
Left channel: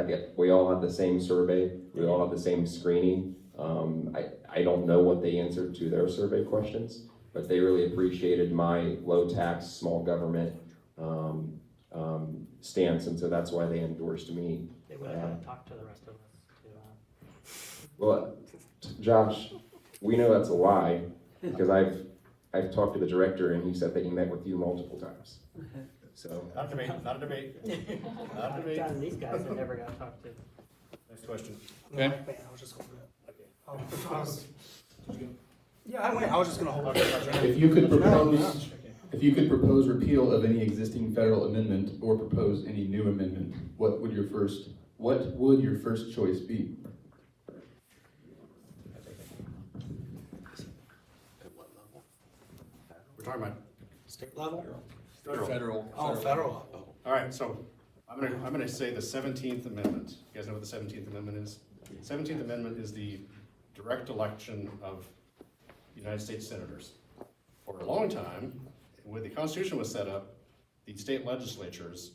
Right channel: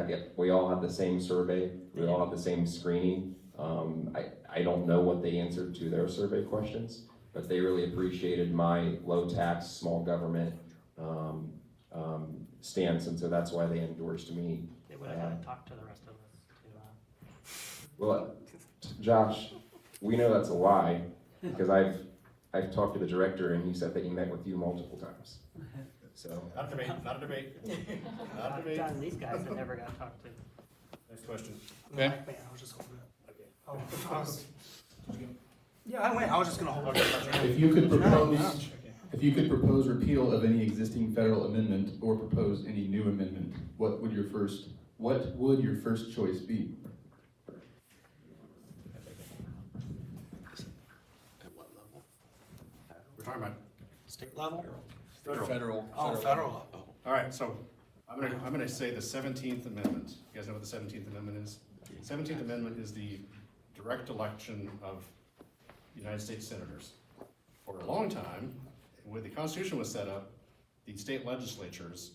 all had the same survey. We all had the same screening. I don't know what they answered to their survey questions, but they really appreciated my low tax, small government stance, and so that's why they endorsed me. They would have talked to the rest of us. Well, Josh, we know that's a lie because I've talked to the director and he said that he met with you multiple times. So Not a debate, not a debate. Not a debate. John, these guys that never got talked to. Next question. Yeah, I was just holding it. Yeah, I was just gonna hold it. If you could propose repeal of any existing federal amendment or propose any new amendment, what would your first choice be? We're talking about State level? federal. Oh, federal level. All right, so I'm gonna say the 17th Amendment. You guys know what the 17th Amendment is? 17th Amendment is the direct election of United States senators. For a long time, when the Constitution was set up, the state legislatures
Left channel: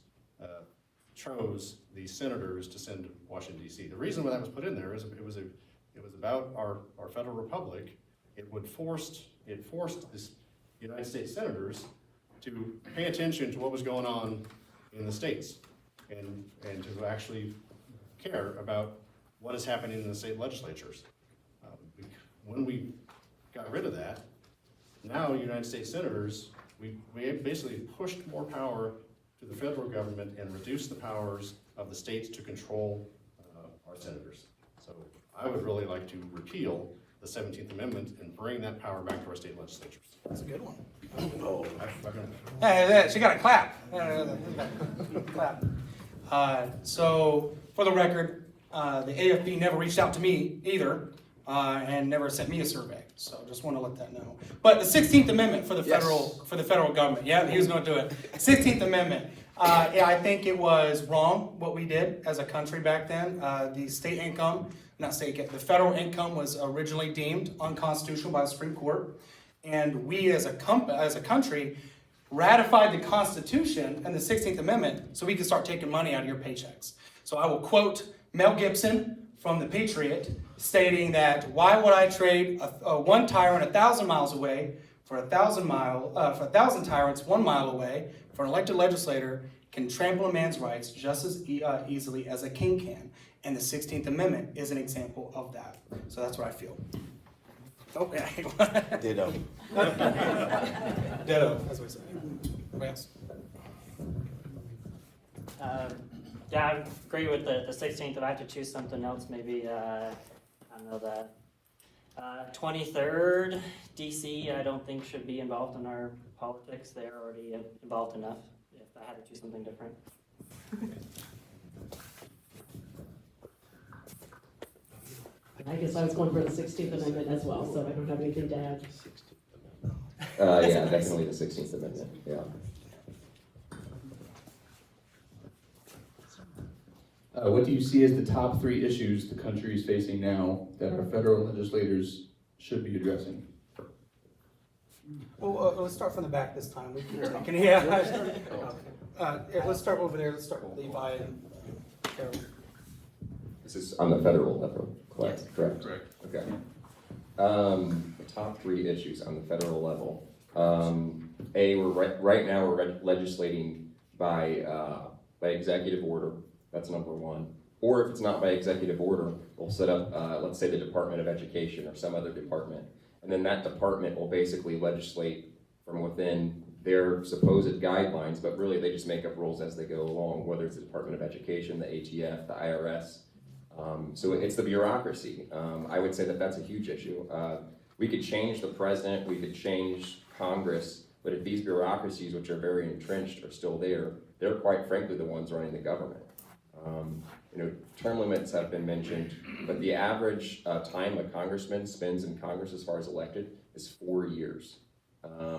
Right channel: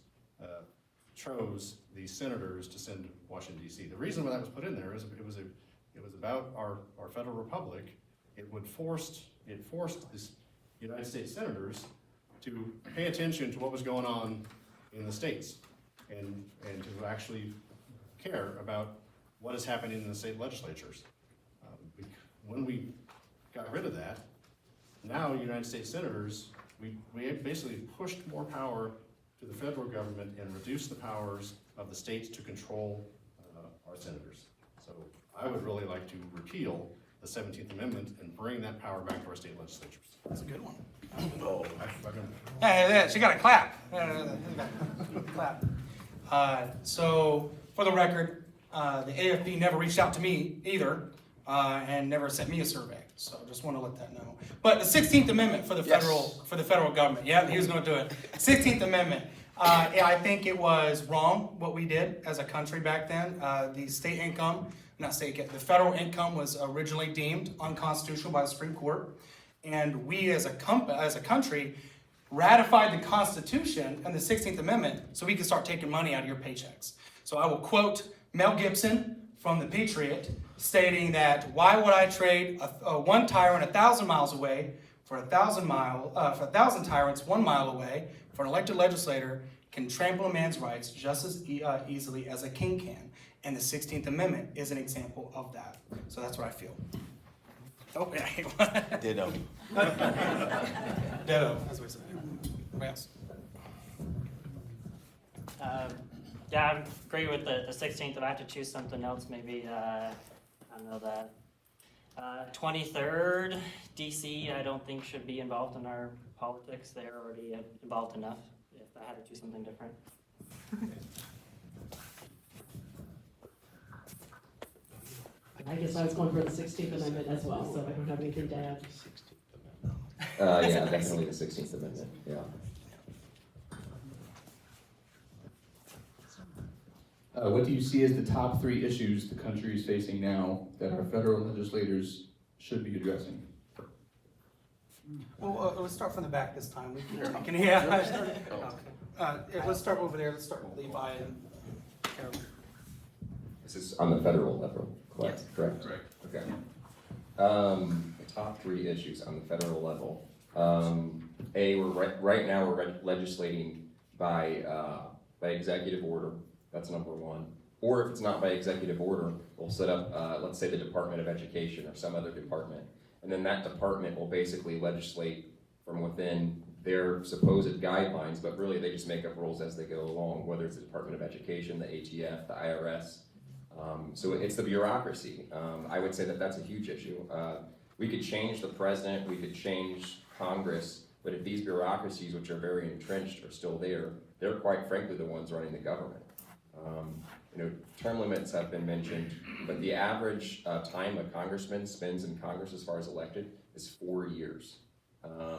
chose the senators to send to Washington, D.C. The reason why that was put in there is it was about our federal republic. It forced the United States senators to pay attention to what was going on in the states and to actually care about what is happening in the state legislatures. When we got rid of that, now United States senators, we basically pushed more power to the federal government and reduced the powers of the states to control our senators. So I would really like to repeal the 17th Amendment and bring that power back to our state legislatures. That's a good one. Hey, She got a clap. Clap. So, for the record, the AFP never reached out to me either, and never sent me a survey. So, just want to let that know. But the 16th Amendment for the federal government. Yeah, he was going to do it. 16th Amendment. I think it was wrong what we did as a country back then. The the federal income was originally deemed unconstitutional by the Supreme Court. And we as a country ratified the Constitution and the 16th Amendment so we could start taking money out of your paychecks. So I will quote Mel Gibson from The Patriot stating that, why would I trade one tyrant 1,000 miles away for 1,000 tyrants 1 mile away for an elected legislator can trample a man's rights just as easily as a king can. And the 16th Amendment is an example of that. So that's what I feel. Oh, yeah. Ditto. Ditto, as we say. Yes. Yeah, I agree with the 16th. If I have to choose something else, maybe, I don't know, the 23rd, DC, I don't think should be involved in our politics. They're already involved enough if I had to choose something different. I guess I was going for the 16th Amendment as well, so I don't have anything to add. Yeah, definitely the 16th Amendment, yeah. What do you see as the top 3 issues the country is facing now that our federal legislators should be addressing? Well, let's start from the back this time. Yeah. Let's start over there. Let's start with Levi and Carol. This is on the federal level, correct? Yes. Correct. Okay. The top 3 issues on the federal level. Right now we're legislating by executive order. That's number 1. Or if it's not by executive order, we'll set up, let's say, the Department of Education or some other department, and then that department will basically legislate from within their supposed guidelines, but really they just make up rules as they go along, whether it's the Department of Education, the ATF, the IRS. So it's the bureaucracy. I would say that that's a huge issue. We could change the president, we could change Congress, but if these bureaucracies, which are very entrenched, are still there, they're quite frankly the ones running the government. Term limits have been mentioned, but the average time a congressman spends in Congress as far as elected is 4 years.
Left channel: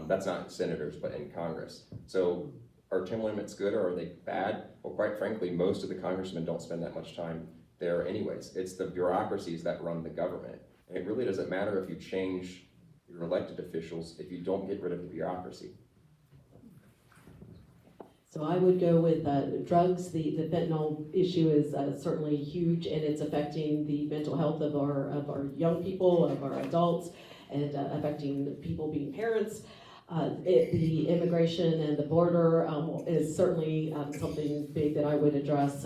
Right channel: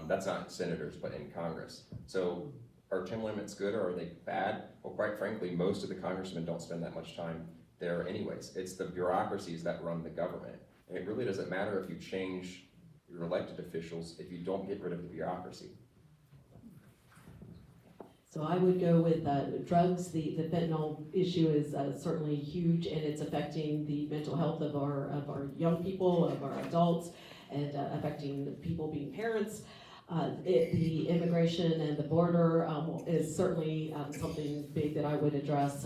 That's not in senators, but in Congress. So are term limits good or are they bad? Well, quite frankly, most of the congressmen don't spend that much time there anyways. It's the bureaucracies that run the government. And it really doesn't matter if you change your elected officials if you don't get rid of the bureaucracy. So I would go with drugs. The fentanyl issue is certainly huge, and it's affecting the mental health of our young people, of our adults, and affecting people being parents. The immigration and the border is certainly something big that I would address.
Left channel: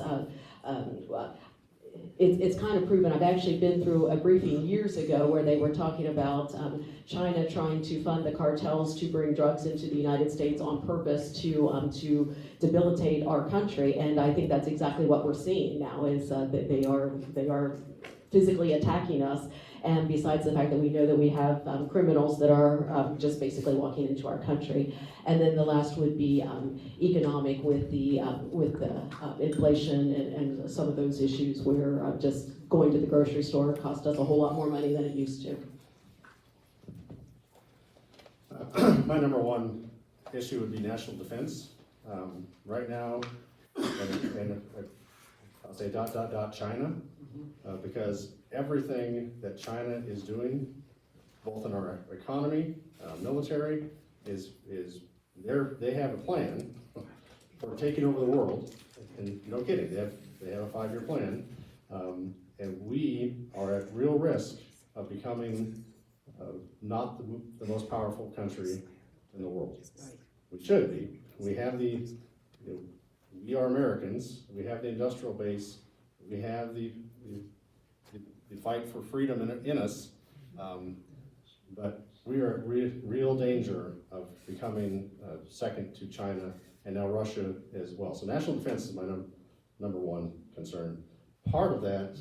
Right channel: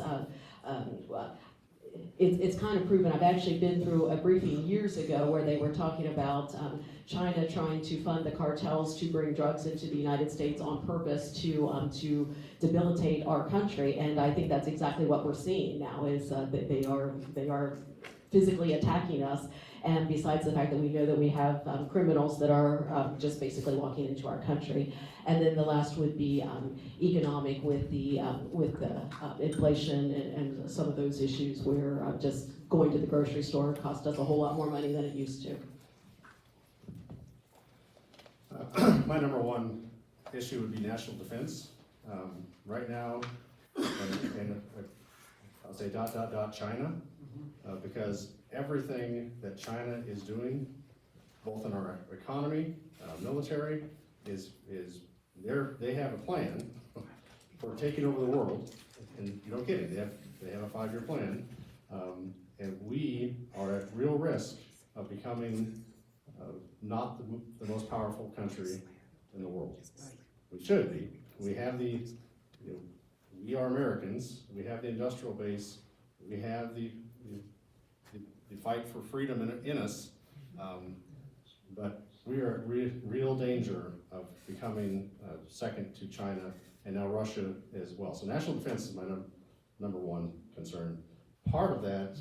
It's kind of proven. I've actually been through a briefing years ago where they were talking about China trying to fund the cartels to bring drugs into the United States on purpose to debilitate our country, and I think that's exactly what we're seeing now. Is that they are physically attacking us. And besides the fact that we know that we have criminals that are just basically walking into our country. And then the last would be economic with the inflation and some of those issues where just going to the grocery store costs us a whole lot more money than it used to. My number 1 issue would be national defense. Right now, and I'll say ... China, because everything that China is doing, both in our economy, our military, is they have a plan for taking over the world, and you don't get it. They have a 5-year plan, and we are at real risk of becoming not the most powerful country in the world. We should be. We have we are Americans. We have the industrial base. We have the fight for freedom in us, but we are at real danger of becoming second to China and now Russia as well. So national defense is my number 1 concern. Part of that,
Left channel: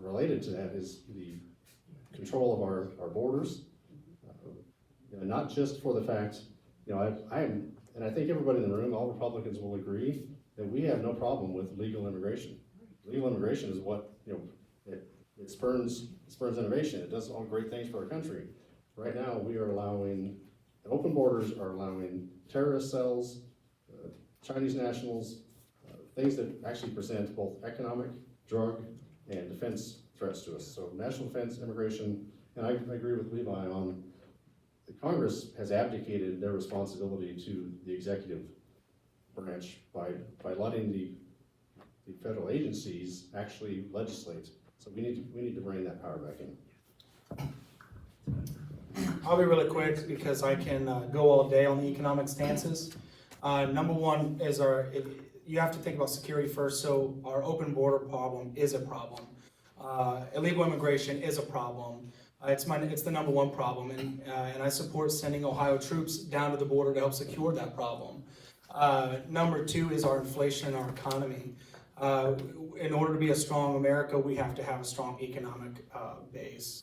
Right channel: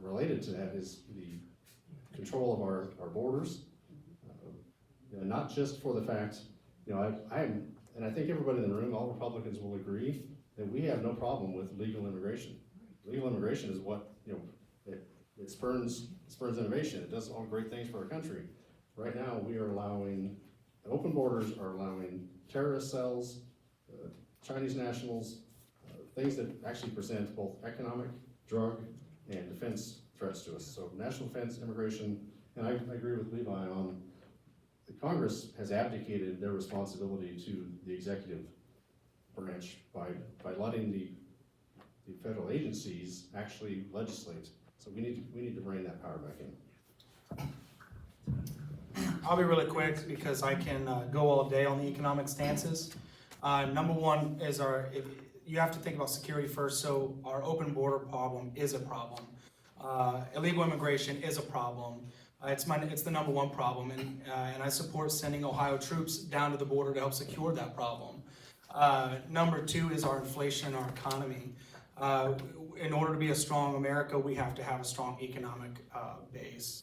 related to that, is the control of our borders, not just for the fact, and I think everybody in the room, all Republicans will agree that we have no problem with legal immigration. Legal immigration is what, it spurns innovation. It does all great things for our country. Right now, we are allowing, the open borders are allowing terrorist cells, Chinese nationals, things that actually present both economic, drug, and defense threats to us. So national defense, immigration, and I agree with Levi on the Congress has abdicated their responsibility to the executive branch by letting the federal agencies actually legislate. So we need to bring that power back in. I'll be really quick because I can go all day on the economic stances. Number 1 is you have to think about security first. So our open border problem is a problem. Illegal immigration is a problem. It's the number 1 problem, and I support sending Ohio troops down to the border to help secure that problem. Number 2 is our inflation and our economy. In order to be a strong America, we have to have a strong economic base.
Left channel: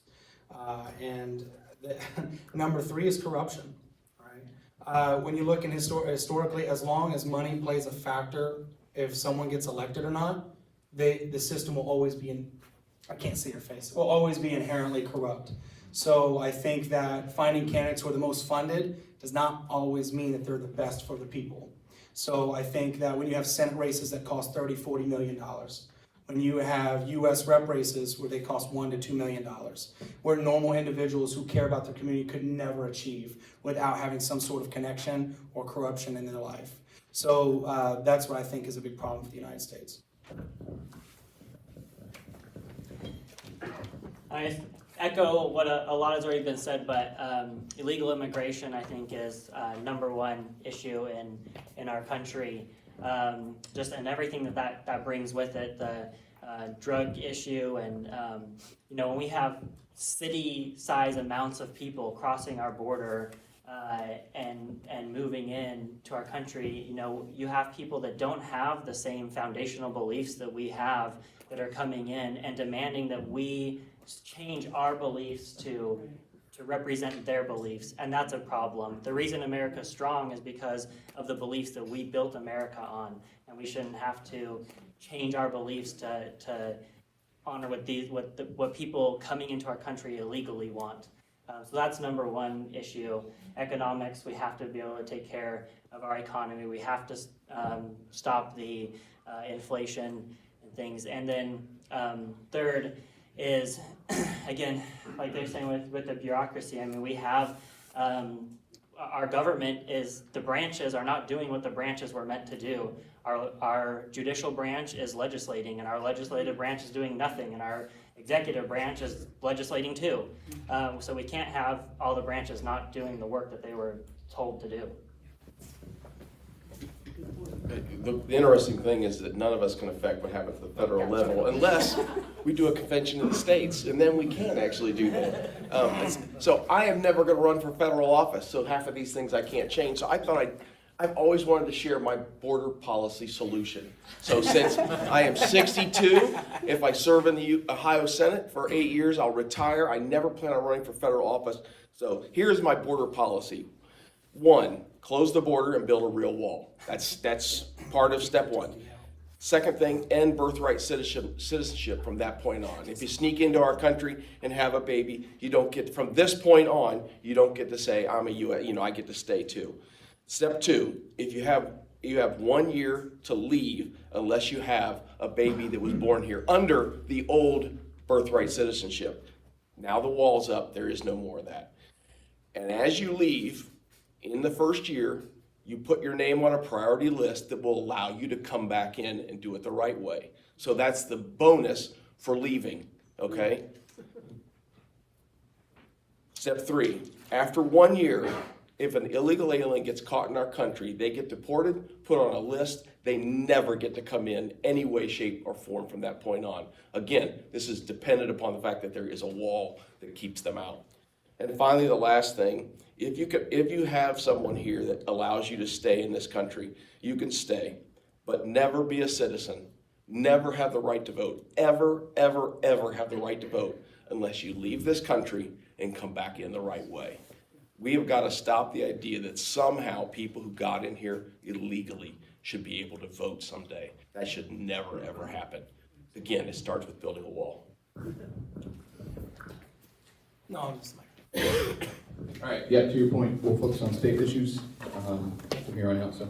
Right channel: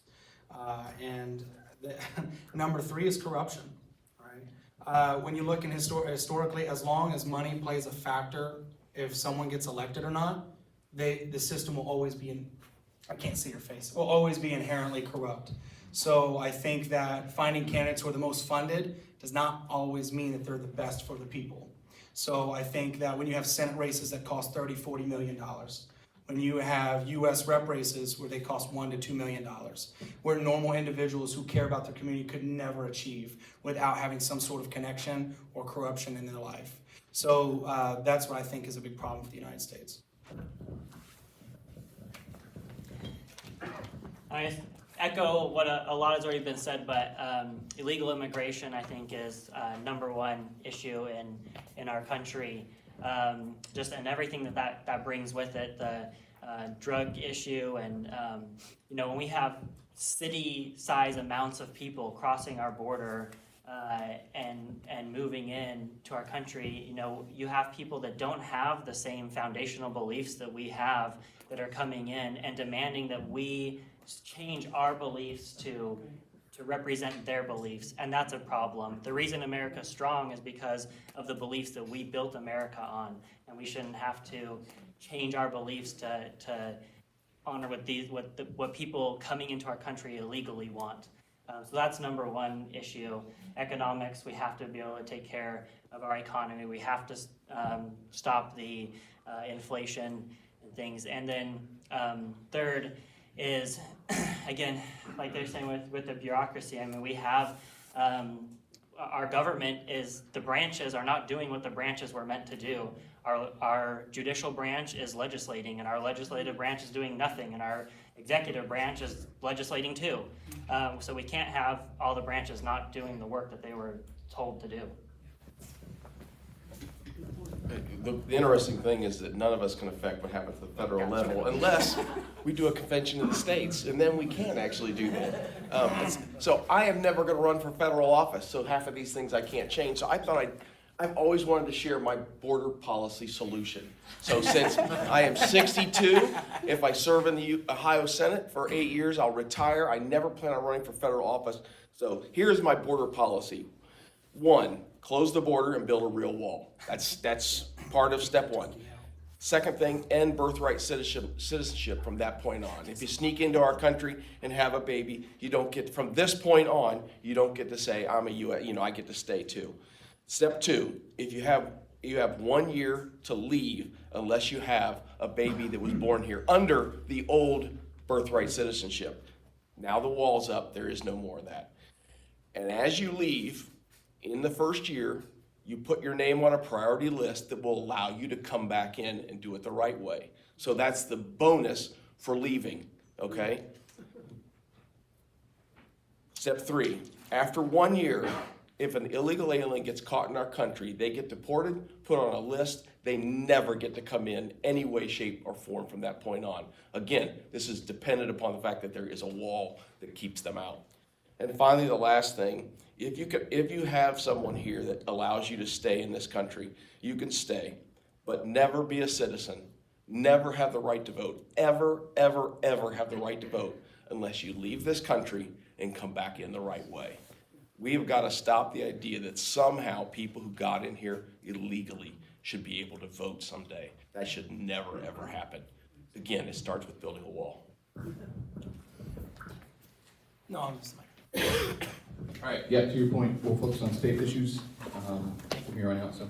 Number 3 is corruption. Right? When you look in historically, as long as money plays a factor, if someone gets elected or not, the system will always be I can't see your face. Will always be inherently corrupt. So I think that finding candidates who are the most funded does not always mean that they're the best for the people. So I think that when you have Senate races that cost $30, $40 million, when you have U.S. rep races where they cost $1 to $2 million, where normal individuals who care about their community could never achieve without having some sort of connection or corruption in their life. So that's what I think is a big problem for the United States. I echo what a lot has already been said, but illegal immigration, I think, is number one issue in our country. And everything that brings with it, the drug issue, and when we have city-size amounts of people crossing our border and moving in to our country, you have people that don't have the same foundational beliefs that we have that are coming in and demanding that we change our beliefs to represent their beliefs, and that's a problem. The reason America's strong is because of the beliefs that we built America on, and we shouldn't have to change our beliefs to honor what people coming into our country illegally want. So that's number one issue. Economics, we have to be able to take care of our economy. We have to stop the inflation and things. And then third is, again, like they're saying with the bureaucracy, I mean, we have, our government the branches are not doing what the branches were meant to do. Our judicial branch is legislating, and our legislative branch is doing nothing, and our executive branch is legislating too. So we can't have all the branches not doing the work that they were told to do. The interesting thing is that none of us can affect what happens at the federal level unless we do a convention of the states, and then we can actually do that. So I am never going to run for federal office, so half of these things I can't change. So I thought I've always wanted to share my border policy solution. So since I am 62, if I serve in the Ohio Senate for 8 years, I'll retire. I never plan on running for federal office. So here's my border policy. 1, close the border and build a real wall. That's part of step 1. Second thing, end birthright citizenship from that point on. If you sneak into our country and have a baby, you don't get, from this point on, you don't get to say, I'm a U.S., I get to stay too. Step 2, if you have 1 year to leave unless you have a baby that was born here under the old birthright citizenship. Now the wall's up, there is no more of that. And as you leave, in the first year, you put your name on a priority list that will allow you to come back in and do it the right way. So that's the bonus for leaving, okay? Step 3, after 1 year, if an illegal alien gets caught in our country, they get deported, put on a list, they never get to come in any way, shape, or form from that point on. Again, this is dependent upon the fact that there is a wall that keeps them out. And finally, the last thing, if you have someone here that allows you to stay in this country, you can stay, but never be a citizen, never have the right to vote, ever, ever, ever have the right to vote unless you leave this country and come back in the right way. We have got to stop the idea that somehow people who got in here illegally should be able to vote someday. That should never, ever happen. Again, it starts with building a wall. No, I'm just All right, yeah, to your point, we'll focus on state issues from here on out. So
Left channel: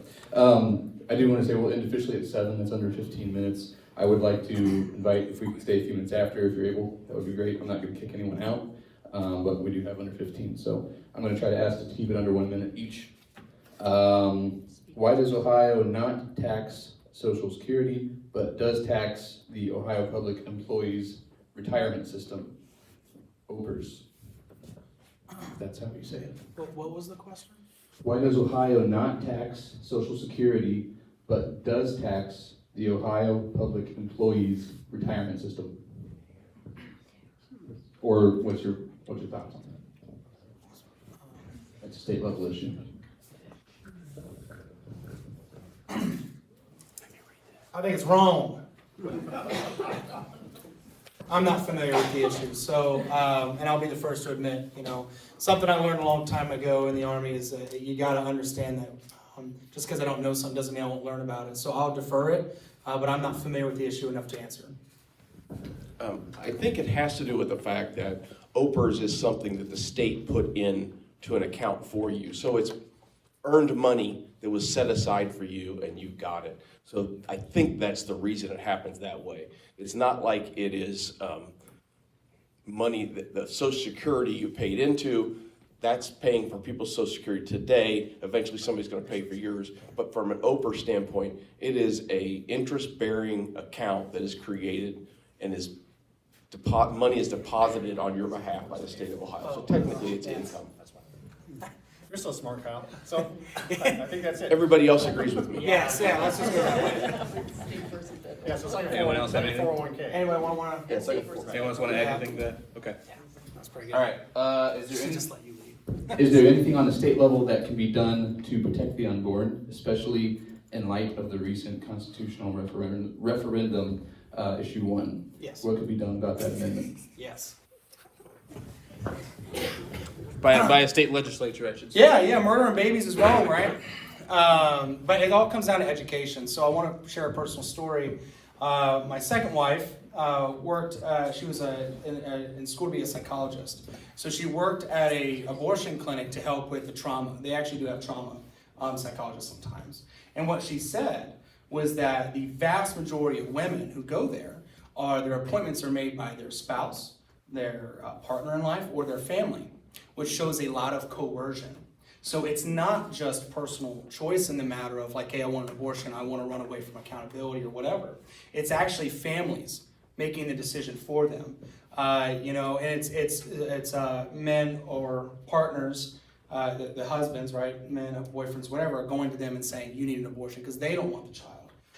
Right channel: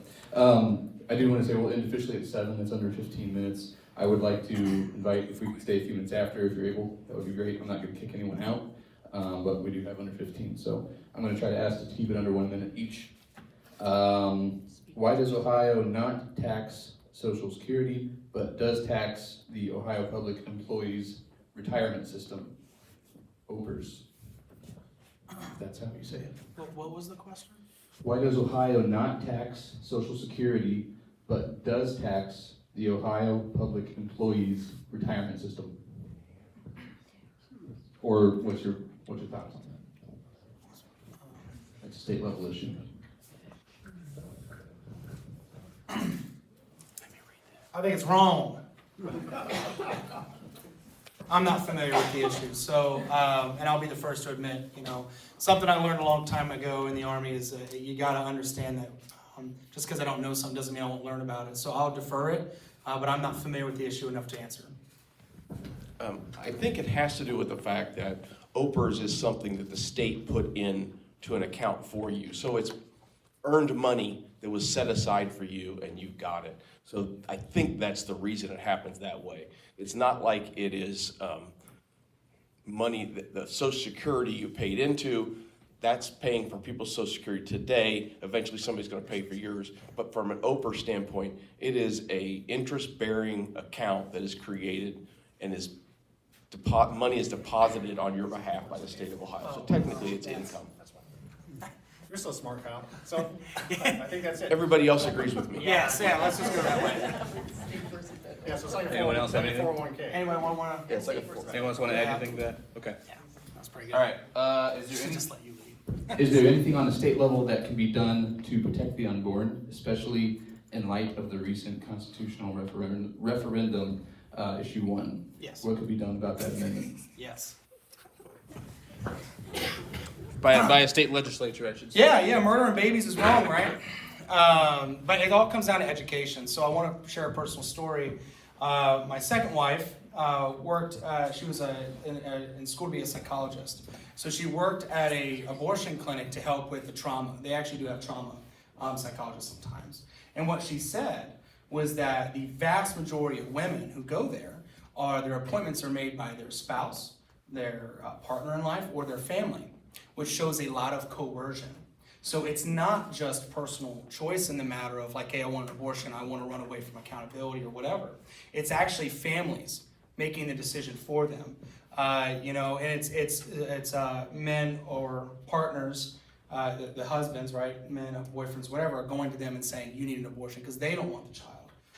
I do want to say we'll end officially at 7. That's under 15 minutes. I would like to invite, if we could stay a few minutes after, if you're able, that would be great. I'm not going to kick anyone out, but we do have under 15. So I'm going to try to ask to keep it under 1 minute each. Why does Ohio not tax Social Security, but does tax the Ohio Public Employees Retirement System, OPERS? That's how you say it. What was the question? Why does Ohio not tax Social Security, but does tax the Ohio Public Employees Retirement System? Or what's your thoughts on that? That's a state level issue. I think it's wrong. I'm not familiar with the issue, so, and I'll be the first to admit, something I learned a long time ago in the Army is that you got to understand that just because I don't know something doesn't mean I won't learn about it. So I'll defer it, but I'm not familiar with the issue enough to answer. I think it has to do with the fact that OPERS is something that the state put in to an account for you. So it's earned money that was set aside for you, and you got it. So I think that's the reason it happens that way. It's not like it is money that the Social Security you paid into, that's paying for people's Social Security today. Eventually somebody's going to pay for yours. But from an OPER standpoint, it is a interest-bearing account that is created and is money is deposited on your behalf by the state of Ohio. So technically it's income. You're so smart, Kyle. So I think that's it. Everybody else agrees with me. Yes, yeah, let's just go that way. Yeah, so it's like a 401k. Anyone want to? Anyone want to add anything to that? Okay. That's pretty good. All right, is there any? Just let you lead. Is there anything on the state level that can be done to protect the unborn, especially in light of the recent constitutional referendum, issue 1? Yes. What could be done about that amendment? Yes. By a state legislature, I should say. Yeah, murdering babies is wrong, right? But it all comes down to education. So I want to share a personal story. My second wife worked, she was in school to be a psychologist. So she worked at a abortion clinic to help with the trauma. They actually do have trauma psychologists sometimes. And what she said was that the vast majority of women who go there, their appointments are made by their spouse, their partner in life, or their family, which shows a lot of coercion. So it's not just personal choice in the matter of like, hey, I want an abortion, I want to run away from accountability or whatever. It's actually families making the decision for them. And it's men or partners, the husbands, right, men, boyfriends, whatever, are going to them and saying, you need an abortion because they don't want the child.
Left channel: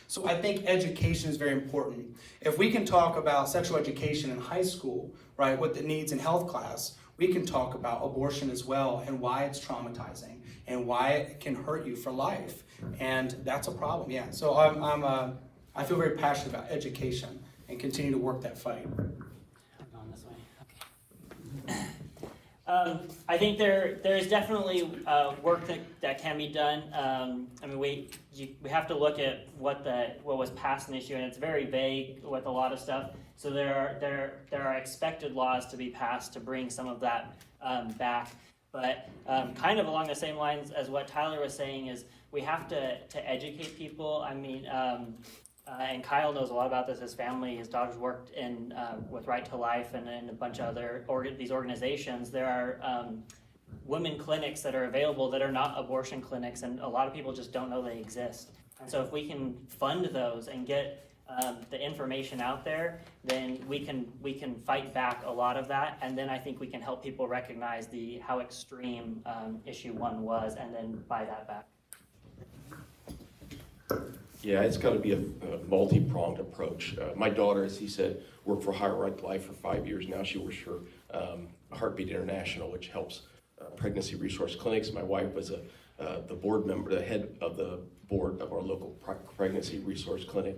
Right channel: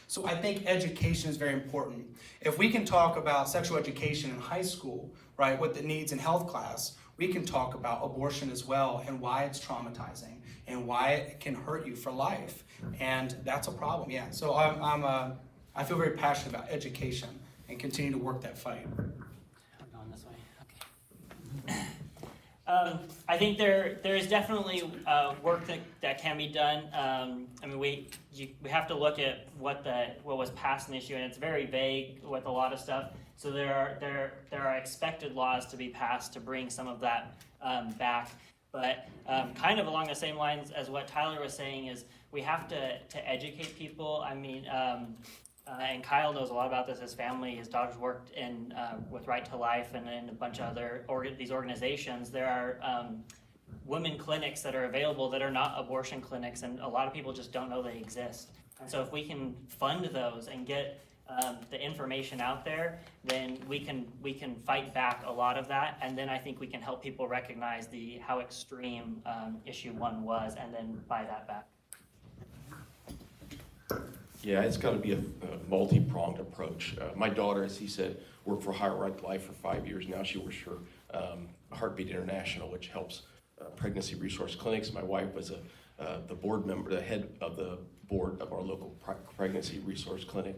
So I think education is very important. If we can talk about sexual education in high school, right, with the needs in health class, we can talk about abortion as well and why it's traumatizing and why it can hurt you for life. And that's a problem, yeah. So I feel very passionate about education and continue to work that fight. I think there is definitely work that can be done. I mean, we have to look at what was passed in the issue, and it's very vague with a lot of stuff. So there are expected laws to be passed to bring some of that back. But kind of along the same lines as what Tyler was saying is we have to educate people. I mean, and Kyle knows a lot about this. His family, his daughters worked in with Right to Life and a bunch of other these organizations. There are women clinics that are available that are not abortion clinics, and a lot of people just don't know they exist. And so if we can fund those and get the information out there, then we can fight back a lot of that, and then I think we can help people recognize how extreme issue 1 was, and then buy that back. Yeah, it's got to be a multi-pronged approach. My daughter, as he said, worked for Higher Right to Life for 5 years now. She works for Heartbeat International, which helps pregnancy resource clinics. My wife was the board member, the head of the board of our local pregnancy resource clinic.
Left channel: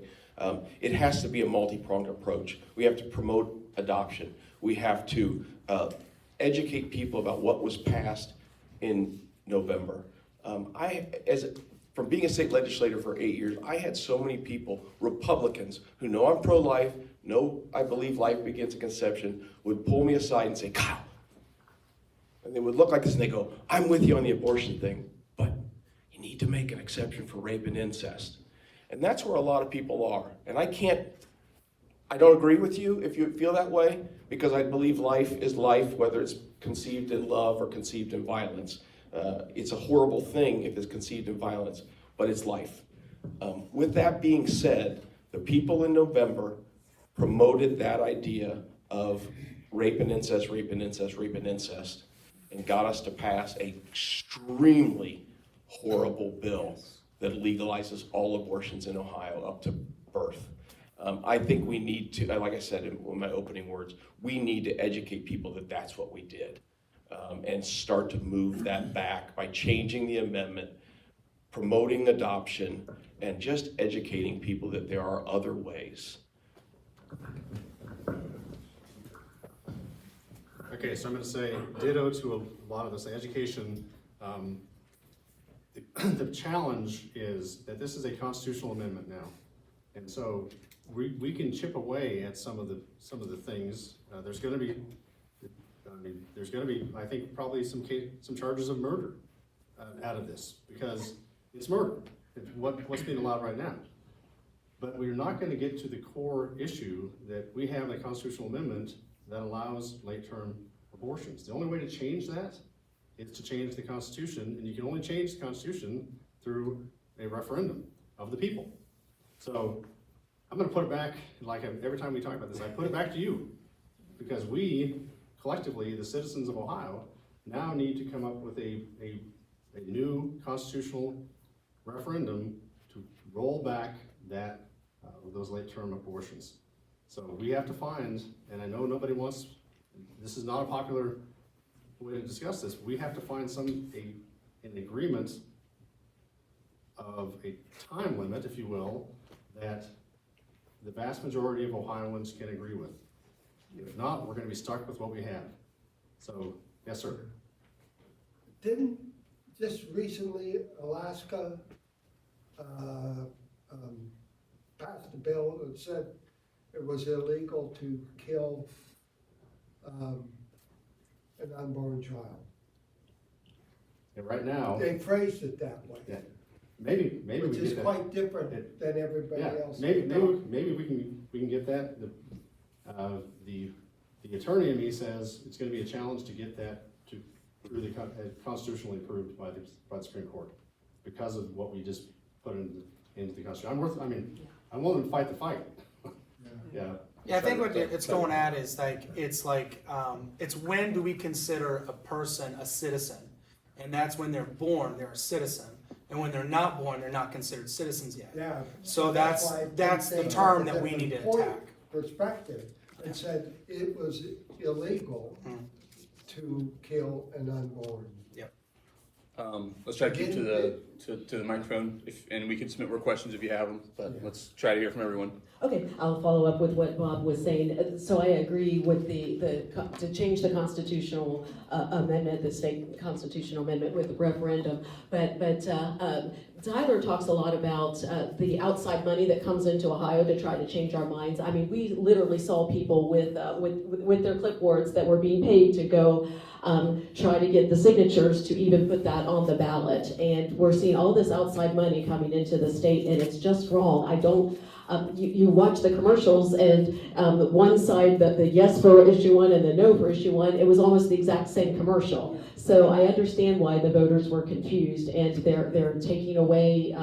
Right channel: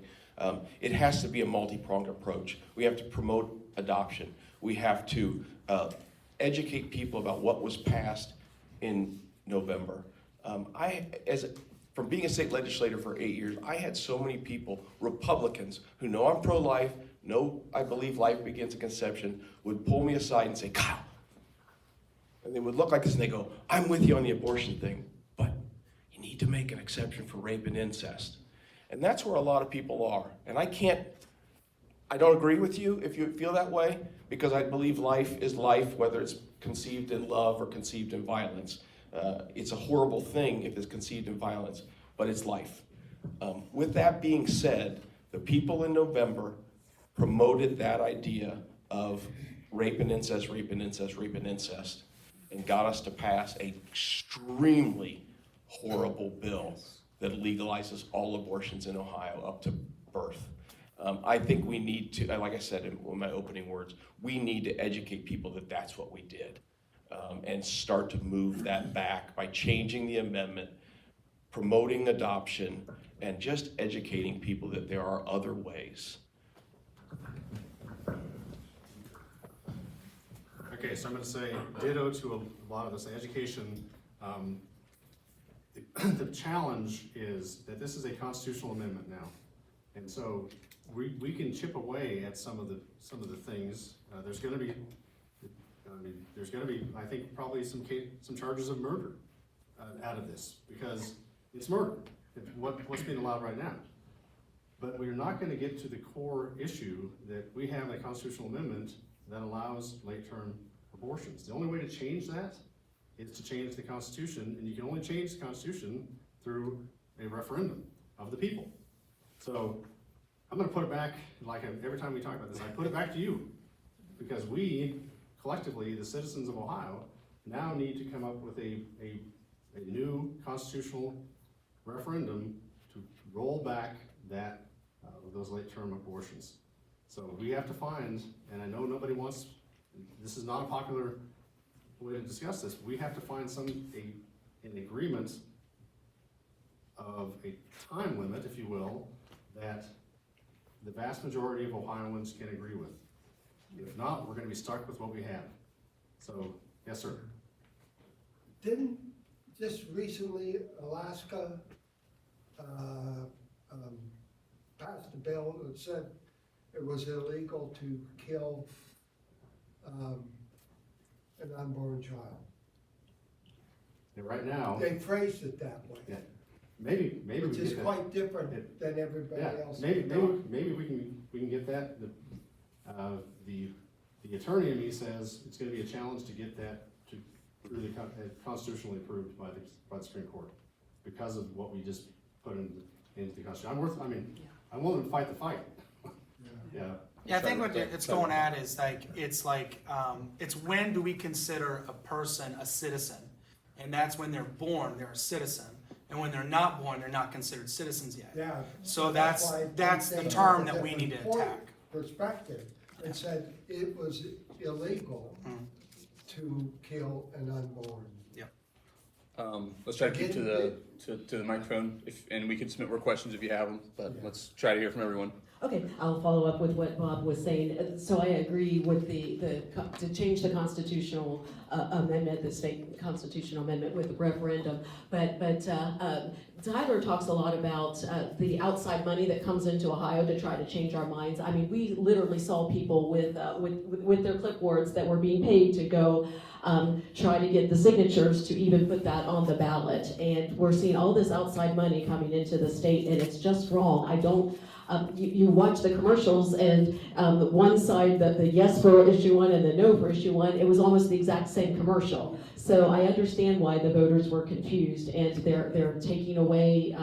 It has to be a multi-pronged approach. We have to promote adoption. We have to educate people about what was passed in November. From being a state legislator for 8 years, I had so many people, Republicans, who know I'm pro-life, know I believe life begins at conception, would pull me aside and say, God, and they would look like this and they go, I'm with you on the abortion thing, but you need to make an exception for rape and incest. And that's where a lot of people are. And I don't agree with you if you feel that way, because I believe life is life, whether it's conceived in love or conceived in violence. It's a horrible thing if it's conceived in violence, but it's life. With that being said, the people in November promoted that idea of rape and incest, rape and incest, rape and incest, and got us to pass an extremely horrible bill that legalizes all abortions in Ohio up to birth. I think we need to, like I said in my opening words, we need to educate people that that's what we did. And start to move that back by changing the amendment, promoting adoption, and just educating people that there are other ways. Okay, so I'm going to say ditto to a lot of this. Education, the challenge is that this is a constitutional amendment now. And so we can chip away at some of the things. There's going to be, I think, probably some charges of murder out of this, because it's murder. What's being allowed right now. But we're not going to get to the core issue that we have a constitutional amendment that allows late-term abortions. The only way to change that is to change the Constitution, and you can only change the Constitution through a referendum of the people. So I'm going to put it back, like every time we talk about this, I put it back to you, because we, collectively, the citizens of Ohio, now need to come up with a new constitutional referendum to roll back that those late-term abortions. So we have to find, and I know nobody wants, this is not a popular way to discuss this, we have to find an agreement of a time limit, if you will, that the vast majority of Ohioans can agree with. If not, we're going to be stuck with what we have. So, yes, sir. Didn't just recently Alaska passed a bill that said it was illegal to kill an unborn child? And right now, They phrased it that way. yeah, maybe we Which get is that. quite different than everybody Yeah, else. maybe we can get that. The attorney in me says it's going to be a challenge to get that through the constitutionally approved by the Supreme Court because of what we just put into the Constitution. I'm willing to fight the fight. Yeah. Yeah, I think what it's going at is it's when do we consider a person a citizen? And that's when they're born, they're a citizen. And when they're not born, they're not considered citizens yet. Yeah. So that's the term that we need to attack. Perspective, it said it was illegal to kill an unborn. Yep. Let's try to get to the microphone, and we can submit more questions if you have them. But let's try to hear from everyone. Okay, I'll follow up with what Bob was saying. So I agree with to change the constitutional amendment, the state constitutional amendment with the referendum. But Tyler talks a lot about the outside money that comes into Ohio to try to change our minds. I mean, we literally saw people with their clipboards that were being paid to go try to get the signatures to even put that on the ballot. And we're seeing all this outside money coming into the state, and it's just wrong. I don't. You watch the commercials, and one side, the yes for issue one and the no for issue one, it was almost the exact same commercial. So I understand why the voters were confused, and they're taking away.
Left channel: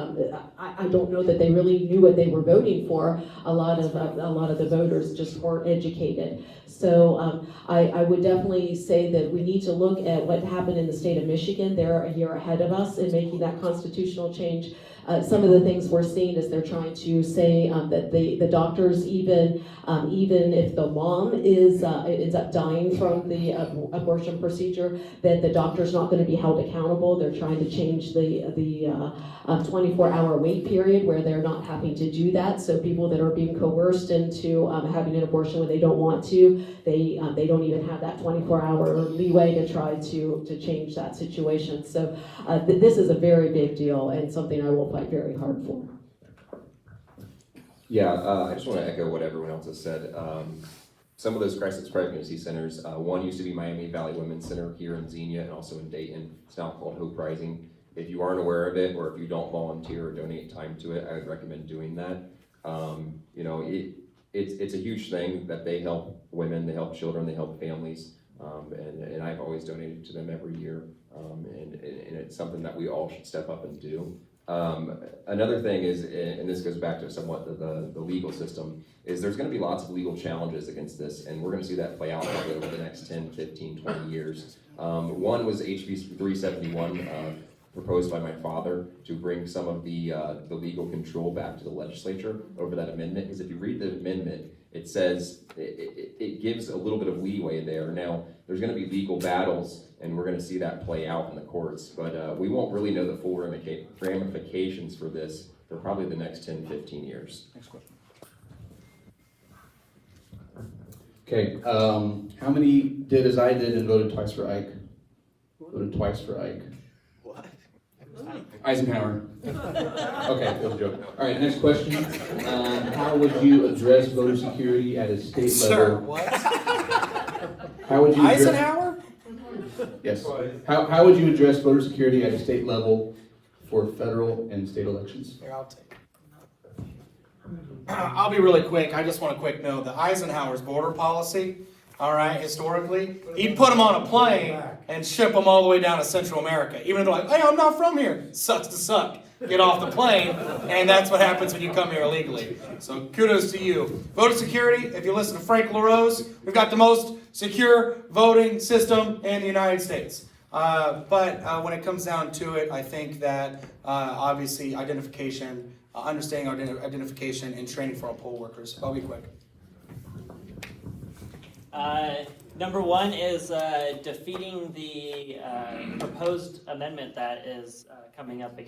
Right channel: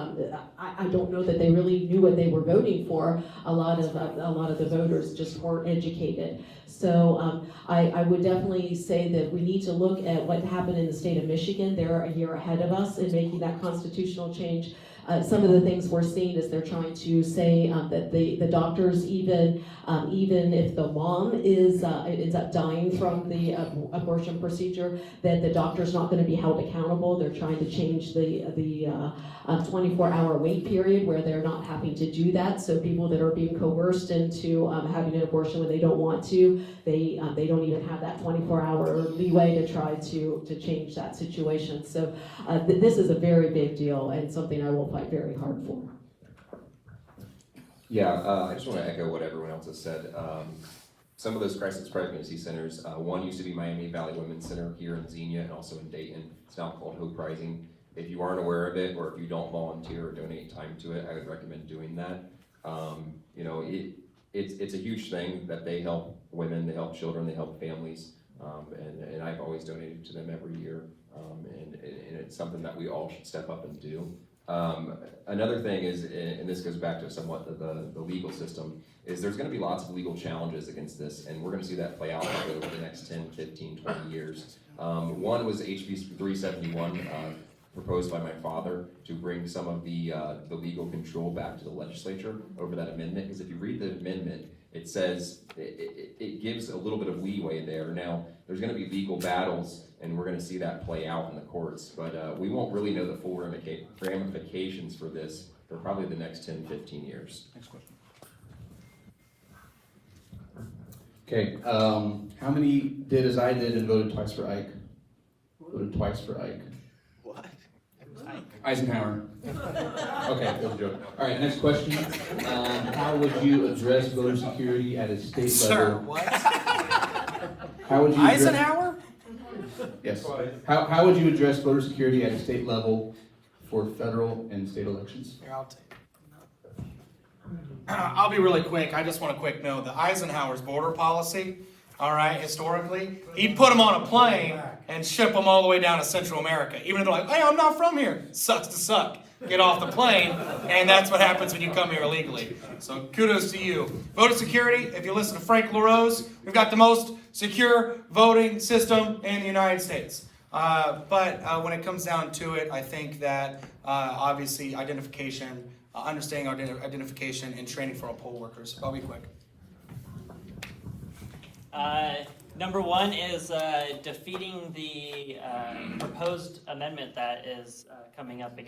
I don't know that they really knew what they were voting for. A lot of the voters just weren't educated. So I would definitely say that we need to look at what happened in the state of Michigan. They're a year ahead of us in making that constitutional change. Some of the things we're seeing is they're trying to say that the doctors, even if the mom is dying from the abortion procedure, that the doctor's not going to be held accountable. They're trying to change the 24-hour wait period where they're not having to do that. So people that are being coerced into having an abortion when they don't want to, they don't even have that 24-hour leeway to try to change that situation. So this is a very big deal and something I will fight very hard for. Yeah, I just want to echo what everyone else has said. Some of those crisis pregnancy centers, one used to be Miami Valley Women's Center here in Xenia and also in Dayton. It's now called Hope Rising. If you aren't aware of it, or if you don't volunteer or donate time to it, I would recommend doing that. It's a huge thing that they help women, they help children, they help families, and I've always donated to them every year, and it's something that we all should step up and do. Another thing is, and this goes back to somewhat the legal system, is there's going to be lots of legal challenges against this, and we're going to see that play out over the next 10, 15, 20 years. One was HB 371, proposed by my father to bring some of the legal control back to the legislature over that amendment, because if you read the amendment, it says, it gives a little bit of leeway there. Now, there's going to be legal battles, and we're going to see that play out in the courts, but we won't really know the full ramifications for this for probably the next 10, 15 years. Next question. Okay, how many did as I did and voted twice for Ike? Voted twice for Ike. What? Eisenhower. Okay, that was a joke. All right, next question. How would you address voter security at a state level? Sir, what? How would you address, Eisenhower? Yes. How would you address voter security at a state level for federal and state elections? Here, I'll take it. I'll be really quick. I just want a quick note. The Eisenhower's border policy, all right, historically, he'd put them on a plane and ship them all the way down to Central America. Even if they're like, hey, I'm not from here. Sucks to suck. Get off the plane, and that's what happens when you come here illegally. So kudos to you. Voter security, if you listen to Frank LaRose, we've got the most secure voting system in the United States. But when it comes down to it, I think that obviously identification, understanding our identification and training for our poll workers. I'll be quick. Number one is defeating the proposed amendment that is coming up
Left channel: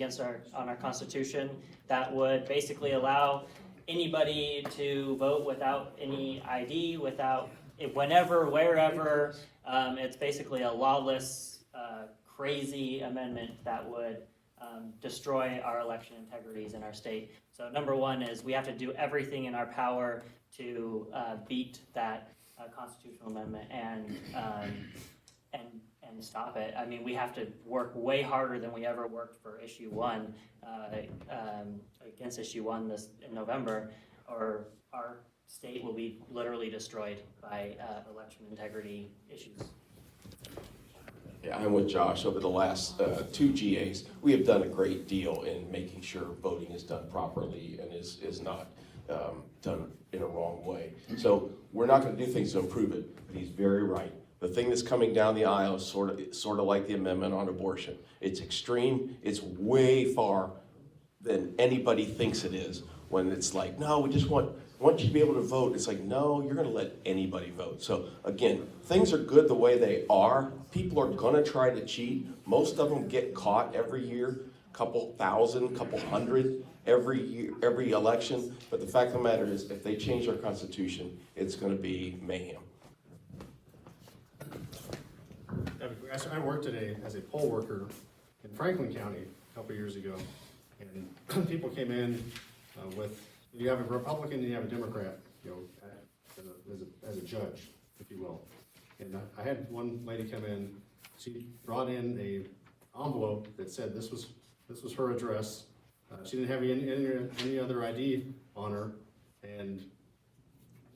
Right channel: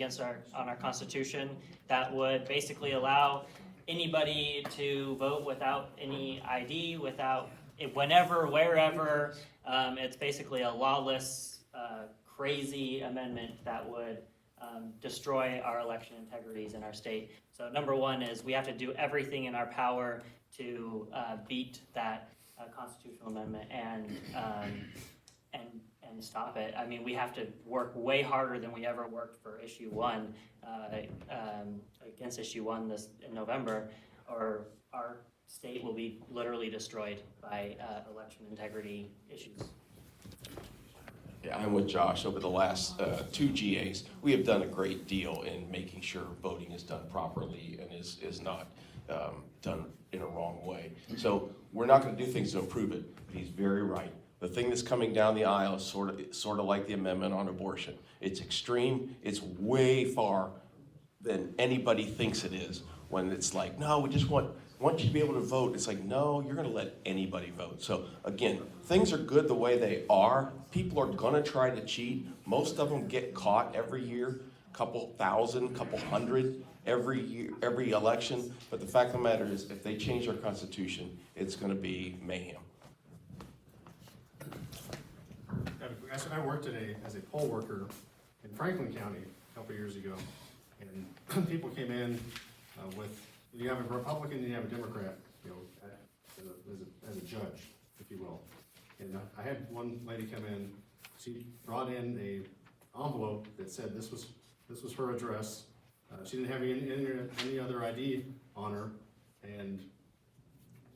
on our Constitution that would basically allow anybody to vote without any ID, whenever, wherever. It's basically a lawless, crazy amendment that would destroy our election integrities in our state. So number one is we have to do everything in our power to beat that constitutional amendment and stop it. I mean, we have to work way harder than we ever worked for issue 1 against issue 1 in November, or our state will be literally destroyed by election integrity issues. Yeah, I'm with Josh. Over the last 2 GAs, we have done a great deal in making sure voting is done properly and is not done in a wrong way. So we're not going to do things to improve it, but he's very right. The thing that's coming down the aisle is sort of like the amendment on abortion. It's extreme. It's way far than anybody thinks it is. When it's like, no, we just want you to be able to vote. It's like, no, you're going to let anybody vote. So again, things are good the way they are. People are going to try to cheat. Most of them get caught every year, couple thousand, couple hundred every year, every election. But the fact of the matter is, if they change our Constitution, it's going to be mayhem. I worked as a poll worker in Franklin County a couple years ago, and people came in with, you have a Republican and you have a Democrat, as a judge, if you will. And I had one lady come in. She brought in a envelope that said this was her address. She didn't have any other ID on her, and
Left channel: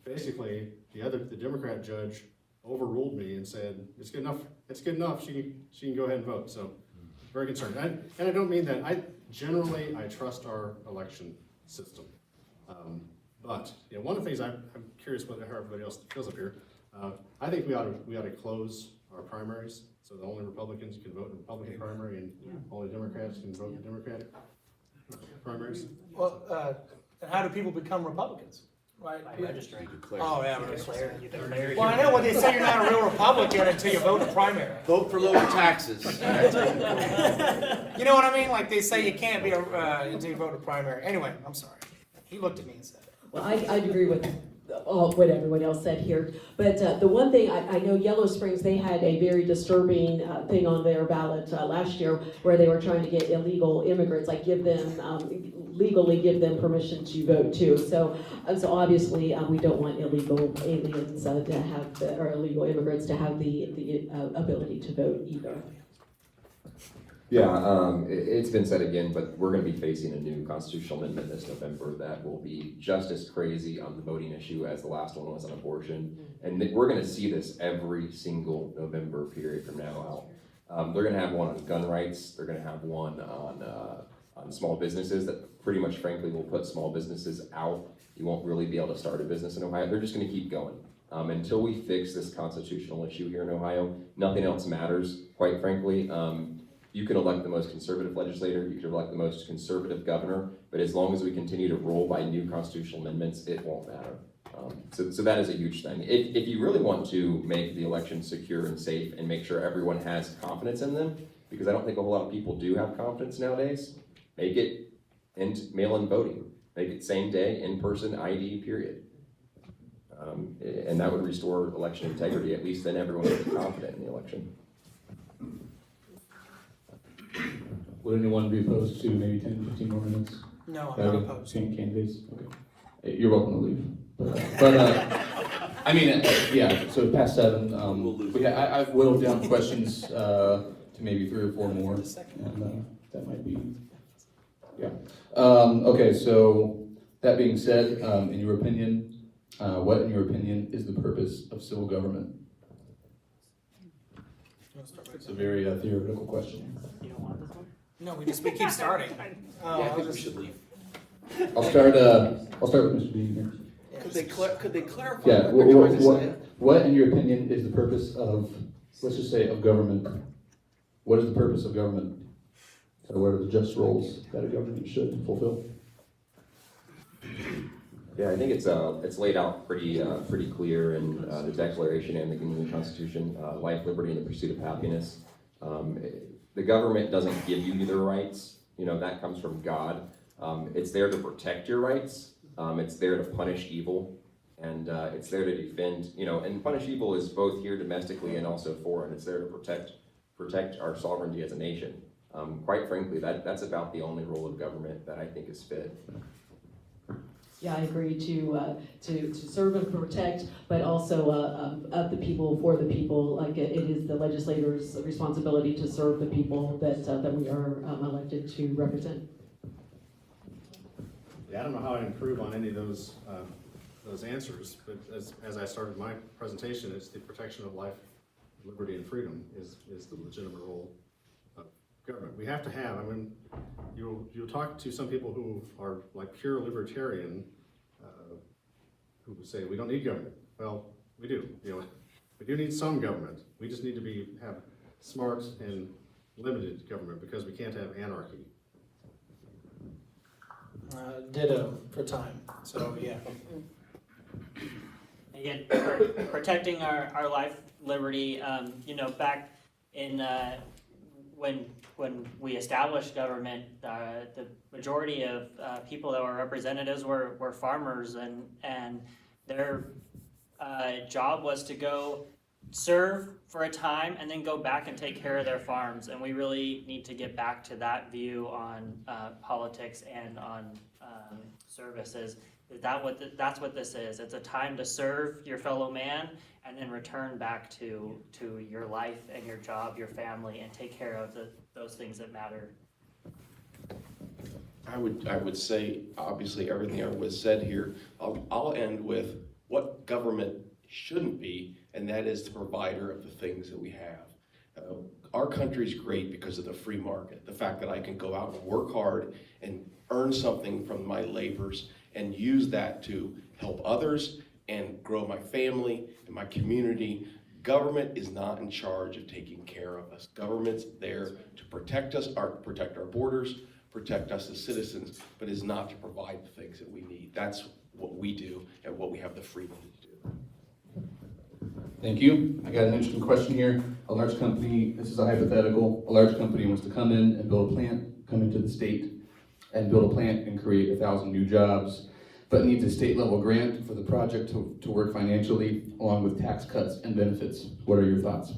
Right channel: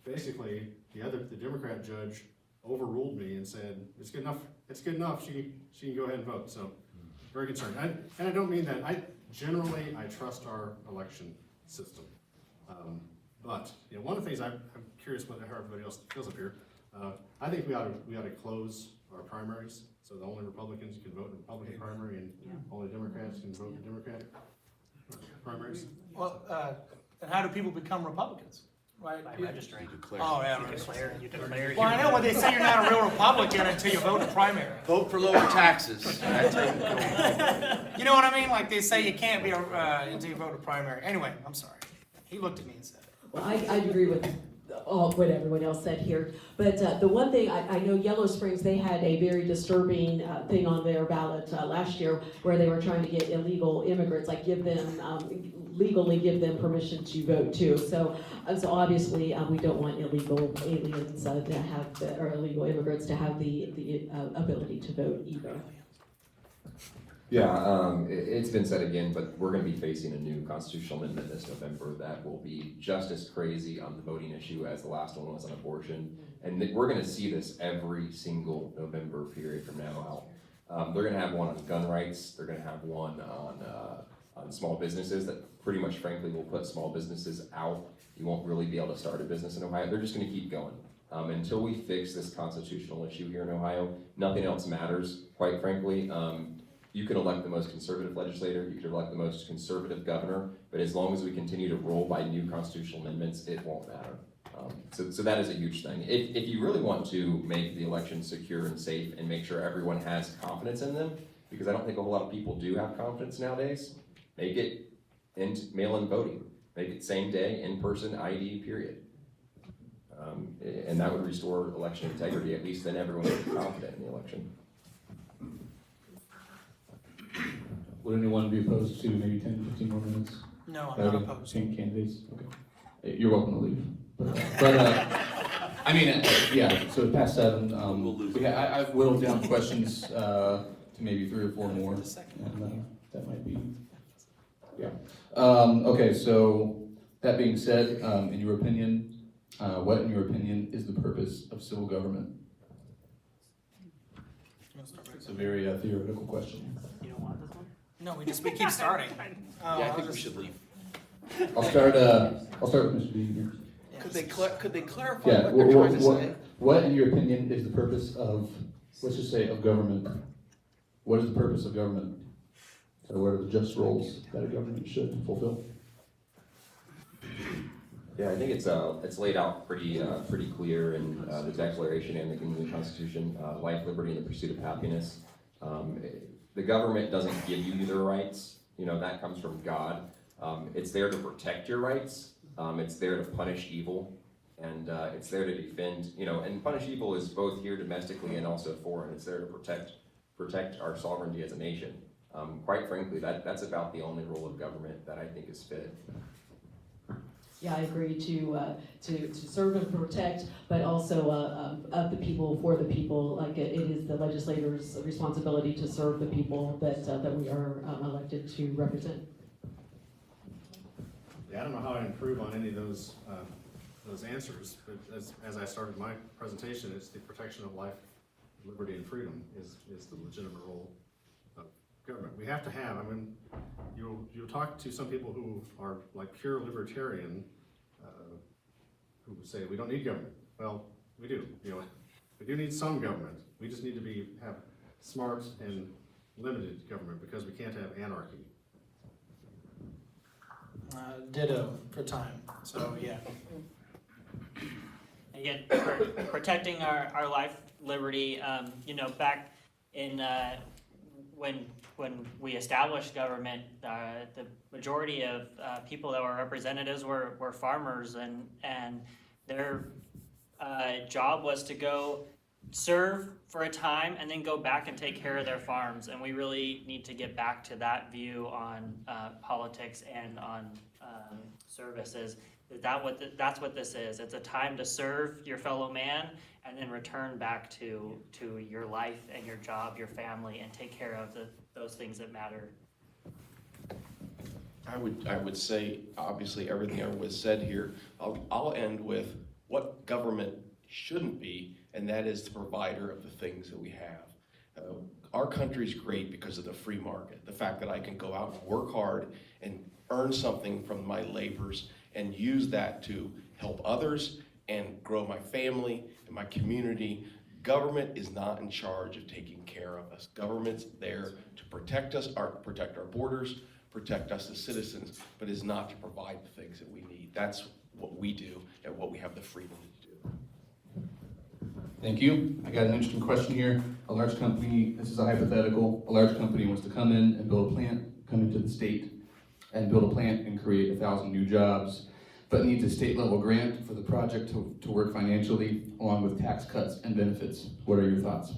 basically the Democrat judge overruled me and said it's good enough. It's good enough. She can go ahead and vote. So very concerned. And I don't mean that. I trust our election system. But one of the things I'm curious how everybody else feels up here. I think we ought to close our primaries so that only Republicans can vote in the Republican primary and only Democrats can vote in Democratic primaries. Well, and how do people become Republicans? Right? Registering. Oh, yeah, registering. Well, I know when they say you're not a real Republican until you vote in the primary. Vote for lower taxes. You know what I mean? Like they say you can't be until you vote in primary. Anyway, I'm sorry. He looked at me and said it. Well, I agree with what everyone else said here. But the one thing, I know Yellow Springs, they had a very disturbing thing on their ballot last year where they were trying to get illegal immigrants, like legally give them permission to vote too. So obviously we don't want illegal aliens to have, or illegal immigrants to have the ability to vote either. Yeah, it's been said again, but we're going to be facing a new constitutional amendment this November that will be just as crazy on the voting issue as the last one was on abortion. And we're going to see this every single November period from now out. They're going to have one on gun rights. They're going to have one on small businesses that pretty much, frankly, will put small businesses out. You won't really be able to start a business in Ohio. They're just going to keep going. Until we fix this constitutional issue here in Ohio, nothing else matters, quite frankly. You can elect the most conservative legislator, you can elect the most conservative governor, but as long as we continue to roll by new constitutional amendments, it won't matter. So that is a huge thing. If you really want to make the election secure and safe and make sure everyone has confidence in them, because I don't think a whole lot of people do have confidence nowadays, make it mail-in voting. Make it same day, in-person ID, period. And that would restore election integrity. At least then everyone would be confident in the election. Would anyone be opposed to maybe 10, 15 more minutes? No, I'm not opposed. Candidates? Okay. You're welcome to leave. But I mean, yeah, so past 7, I've whittled down questions to maybe 3 or 4 more, and that might be, yeah. Okay, so That being said, in your opinion, what in your opinion is the purpose of civil government? It's a very theoretical question. No, we keep starting. I think we should leave. I'll start with Mr. Dean here. Could they clarify? Yeah, what in your opinion is the purpose of, let's just say, of government? What is the purpose of government? So what are the just roles that a government should fulfill? Yeah, I think it's laid out pretty clear in the Declaration and the Constitution, life, liberty, and the pursuit of happiness. The government doesn't give you the rights, that comes from God. It's there to protect your rights. It's there to punish evil, and it's there to defend, and punish evil is both here domestically and also foreign. It's there to protect our sovereignty as a nation. Quite frankly, that's about the only role of government that I think is fit. Yeah, I agree to serve and protect, but also of the people, for the people. Like it is the legislator's responsibility to serve the people that we are elected to represent. Yeah, I don't know how I improve on any of those answers, but as I started my presentation, it's the protection of life, liberty, and freedom is the legitimate role of government. We have to have, you'll talk to some people who are like pure libertarian, who say we don't need government. Well, we do. We do need some government. We just need to have smart and limited government because we can't have anarchy. Ditto for time. So yeah. Again, protecting our life, liberty. Back in when we established government, the majority of people that were representatives were farmers, and their job was to go serve for a time and then go back and take care of their farms. And we really need to get back to that view on politics and on services. That's what this is. It's a time to serve your fellow man and then return back to your life and your job, your family, and take care of those things that matter. I would say, obviously, everything everyone said here. I'll end with what government shouldn't be, and that is the provider of the things that we have. Our country's great because of the free market. The fact that I can go out and work hard and earn something from my labors and use that to help others and grow my family and my community. Government is not in charge of taking care of us. Government's there to protect us, protect our borders, protect us as citizens, but is not to provide the things that we need. That's what we do and what we have the freedom to do. Thank you. I got an interesting question here. A large company, this is a hypothetical, a large company wants to come in and build a plant, come into the state and build a plant and create 1,000 new jobs, but needs a state level grant for the project to work financially along with tax cuts and benefits. What are your thoughts?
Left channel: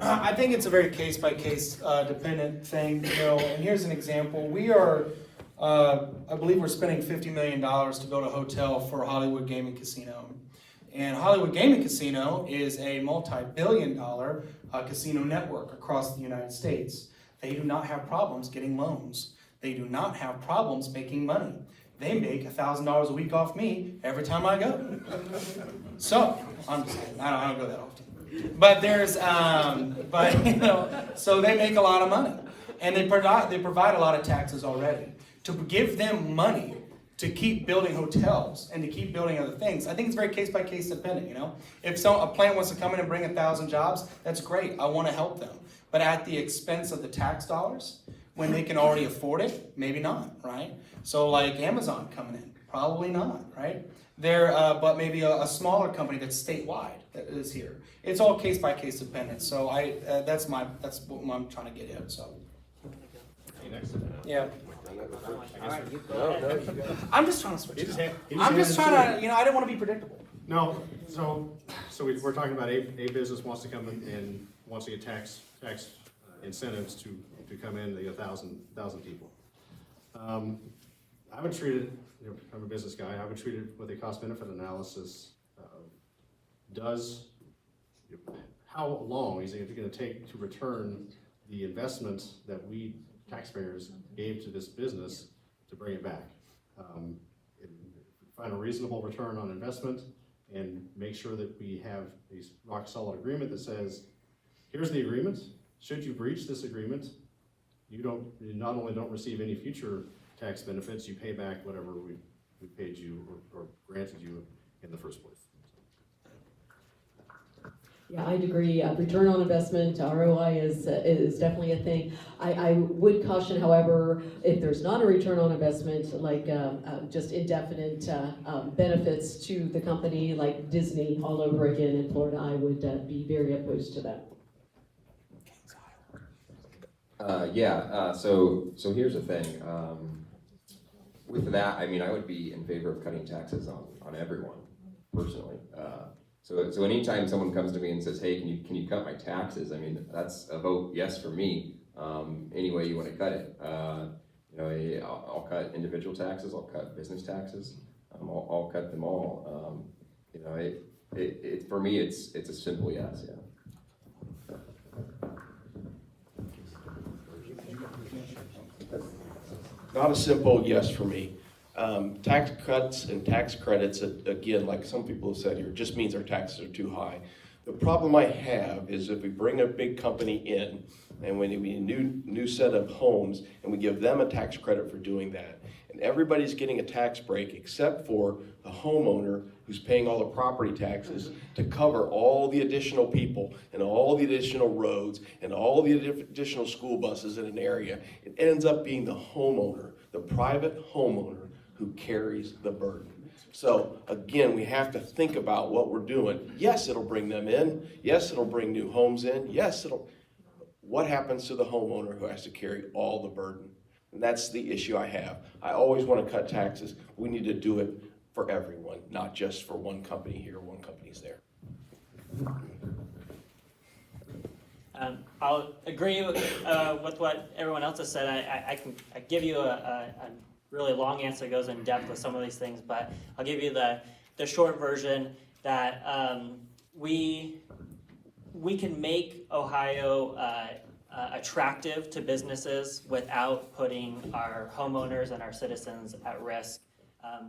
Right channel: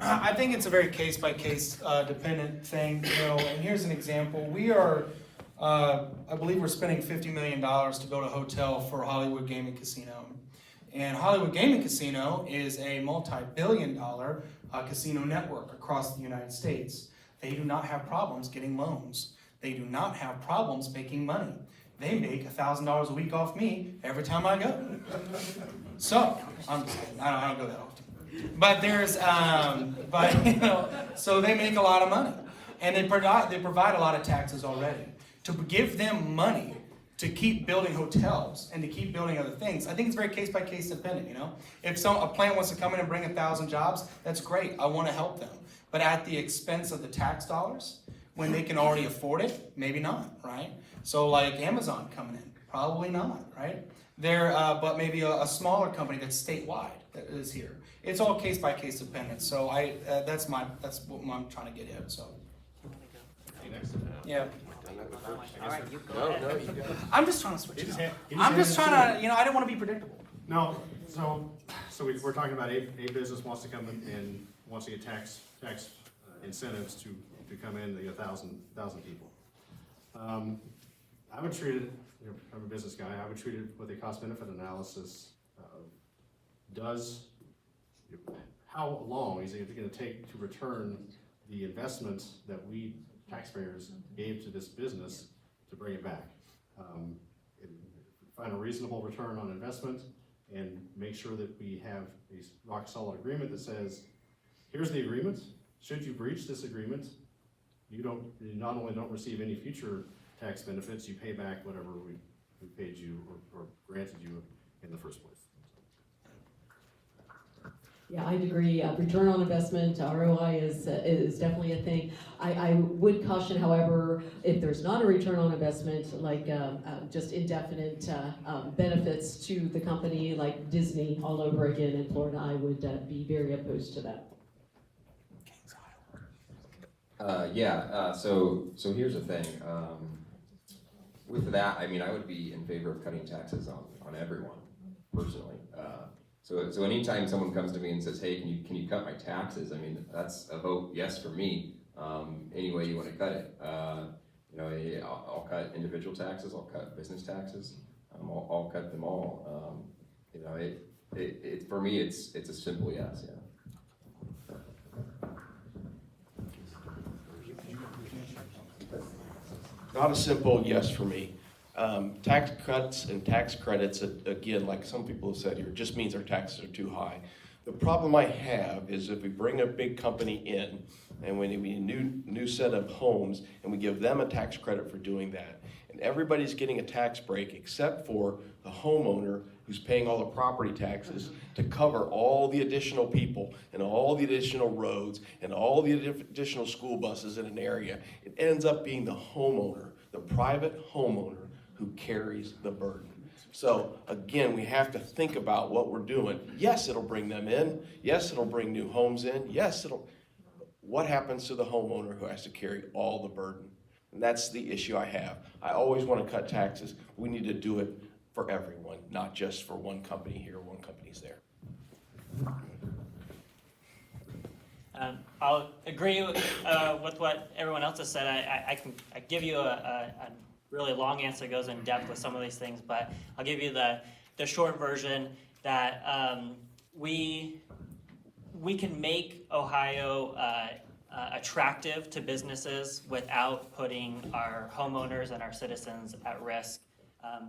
I think it's a very case-by-case dependent thing, and here's an example. We are, I believe we're spending $50 million to build a hotel for Hollywood Gaming Casino. And Hollywood Gaming Casino is a multi-billion-dollar casino network across the United States. They do not have problems getting loans. They do not have problems making money. They make $1,000 a week off me every time I go. So, I'm just kidding. I don't go that often. But there's, so they make a lot of money. And they provide a lot of taxes already. To give them money to keep building hotels and to keep building other things, I think it's very case-by-case dependent, If a plant wants to come in and bring 1,000 jobs, that's great. I want to help them. But at the expense of the tax dollars, when they can already afford it, maybe not, right? So like Amazon coming in, probably not, right? But maybe a smaller company that's statewide that is here. It's all case-by-case dependent. So that's what I'm trying to get at, so. Yeah. I'm just trying to switch it up. I'm just trying to, I don't want to be predictable. No, so we're talking about a business wants to come in and wants to get tax incentives to come in to get 1,000 people. I would treat it, I'm a business guy, I would treat it with a cost-benefit analysis. How long is it going to take to return the investments that we taxpayers gave to this business to bring it back. And find a reasonable return on investment and make sure that we have a rock solid agreement that says, here's the agreement. Should you breach this agreement, you not only don't receive any future tax benefits, you pay back whatever we paid you or granted you in the first place. Yeah, I'd agree. Return on investment, ROI is definitely a thing. I would caution, however, if there's not a return on investment, like just indefinite benefits to the company, like Disney all over again in Florida, I would be very opposed to that. So here's the thing. With that, I mean, I would be in favor of cutting taxes on everyone, personally. So anytime someone comes to me and says, hey, can you cut my taxes? I mean, that's a vote yes for me, any way you want to cut it. I'll cut individual taxes, I'll cut business taxes, I'll cut them all. For me, it's a simple yes, yeah. Not a simple yes for me. Tax cuts and tax credits, again, like some people have said here, just means our taxes are too high. The problem I have is if we bring a big company in and when we new set of homes and we give them a tax credit for doing that, and everybody's getting a tax break except for the homeowner who's paying all the property taxes to cover all the additional people and all the additional roads and all the additional school buses in an area, it ends up being the homeowner, the private homeowner, who carries the burden. So again, we have to think about what we're doing. Yes, it'll bring them in. Yes, it'll bring new homes in. Yes, what happens to the homeowner who has to carry all the burden? And that's the issue I have. I always want to cut taxes. We need to do it for everyone, not just for one company here, one company's there. I'll agree with what everyone else has said. I give you a really long answer that goes in depth with some of these things, but I'll give you the short version that we can make Ohio attractive to businesses without putting our homeowners and our citizens at risk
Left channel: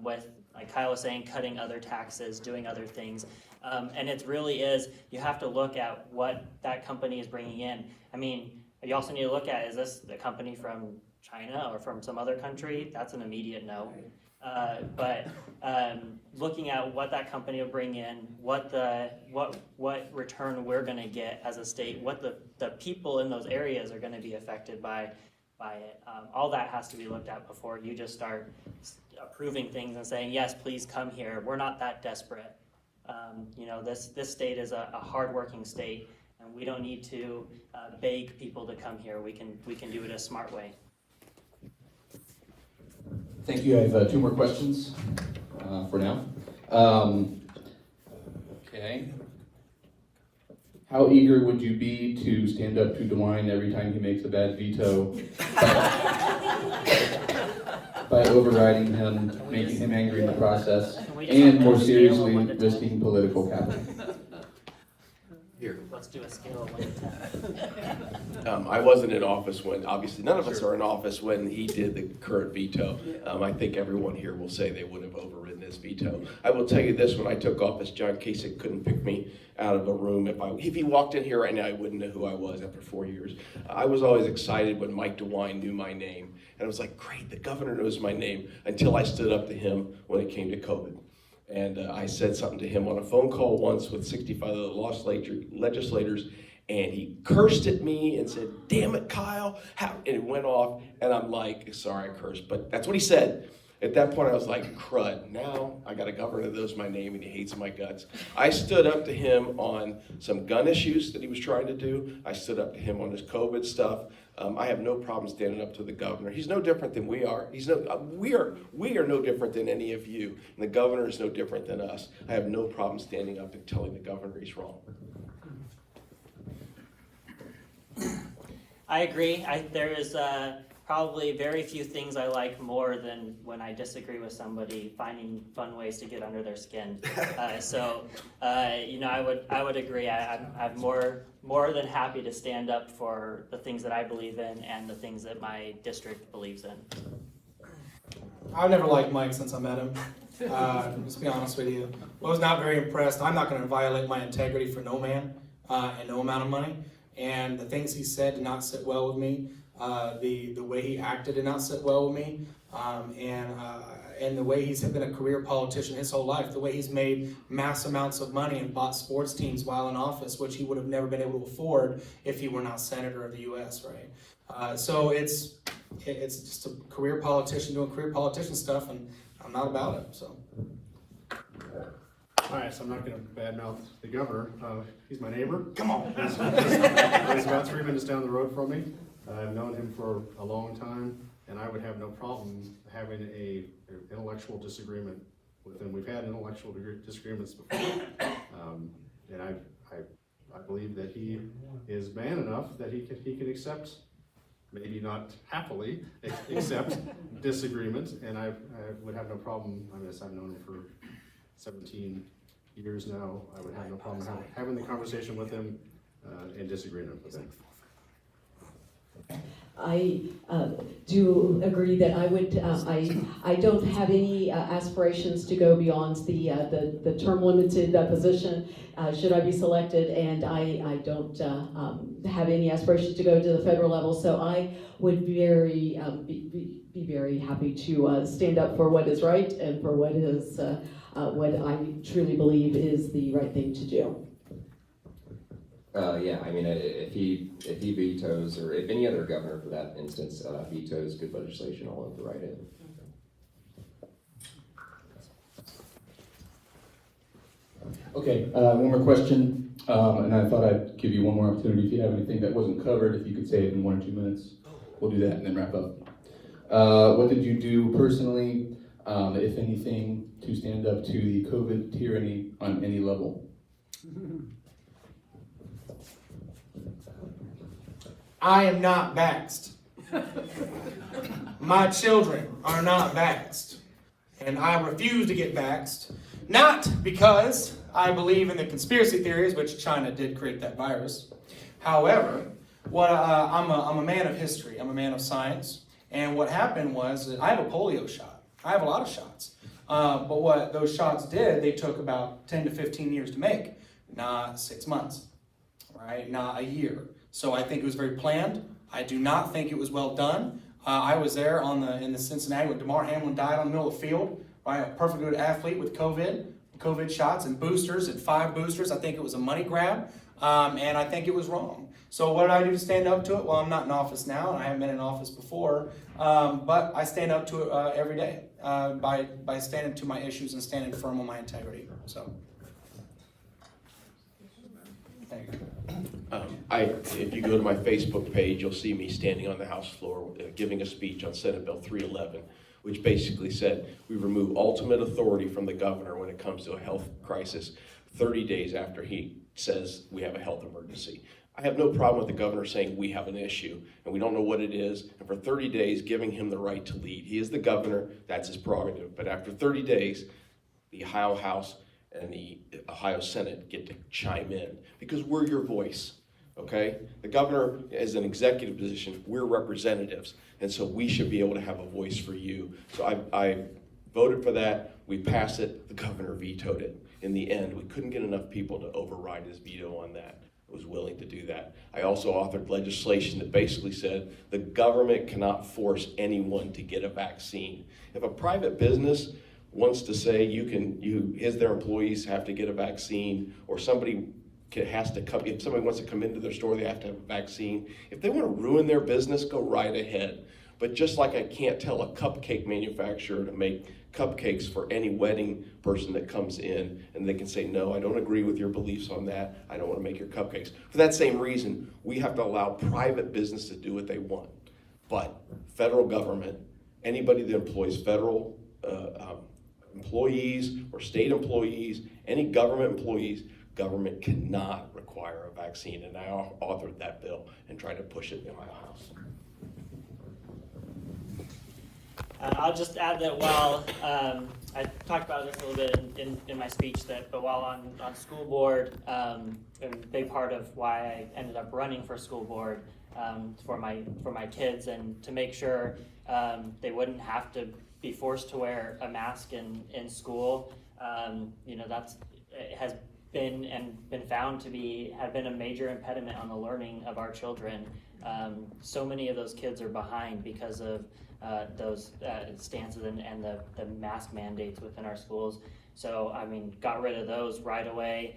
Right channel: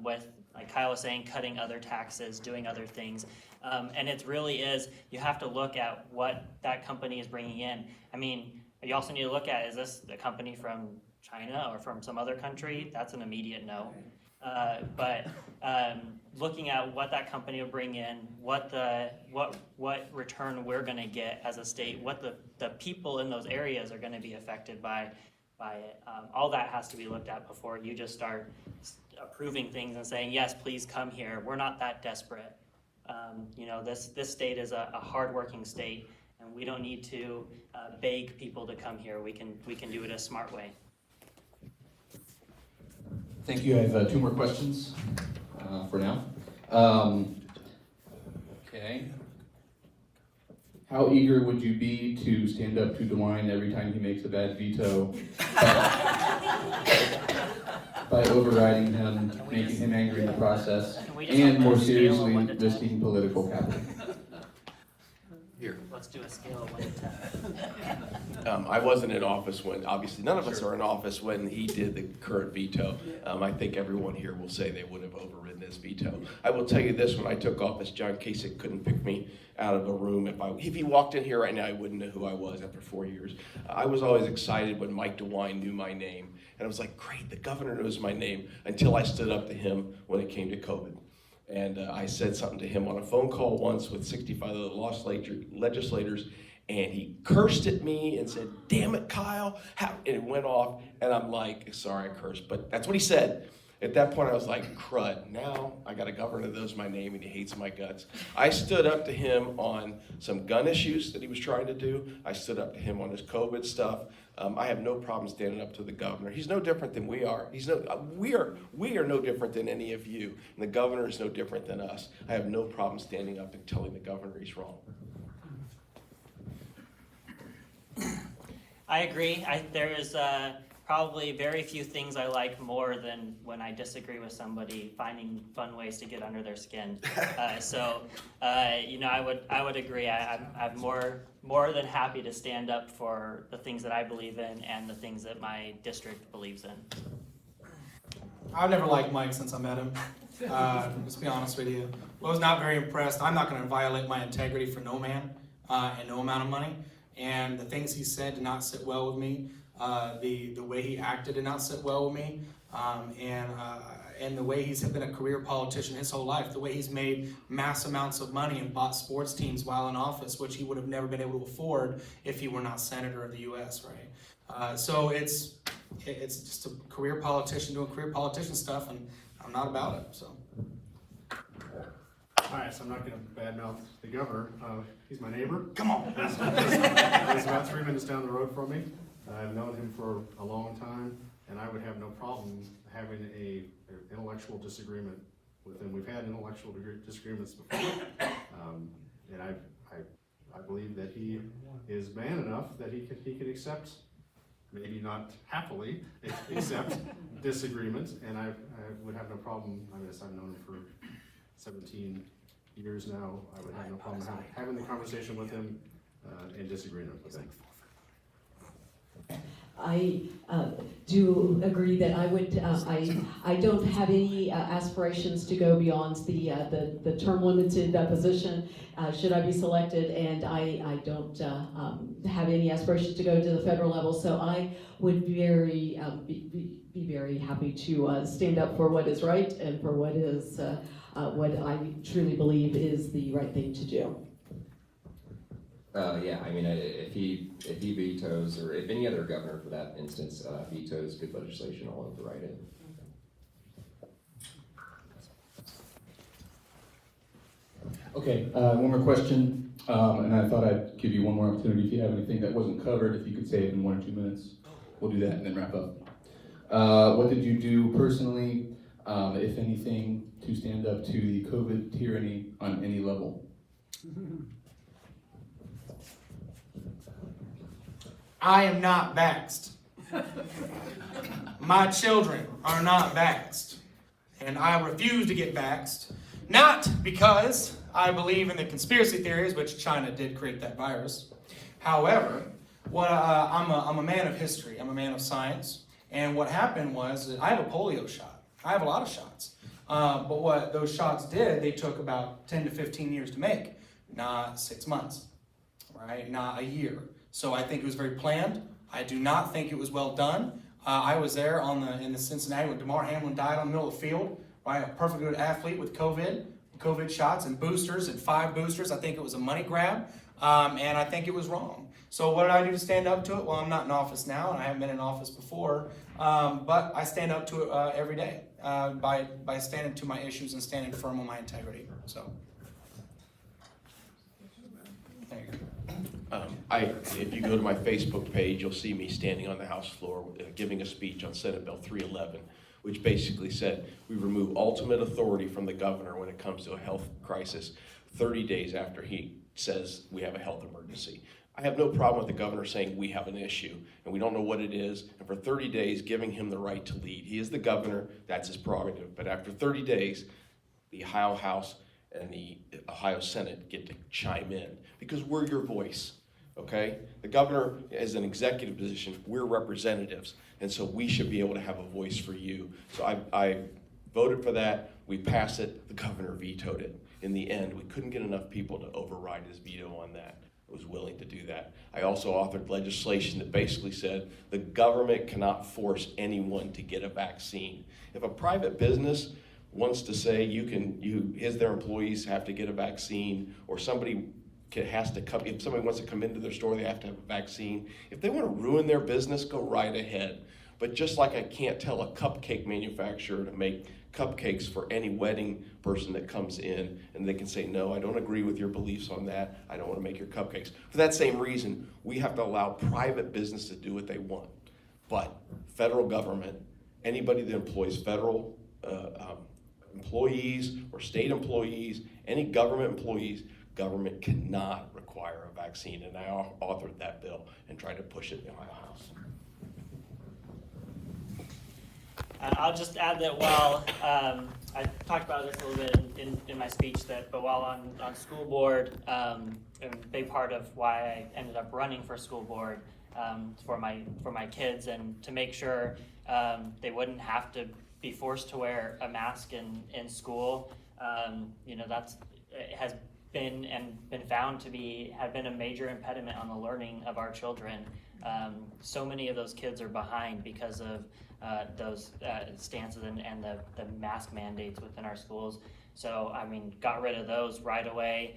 with, like Kyle was saying, cutting other taxes, doing other things. And it really is, you have to look at what that company is bringing in. I mean, you also need to look at, is this the company from China or from some other country? That's an immediate no. But looking at what that company will bring in, what return we're going to get as a state, what the people in those areas are going to be affected by it, all that has to be looked at before you just start approving things and saying, yes, please come here. We're not that desperate. This state is a hardworking state, and we don't need to beg people to come here. We can do it a smart way. Thank you. I have 2 more questions for now. Okay. How eager would you be to stand up to DeWine every time he makes a bad veto by overriding him, making him angry in the process, and more seriously, risking political capital? Here. Let's do a scale of 1 to 10. I wasn't in office when, obviously none of us are in office when he did the current veto. I think everyone here will say they would have overridden this veto. I will tell you this, when I took office, John Kasich couldn't pick me out of a room. If he walked in here right now, he wouldn't know who I was after 4 years. I was always excited when Mike DeWine knew my name. And I was like, great, the governor knows my name, until I stood up to him when it came to COVID. And I said something to him on a phone call once with 65 other legislators, and he cursed at me and said, damn it, Kyle, and it went off, and I'm like, sorry I cursed, but that's what he said. At that point, I was like, crud, now I got a governor that knows my name and he hates my guts. I stood up to him on some gun issues that he was trying to do. I stood up to him on his COVID stuff. I have no problem standing up to the governor. He's no different than we are. We are no different than any of you. And the governor is no different than us. I have no problem standing up and telling the governor he's wrong. I agree. There is probably very few things I like more than when I disagree with somebody, finding fun ways to get under their skin. I would agree. I'm more than happy to stand up for the things that I believe in and the things that my district believes in. I've never liked Mike since I met him. Just to be honest with you, I was not very impressed. I'm not going to violate my integrity for no man and no amount of money. And the things he said did not sit well with me. The way he acted did not sit well with me, and the way he's been a career politician his whole life, the way he's made mass amounts of money and bought sports teams while in office, which he would have never been able to afford if he were not senator of the U.S., right? So it's just a career politician doing career politician stuff, and I'm not about it, so. All right, so I'm not going to badmouth the governor. He's my neighbor. Come on. He's about 3 minutes down the road from me. I've known him for a long time, and I would have no problem having an intellectual disagreement with him. We've had intellectual disagreements before, and I believe that he is man enough that he can accept, maybe not happily accept disagreement, and I would have no problem. I guess I've known him for 17 years now. I would have no problem having the conversation with him and disagreeing with him. I do agree that I would. I don't have any aspirations to go beyond the term limited position. Should I be selected, and I don't have any aspirations to go to the federal level. So I would be very happy to stand up for what is right and for what is what I truly believe is the right thing to do. Yeah, I mean, if he vetoes, or if any other governor for that instance vetoes good legislation, I'll override it. Okay, one more question, and I thought I'd give you one more opportunity. If you have anything that wasn't covered, if you could say it in 1 or 2 minutes, we'll do that and then wrap up. What did you do personally, if anything, to stand up to the COVID tyranny on any level? I am not vaxxed. My children are not vaxxed. And I refuse to get vaxxed, not because I believe in the conspiracy theories, which China did create that virus. However, I'm a man of history. I'm a man of science. And what happened was that I have a polio shot. I have a lot of shots. But what those shots did, they took about 10 to 15 years to make, not 6 months, right? Not a year. So I think it was very planned. I do not think it was well done. I was there in the Cincinnati when DeMar Hamlin died on the middle of the field, right? A perfect good athlete with COVID shots and boosters and 5 boosters. I think it was a money grab, and I think it was wrong. So what did I do to stand up to it? Well, I'm not in office now, and I haven't been in office before, but I stand up to it every day by standing to my issues and standing firm on my integrity. So. There you go. If you go to my Facebook page, you'll see me standing on the House floor giving a speech on Senate Bill 311, which basically said we remove ultimate authority from the governor when it comes to a health crisis 30 days after he says we have a health emergency. I have no problem with the governor saying we have an issue and we don't know what it is, and for 30 days giving him the right to lead. He is the governor, that's his prerogative, but after 30 days, the Ohio House and the Ohio Senate get to chime in because we're your voice. Okay? The governor is an executive position. We're representatives. And so we should be able to have a voice for you. So I voted for that. We passed it. The governor vetoed it. In the end, we couldn't get enough people to override his veto on that. I was willing to do that. I also offered legislation that basically said the government cannot force anyone to get a vaccine. If a private business wants to say their employees have to get a vaccine, or somebody if somebody wants to come into their store, they have to have a vaccine. If they want to ruin their business, go right ahead. But just like I can't tell a cupcake manufacturer to make cupcakes for any wedding person that comes in, and they can say, no, I don't agree with your beliefs on that. I don't want to make your cupcakes. For that same reason, we have to allow private business to do what they want. But federal government, anybody that employs federal employees or state employees, any government employees, government cannot require a vaccine, and I authored that bill and tried to push it in the Ohio House. I'll just add that while I talked about this a little bit in my speech, but while on school board, a big part of why I ended up running for school board for my kids, and to make sure they wouldn't have to be forced to wear a mask in school. It has been found to have been a major impediment on the learning of our children. So many of those kids are behind because of those stances and the mask mandates within our schools. So, got rid of those right away.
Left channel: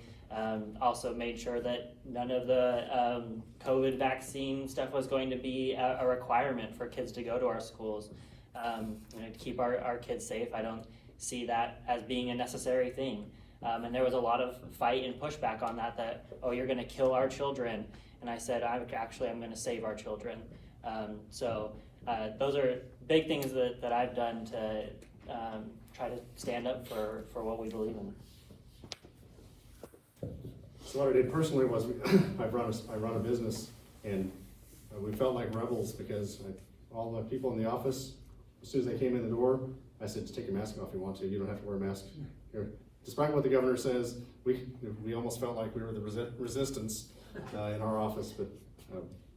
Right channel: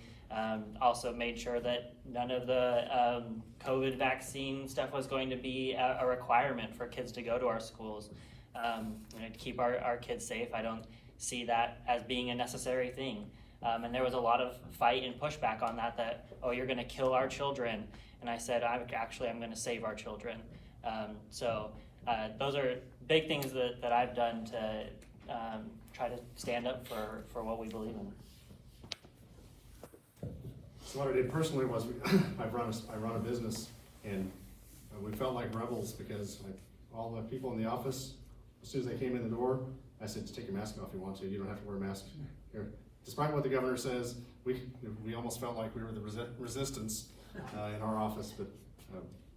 Also made sure that none of the COVID vaccine stuff was going to be a requirement for kids to go to our schools. To keep our kids safe, I don't see that as being a necessary thing. And there was a lot of fight and pushback on that, oh, you're going to kill our children. And I said, I'm going to save our children. Those are big things that I've done to try to stand up for what we believe in. So what I did personally was I run a business, and we felt like rebels because all the people in the office, as soon as they came in the door, I said, take your mask off if you want to. You don't have to wear a mask here. Despite what the governor says, we almost felt like we were the resistance in our office, but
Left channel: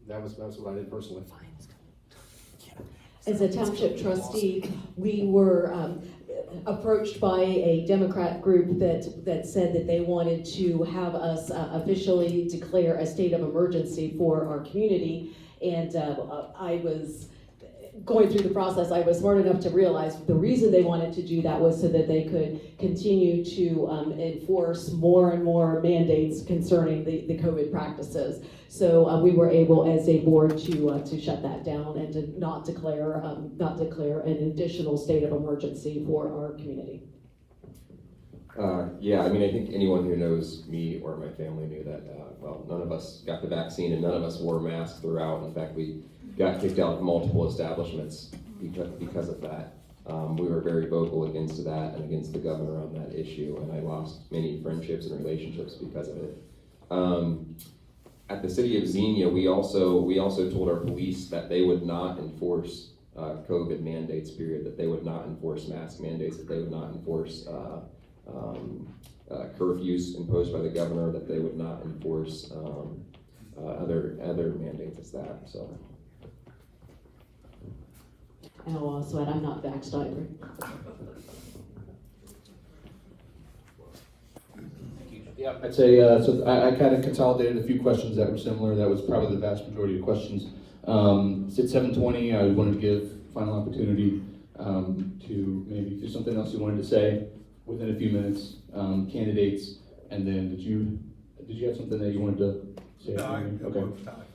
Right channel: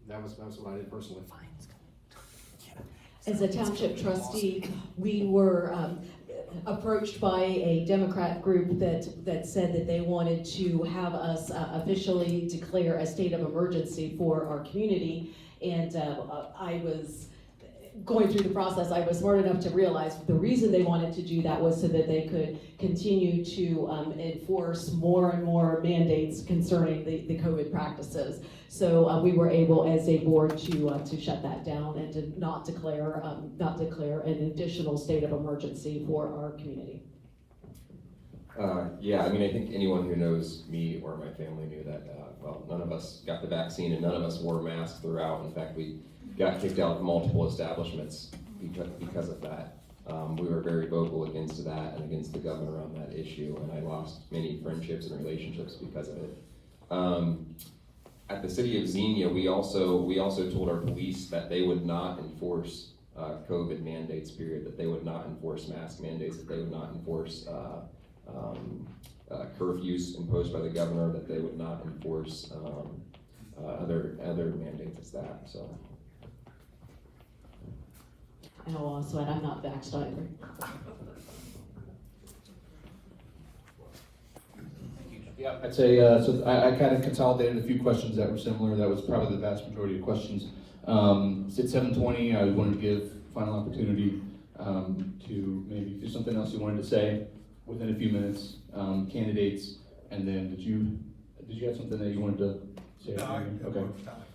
that was what I did personally. As a township trustee, we were approached by a Democrat group that said that they wanted to have us officially declare a state of emergency for our community, and I was going through the process. I was smart enough to realize the reason they wanted to do that was so that they could continue to enforce more and more mandates concerning the COVID practices. So we were able, as a board, to shut that down and to not declare an additional state of emergency for our community. I think anyone who knows me or my family knew that, none of us got the vaccine and none of us wore masks throughout. In fact, we got kicked out of multiple establishments because of that. We were very vocal against that and against the governor on that issue, and I lost many friendships and relationships because of it. At the city of Xenia, we also told our police that they would not enforce COVID mandates, period, that they would not enforce mask mandates, that they would not enforce curfews imposed by the governor, that they would not enforce other mandates as that. So. And I'll also add, I'm not vaxxed either. Yeah, I'd say, so I kind of consolidated a few questions that were similar. That was probably the vast majority of questions. It's at 7:20. I wanted to give final opportunity to maybe do something else you wanted to say within a few minutes. Candidates, and then did you have something that you wanted to say? No, okay.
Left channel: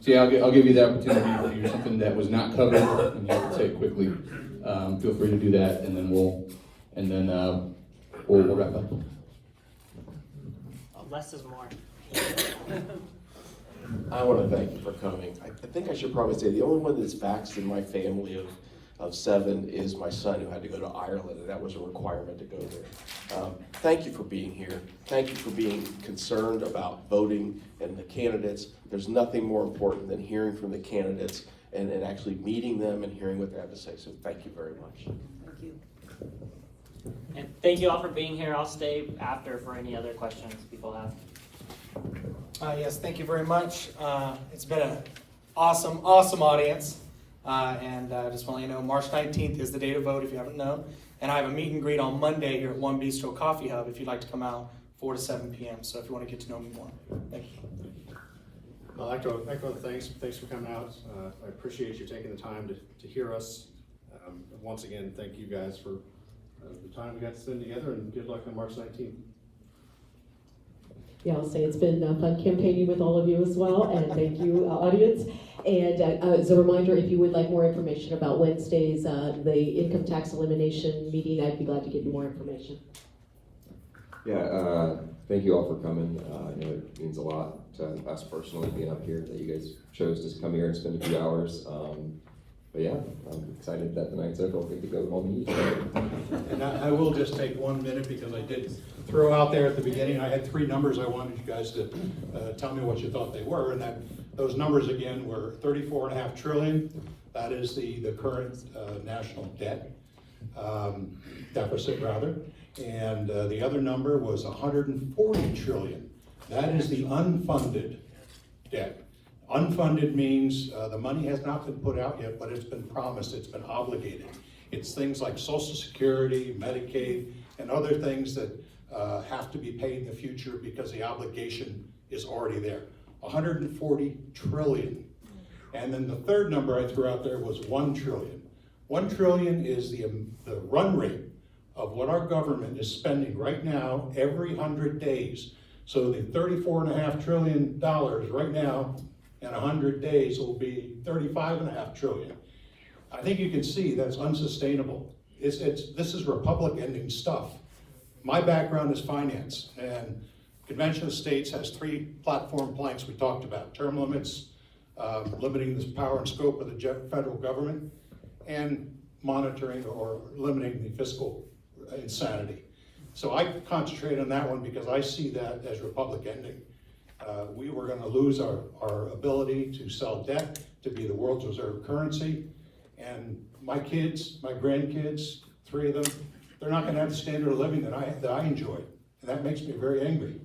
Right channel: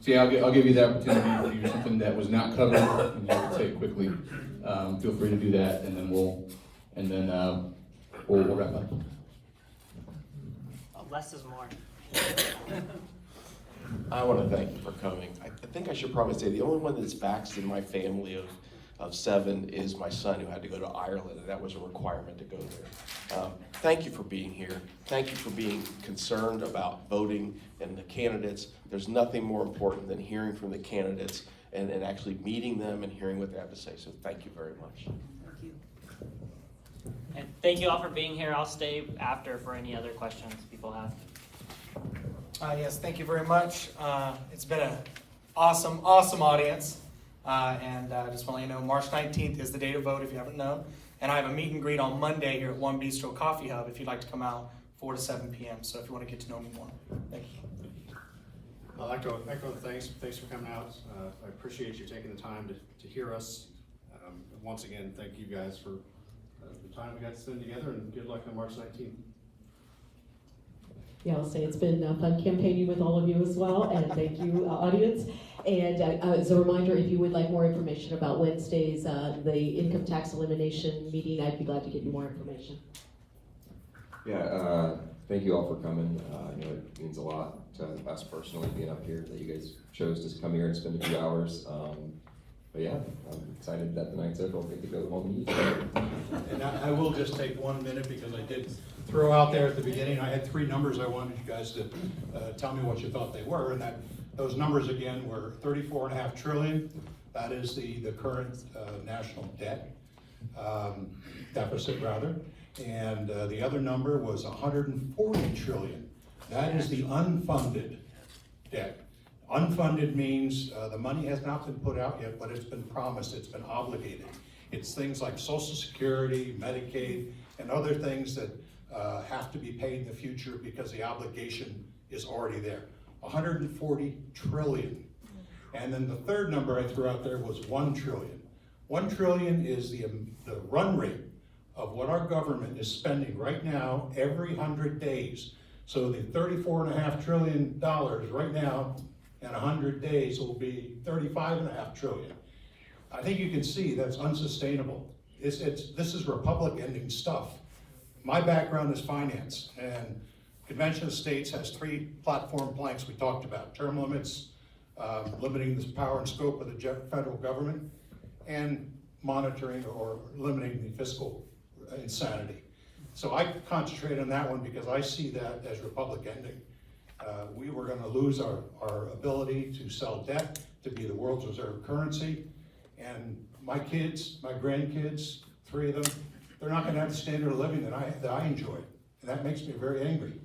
So yeah, I'll give you the opportunity to do something that was not covered, and you can say it quickly. Feel free to do that, and then we'll wrap up. Less is more. I want to thank you for coming. I think I should probably say the only one that's vaxxed in my family of 7 is my son, who had to go to Ireland, and that was a requirement to go there. Thank you for being here. Thank you for being concerned about voting and the candidates. There's nothing more important than hearing from the candidates and actually meeting them and hearing what they have to say. So thank you very much. Thank you. And thank you all for being here. I'll stay after for any other questions people have. Yes, thank you very much. It's been an awesome audience. And I just want to let you know, March 19th is the day to vote if you haven't known. And I have a meet and greet on Monday here at One Bistro Coffee Hub if you'd like to come out 4 to 7 p.m. So if you want to get to know me more. Thank you. I'd like to echo the thanks. Thanks for coming out. I appreciate you taking the time to hear us. Once again, thank you guys for the time we got to spend together, and good luck on March 19th. Yeah, I'll say it's been fun campaigning with all of you as well, and thank you, audience. And as a reminder, if you would like more information about Wednesday's the income tax elimination meeting, I'd be glad to give you more information. Yeah, thank you all for coming. I know it means a lot to us personally being up here that you guys chose to come here and spend a few hours. But yeah, I'm excited that the night's over. We could go home and eat. And I will just take 1 minute because I did throw out there at the beginning. I had 3 numbers I wanted you guys to tell me what you thought they were, and those numbers again were $34.5 trillion. That is the current national debt. deficit rather, and the other number was 140 trillion. That is the unfunded debt. Unfunded means the money has not been put out yet, but it's been promised, it's been obligated. It's things like Social Security, Medicaid, and other things that have to be paid in the future because the obligation is already there. 140 trillion. And then the third number I threw out there was 1 trillion. 1 trillion is the run rate of what our government is spending right now every 100 days. So the $34.5 trillion right now in 100 days will be $35.5 trillion. I think you can see that's unsustainable. This is Republic-ending stuff. My background is finance, and Convention of States has 3 platform planks we talked about: term limits, limiting the power and scope of the federal government, and monitoring or limiting the fiscal insanity. So I concentrate on that one because I see that as Republic ending. We were going to lose our ability to sell debt, to be the world's reserve currency, and my kids, my grandkids, 3 of them, they're not going to have the standard of living that I enjoy, and that makes me very angry.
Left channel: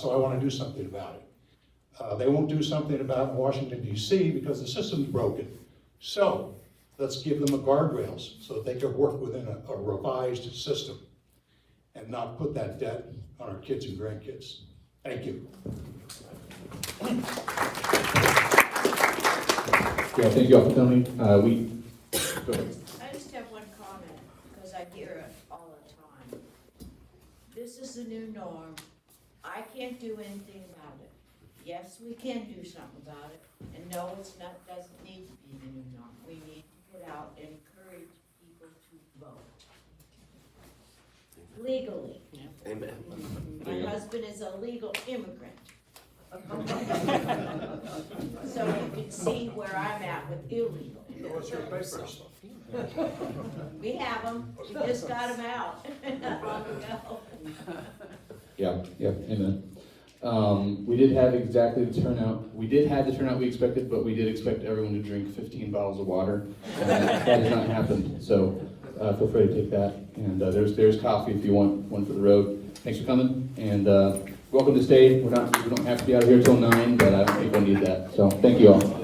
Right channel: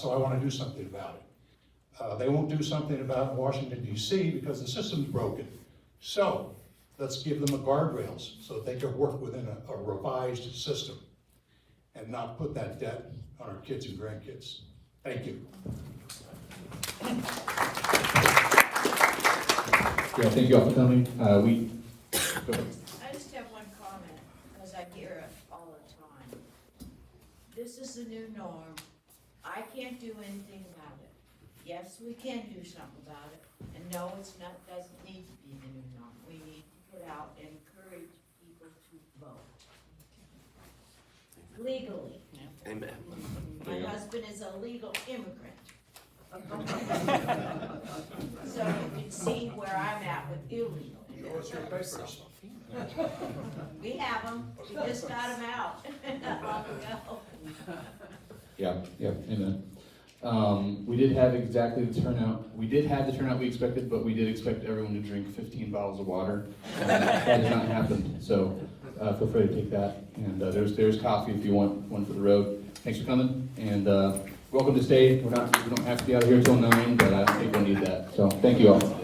So I want to do something about it. They won't do something about it in Washington, D.C. because the system's broken. So let's give them a guardrails so that they can work within a revised system and not put that debt on our kids and grandkids. Thank you. Yeah, thank you all for coming. I just have one comment, because I hear it all the time. This is the new norm. I can't do anything about it. Yes, we can do something about it, and no, it's not, doesn't need to be the new norm. We need to put out and encourage people to vote. Legally. Amen. My husband is a legal immigrant. So you can see where I'm at with illegal. What's your papers? We have them, we just got them out. Yeah, amen. We did have exactly the turnout. We did have the turnout we expected, but we did expect everyone to drink 15 bottles of water. That did not happen, so feel free to take that. And there's coffee if you want one for the road. Thanks for coming, and welcome to stay. We don't have to be out here till 9, but I think we'll need that. So thank you all.